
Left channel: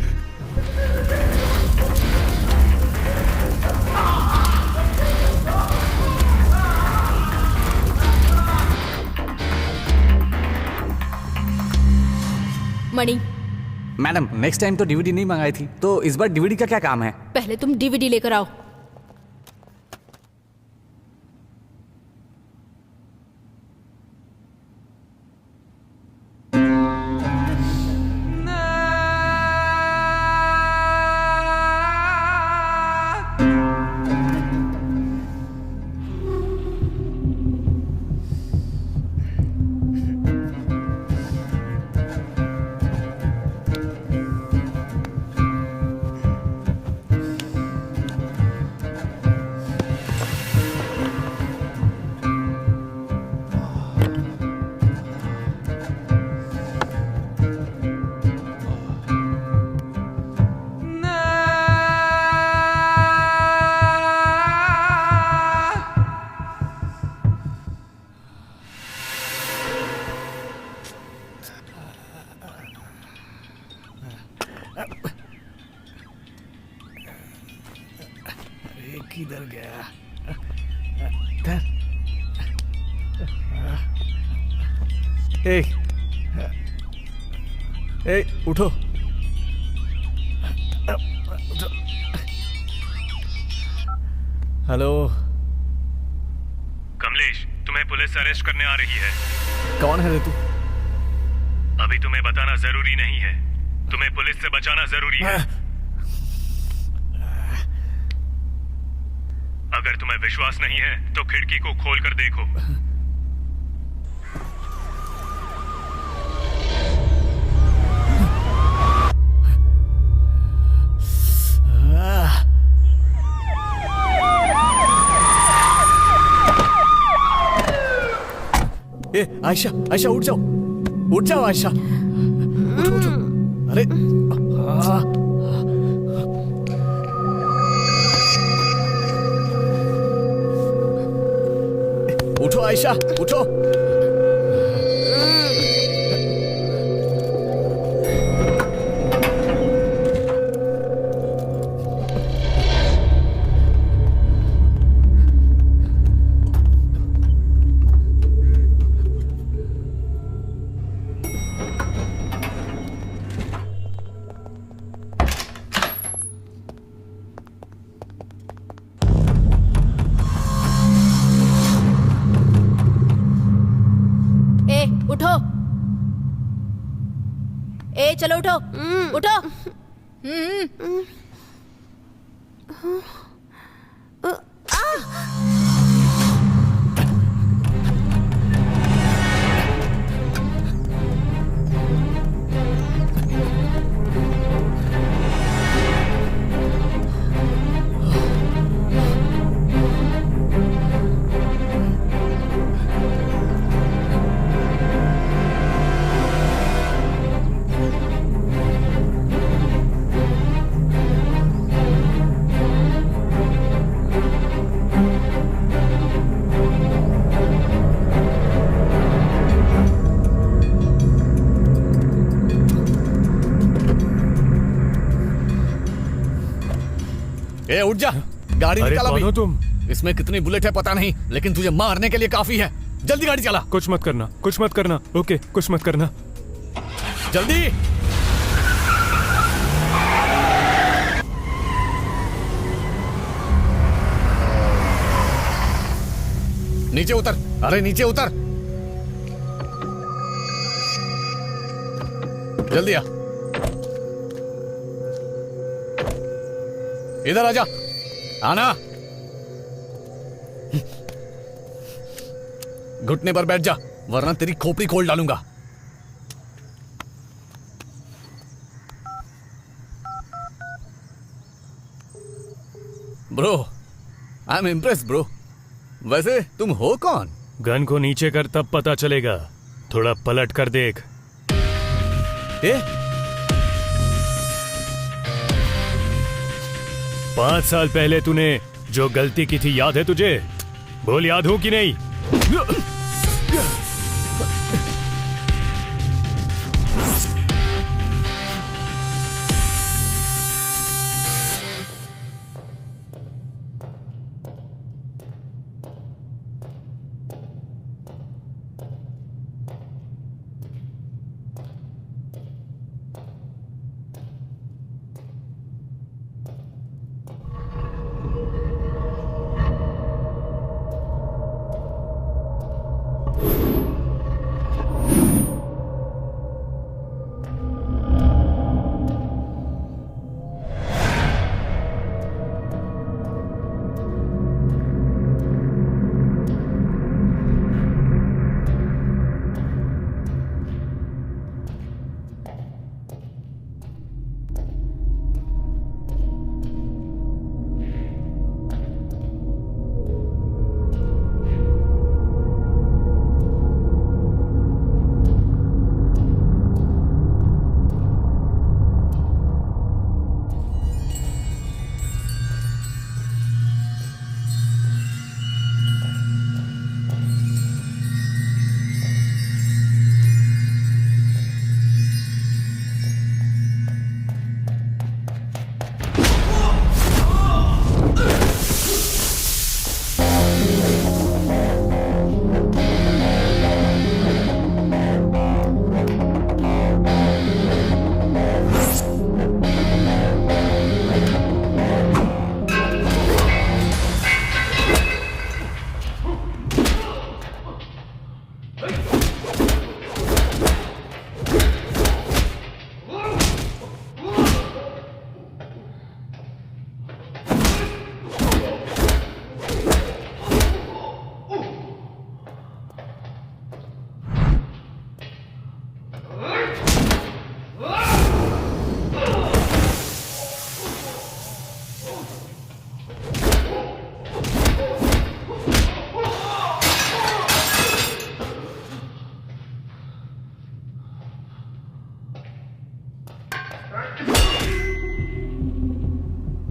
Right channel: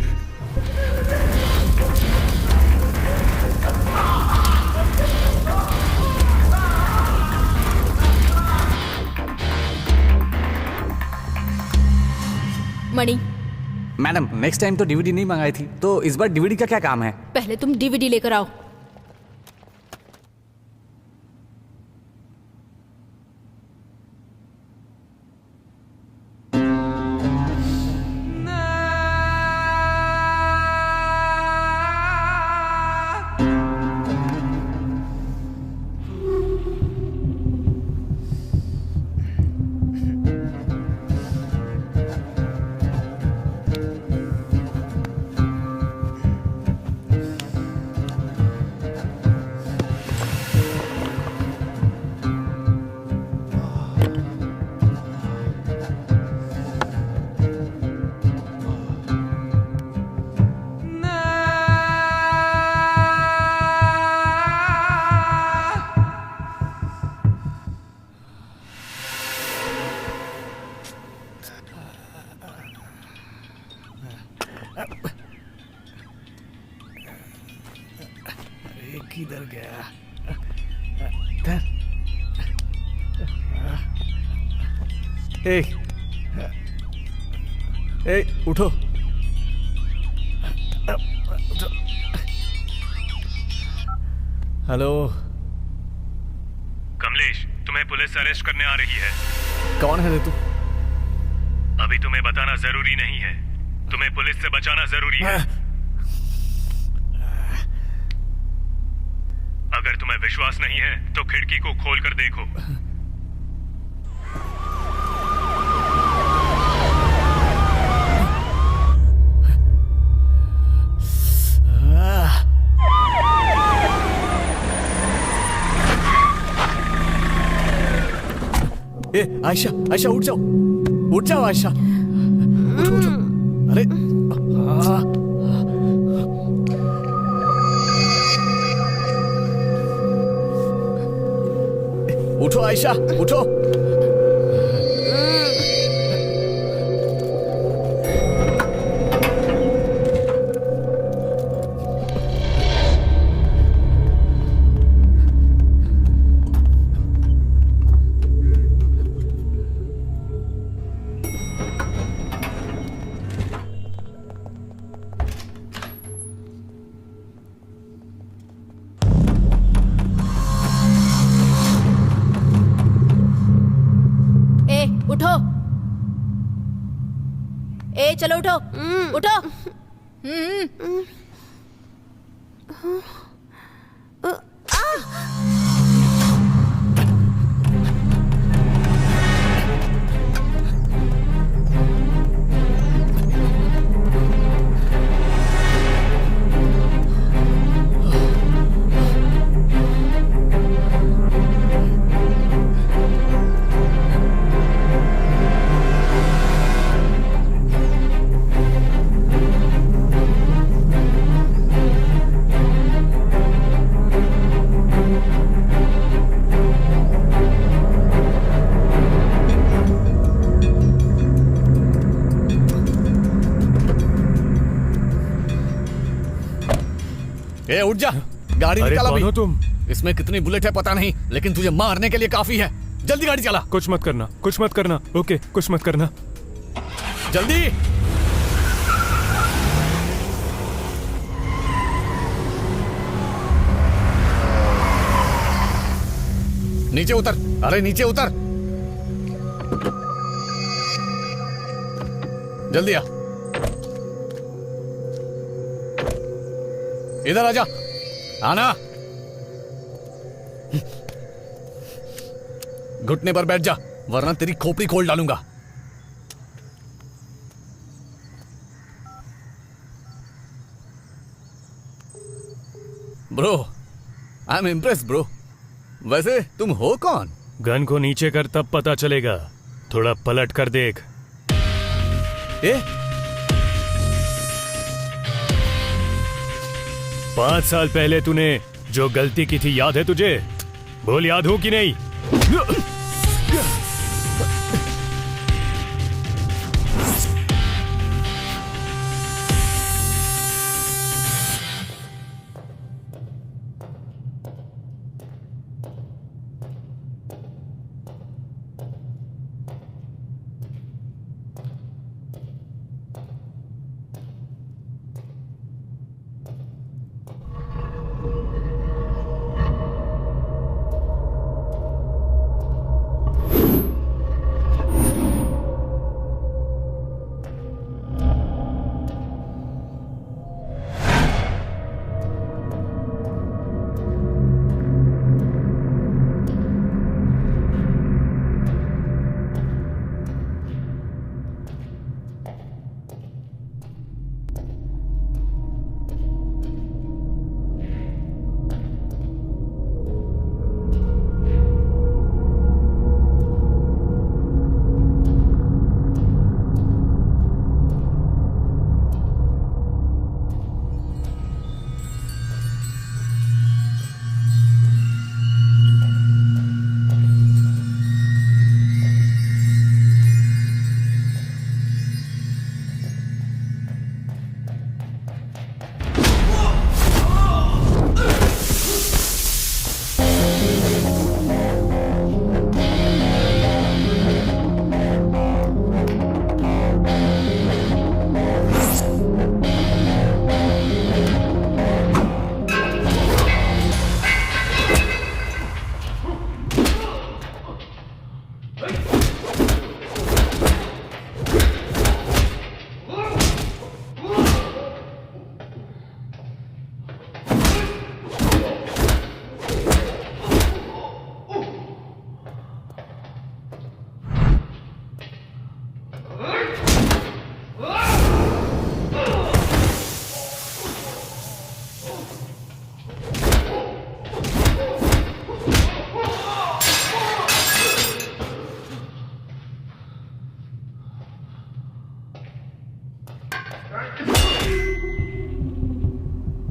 मणि, मैडम, नेक्स्ट टाइम तो डीवीडी नहीं मंगाई थी, तो इस बार डीवीडी का क्या काम है? पहले तुम डीवीडी लेकर आओ। ये किधर गया? ए, उठो। हेलो कमलेश, तुम्हें पुलिस अरेस्ट करने आ रही है। कौन है रे तू? अभी तुम्हें बताना जरूरी नहीं है, तुम्हें पुलिस से बचाना जरूरी है। अगर तुम्हें विश्वास नहीं है तो खिड़की को खोल कर देखो। ए आयशा, आयशा उठ जाओ, उठ जाओ आयशा, उठो उठो। अरे उठो आयशा, उठो। उठो। ए चलो उठो, उठो। ए उठ जा, गाड़ी अरे निकाल कौन हो अभी। तुम? इसमें कितनी बुलेट है पता नहीं, लेकिन तुझे मारने के लिए काफी है। जल्दी गाड़ी चला। कुछ मत करना, कुछ मत करना। ओके, कुछ मत करना। जल्दी। नीचे उतर, अरे नीचे उतर, जल्दी आ। इधर आजा, आना। घुटने पर बैठ जा, वरना तेरी खोपड़ी खोल डालूंगा। Bro, I am impress bro. वैसे तुम हो कौन? गन को नीचे कर, तब पता चलेगा। थोड़ा पलट कर देख। ए? 5 साल पहले तूने जो गलती की थी याद है तुझे? बोल, याद हो कि नहीं?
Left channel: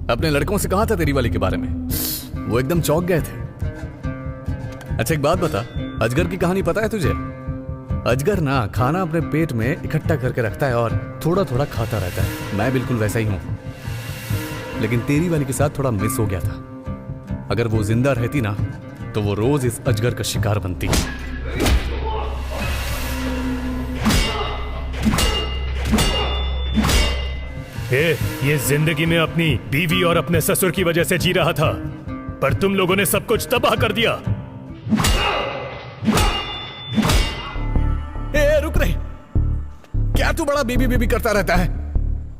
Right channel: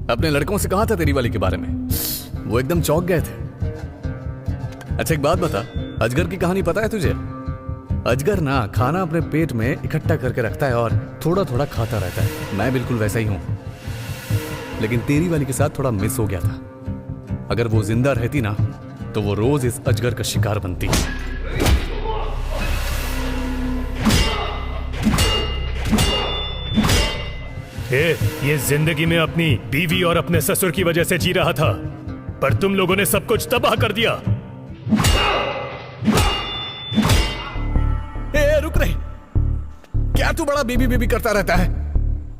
अपने लड़कों से कहा था तेरी वाली के बारे में, वो एकदम चौंक गए थे। अच्छा एक बात बता, अजगर की कहानी पता है तुझे? अजगर ना खाना अपने पेट में इकट्ठा करके रखता है और थोड़ा थोड़ा खाता रहता है। मैं बिल्कुल वैसा ही हूं, लेकिन तेरी वाली के साथ थोड़ा मिस हो गया था। अगर वो जिंदा रहती ना तो वो रोज इस अजगर का शिकार बनती। ये जिंदगी में अपनी बीवी और अपने ससुर की वजह से जी रहा था, पर तुम लोगों ने सब कुछ तबाह कर दिया। रुक रहे, क्या तू बड़ा बीबी बीबी करता रहता है?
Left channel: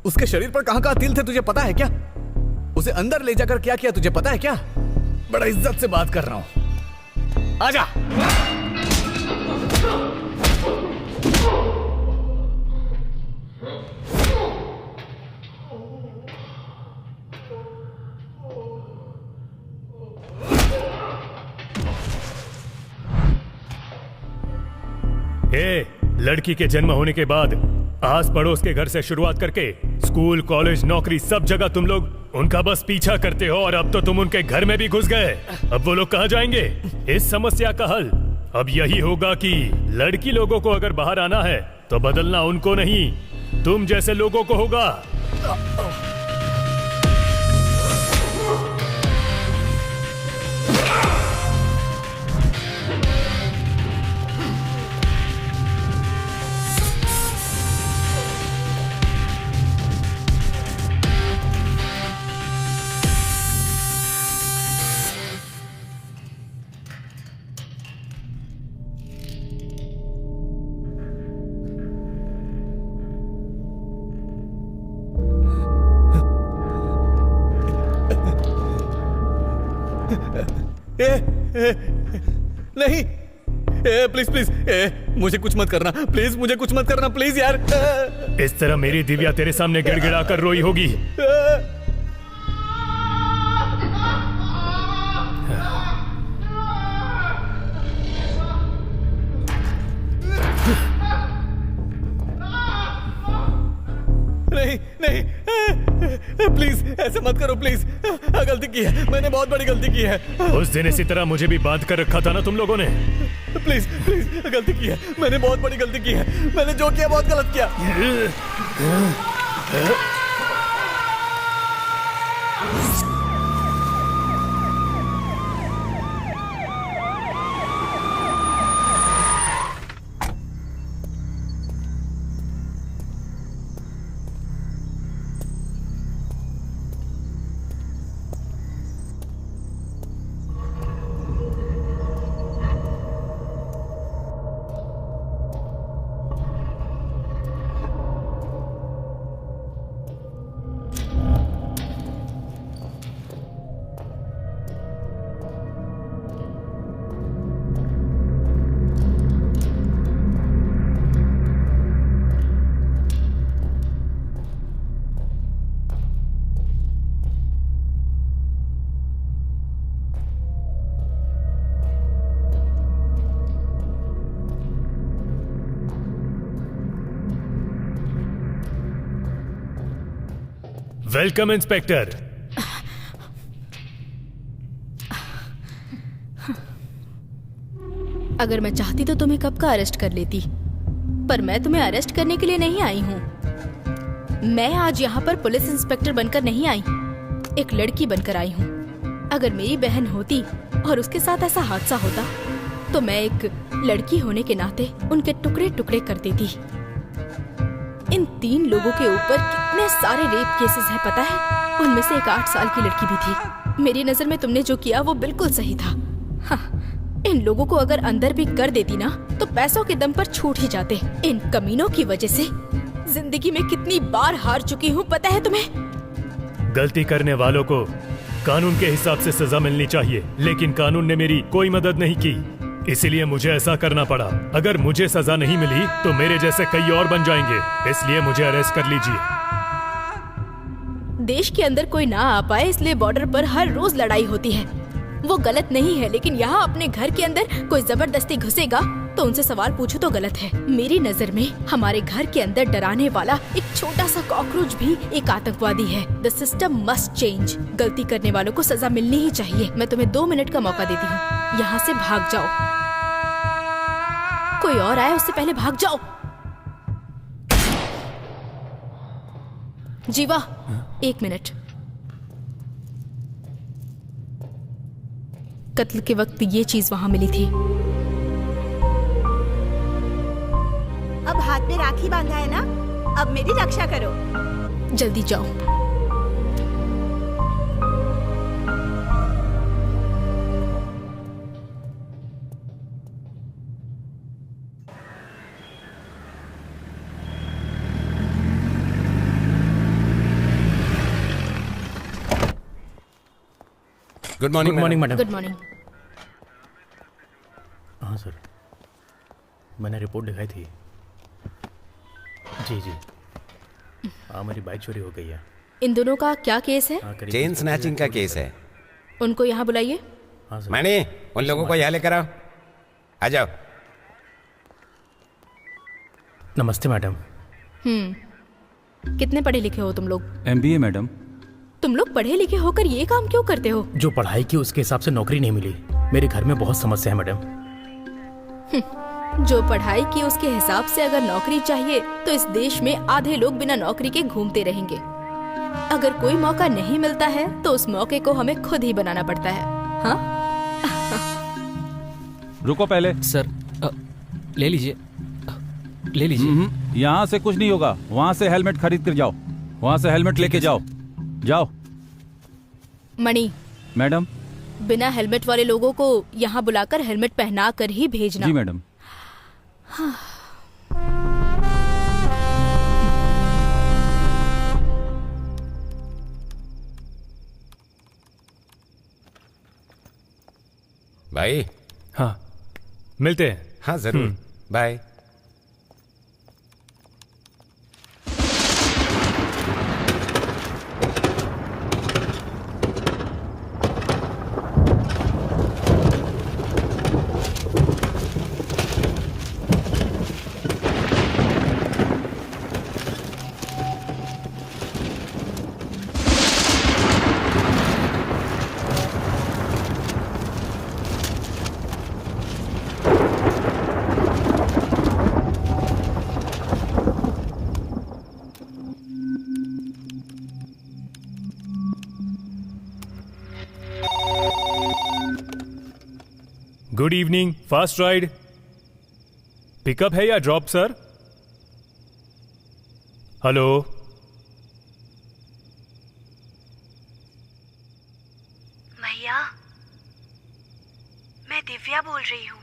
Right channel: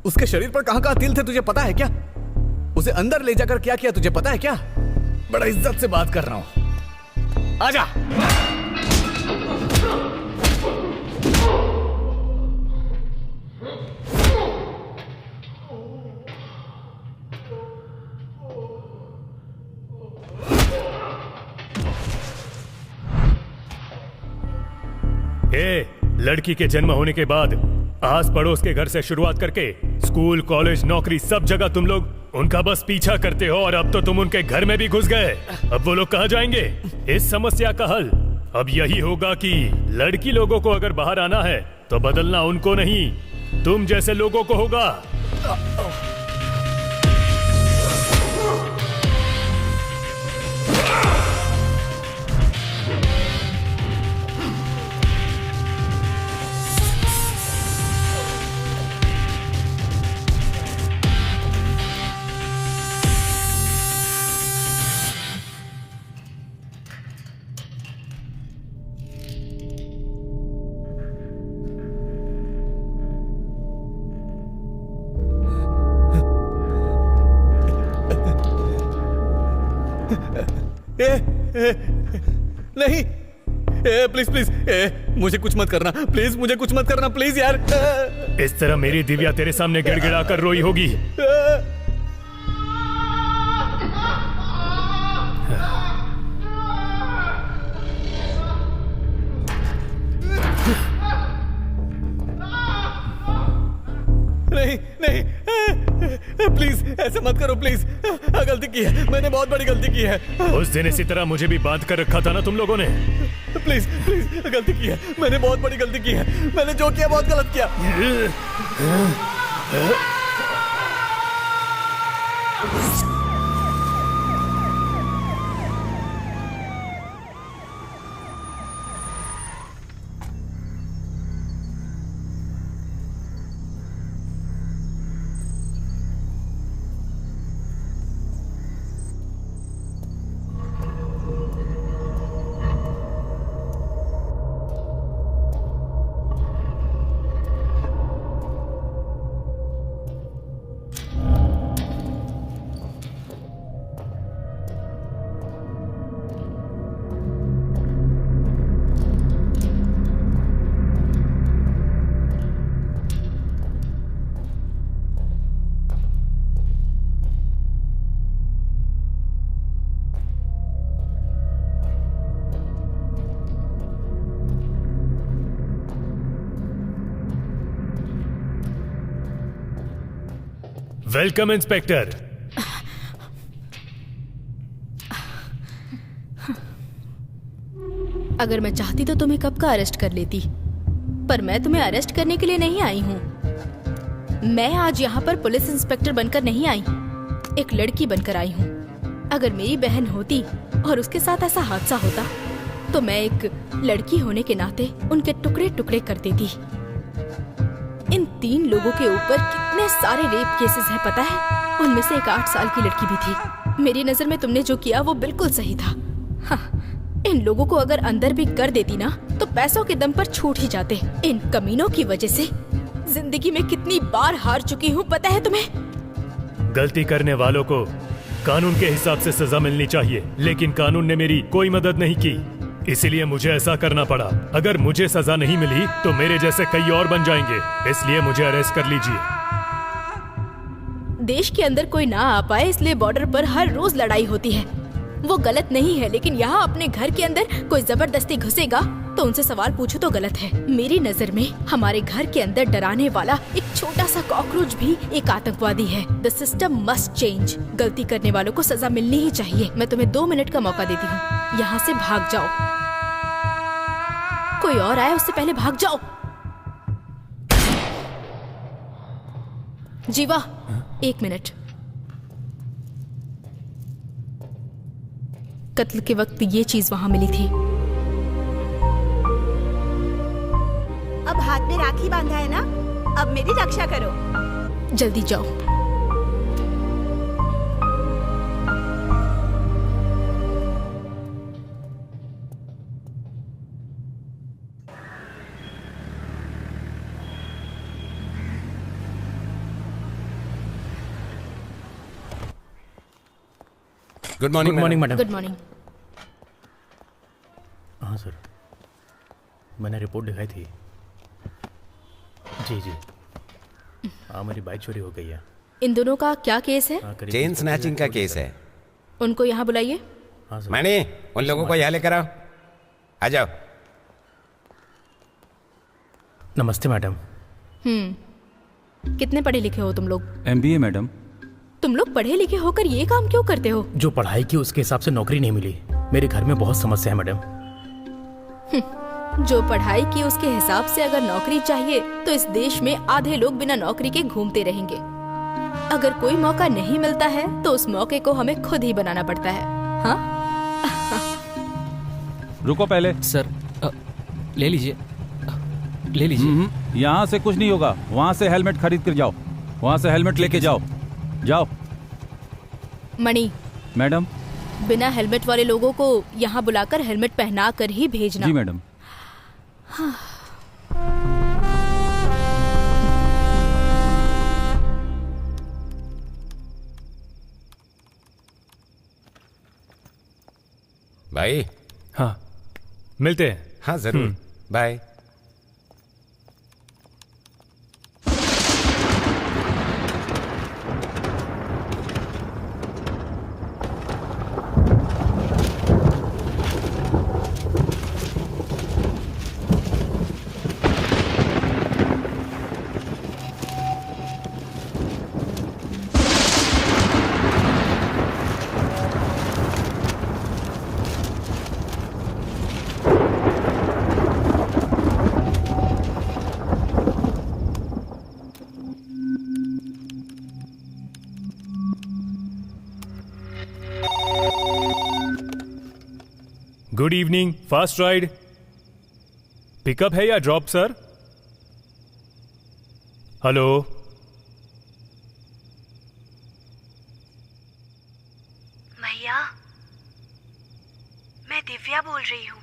उसके शरीर पर कहां तिल थे तुझे पता है क्या? उसे अंदर ले जाकर क्या किया तुझे पता है क्या? बड़ा इज्जत से बात कर रहा हूं, आजा। लड़की के जन्म होने के बाद आस पड़ोस के घर से शुरुआत करके स्कूल, कॉलेज, नौकरी, सब जगह तुम लोग उनका बस पीछा करते हो, और अब तो तुम उनके घर में भी घुस गए। अब वो लोग कहाँ जाएंगे? इस समस्या का हल अब यही होगा कि लड़की लोगों को अगर बाहर आना है तो बदलना उनको नहीं, तुम जैसे लोगों को होगा। नहीं, प्लीज प्लीज, मुझे कुछ मत करना प्लीज, मुझे कुछ मत करना प्लीज यार। इस तरह मेरी दिव्या तेरे सामने गिड़गिड़ा कर रोई होगी। नहीं नहीं, प्लीज ऐसे मत करो प्लीज, गलती की है मैंने, बहुत बड़ी गलती की है। उस दिन इसी तरह मुझे भी बांध कर रखा था ना तुम लोगों ने। प्लीज प्लीज, गलती की है मैंने, बहुत बड़ी गलती की है मैंने, जो किया बहुत गलत किया। Welcome inspector. अगर मैं चाहती तो तुम्हें कब का अरेस्ट कर लेती, पर मैं तुम्हें अरेस्ट करने के लिए नहीं आई हूँ। मैं आज यहाँ पर पुलिस इंस्पेक्टर बनकर नहीं आई, एक लड़की बनकर आई हूँ। अगर मेरी बहन होती और उसके साथ ऐसा हादसा होता तो मैं एक लड़की होने के नाते उनके टुकड़े टुकड़े कर देती। इन 3 लोगों के ऊपर कितने सारे रेप केसेस हैं पता है? उनमें से एक 8 साल की लड़की भी थी। मेरी नजर में तुमने जो किया वो बिल्कुल सही था। हाँ, इन लोगों को अगर अंदर भी कर देती ना तो पैसों के दम पर छूट ही जाते। इन कमीनों की वजह से जिंदगी में कितनी बार हार चुकी हूँ पता है तुम्हें? गलती करने वालों को कानून के हिसाब से सजा मिलनी चाहिए, लेकिन कानून ने मेरी कोई मदद नहीं की, इसीलिए मुझे ऐसा करना पड़ा। अगर मुझे सजा नहीं मिली तो मेरे जैसे कई और बन जाएंगे, इसलिए मुझे अरेस्ट कर लीजिए। देश के अंदर कोई ना आ पाए इसलिए बॉर्डर पर हर रोज लड़ाई होती है, वो गलत नहीं है, लेकिन यहाँ अपने घर के अंदर कोई जबरदस्ती घुसेगा तो उनसे सवाल पूछो तो गलत है। मेरी नजर में हमारे घर के अंदर डराने वाला एक छोटा सा कॉकरोच भी एक आतंकवादी है। The system must change. गलती करने वालों को सजा मिलनी ही चाहिए। मैं तुम्हें 2 मिनट का मौका देती हूँ, यहाँ से भाग जाओ। कोई और आए उससे पहले भाग जाओ। जीवा, 1 मिनट। कत्ल के वक्त ये चीज वहां मिली थी। अब हाथ में राखी बांधा है ना, अब मेरी रक्षा करो। जल्दी जाओ। Good morning madam. Good morning. हाँ सर, मैंने रिपोर्ट दिखाई थी। जी जी, हाँ मेरी बाइक चोरी हो गई है। इन दोनों का क्या केस है? चेन स्नैचिंग का केस है। उनको यहाँ बुलाइए। हाँ सर। मैंने उन लोगों को यहाँ लेकर आओ। आ जाओ। नमस्ते मैडम। कितने पढ़े लिखे हो तुम लोग? MBA madam. तुम लोग पढ़े लिखे होकर ये काम क्यों करते हो? जो पढ़ाई की उसके हिसाब से नौकरी नहीं मिली। मेरे घर में बहुत समस्या है मैडम। जो पढ़ाई की उसके हिसाब से अगर नौकरी चाहिए तो इस देश में आधे लोग बिना नौकरी के घूमते रहेंगे। अगर कोई मौका नहीं मिलता है तो उस मौके को हमें खुद ही बनाना पड़ता है। हाँ? रुको पहले। सर ले लीजिए, ले लीजिए। यहाँ से कुछ नहीं होगा, वहाँ से हेलमेट खरीद कर जाओ। वहाँ से हेलमेट लेके जाओ। जाओ। मणि मैडम। बिना हेलमेट वाले लोगों को यहाँ बुलाकर हेलमेट पहना कर ही भेजना। जी मैडम। हाँ। भाई। हाँ, मिलते हैं। हाँ जरूर, bye. Good evening, fast ride. Pickup है या ड्रॉप सर? हेलो। भैया, मैं दिव्या बोल रही हूँ।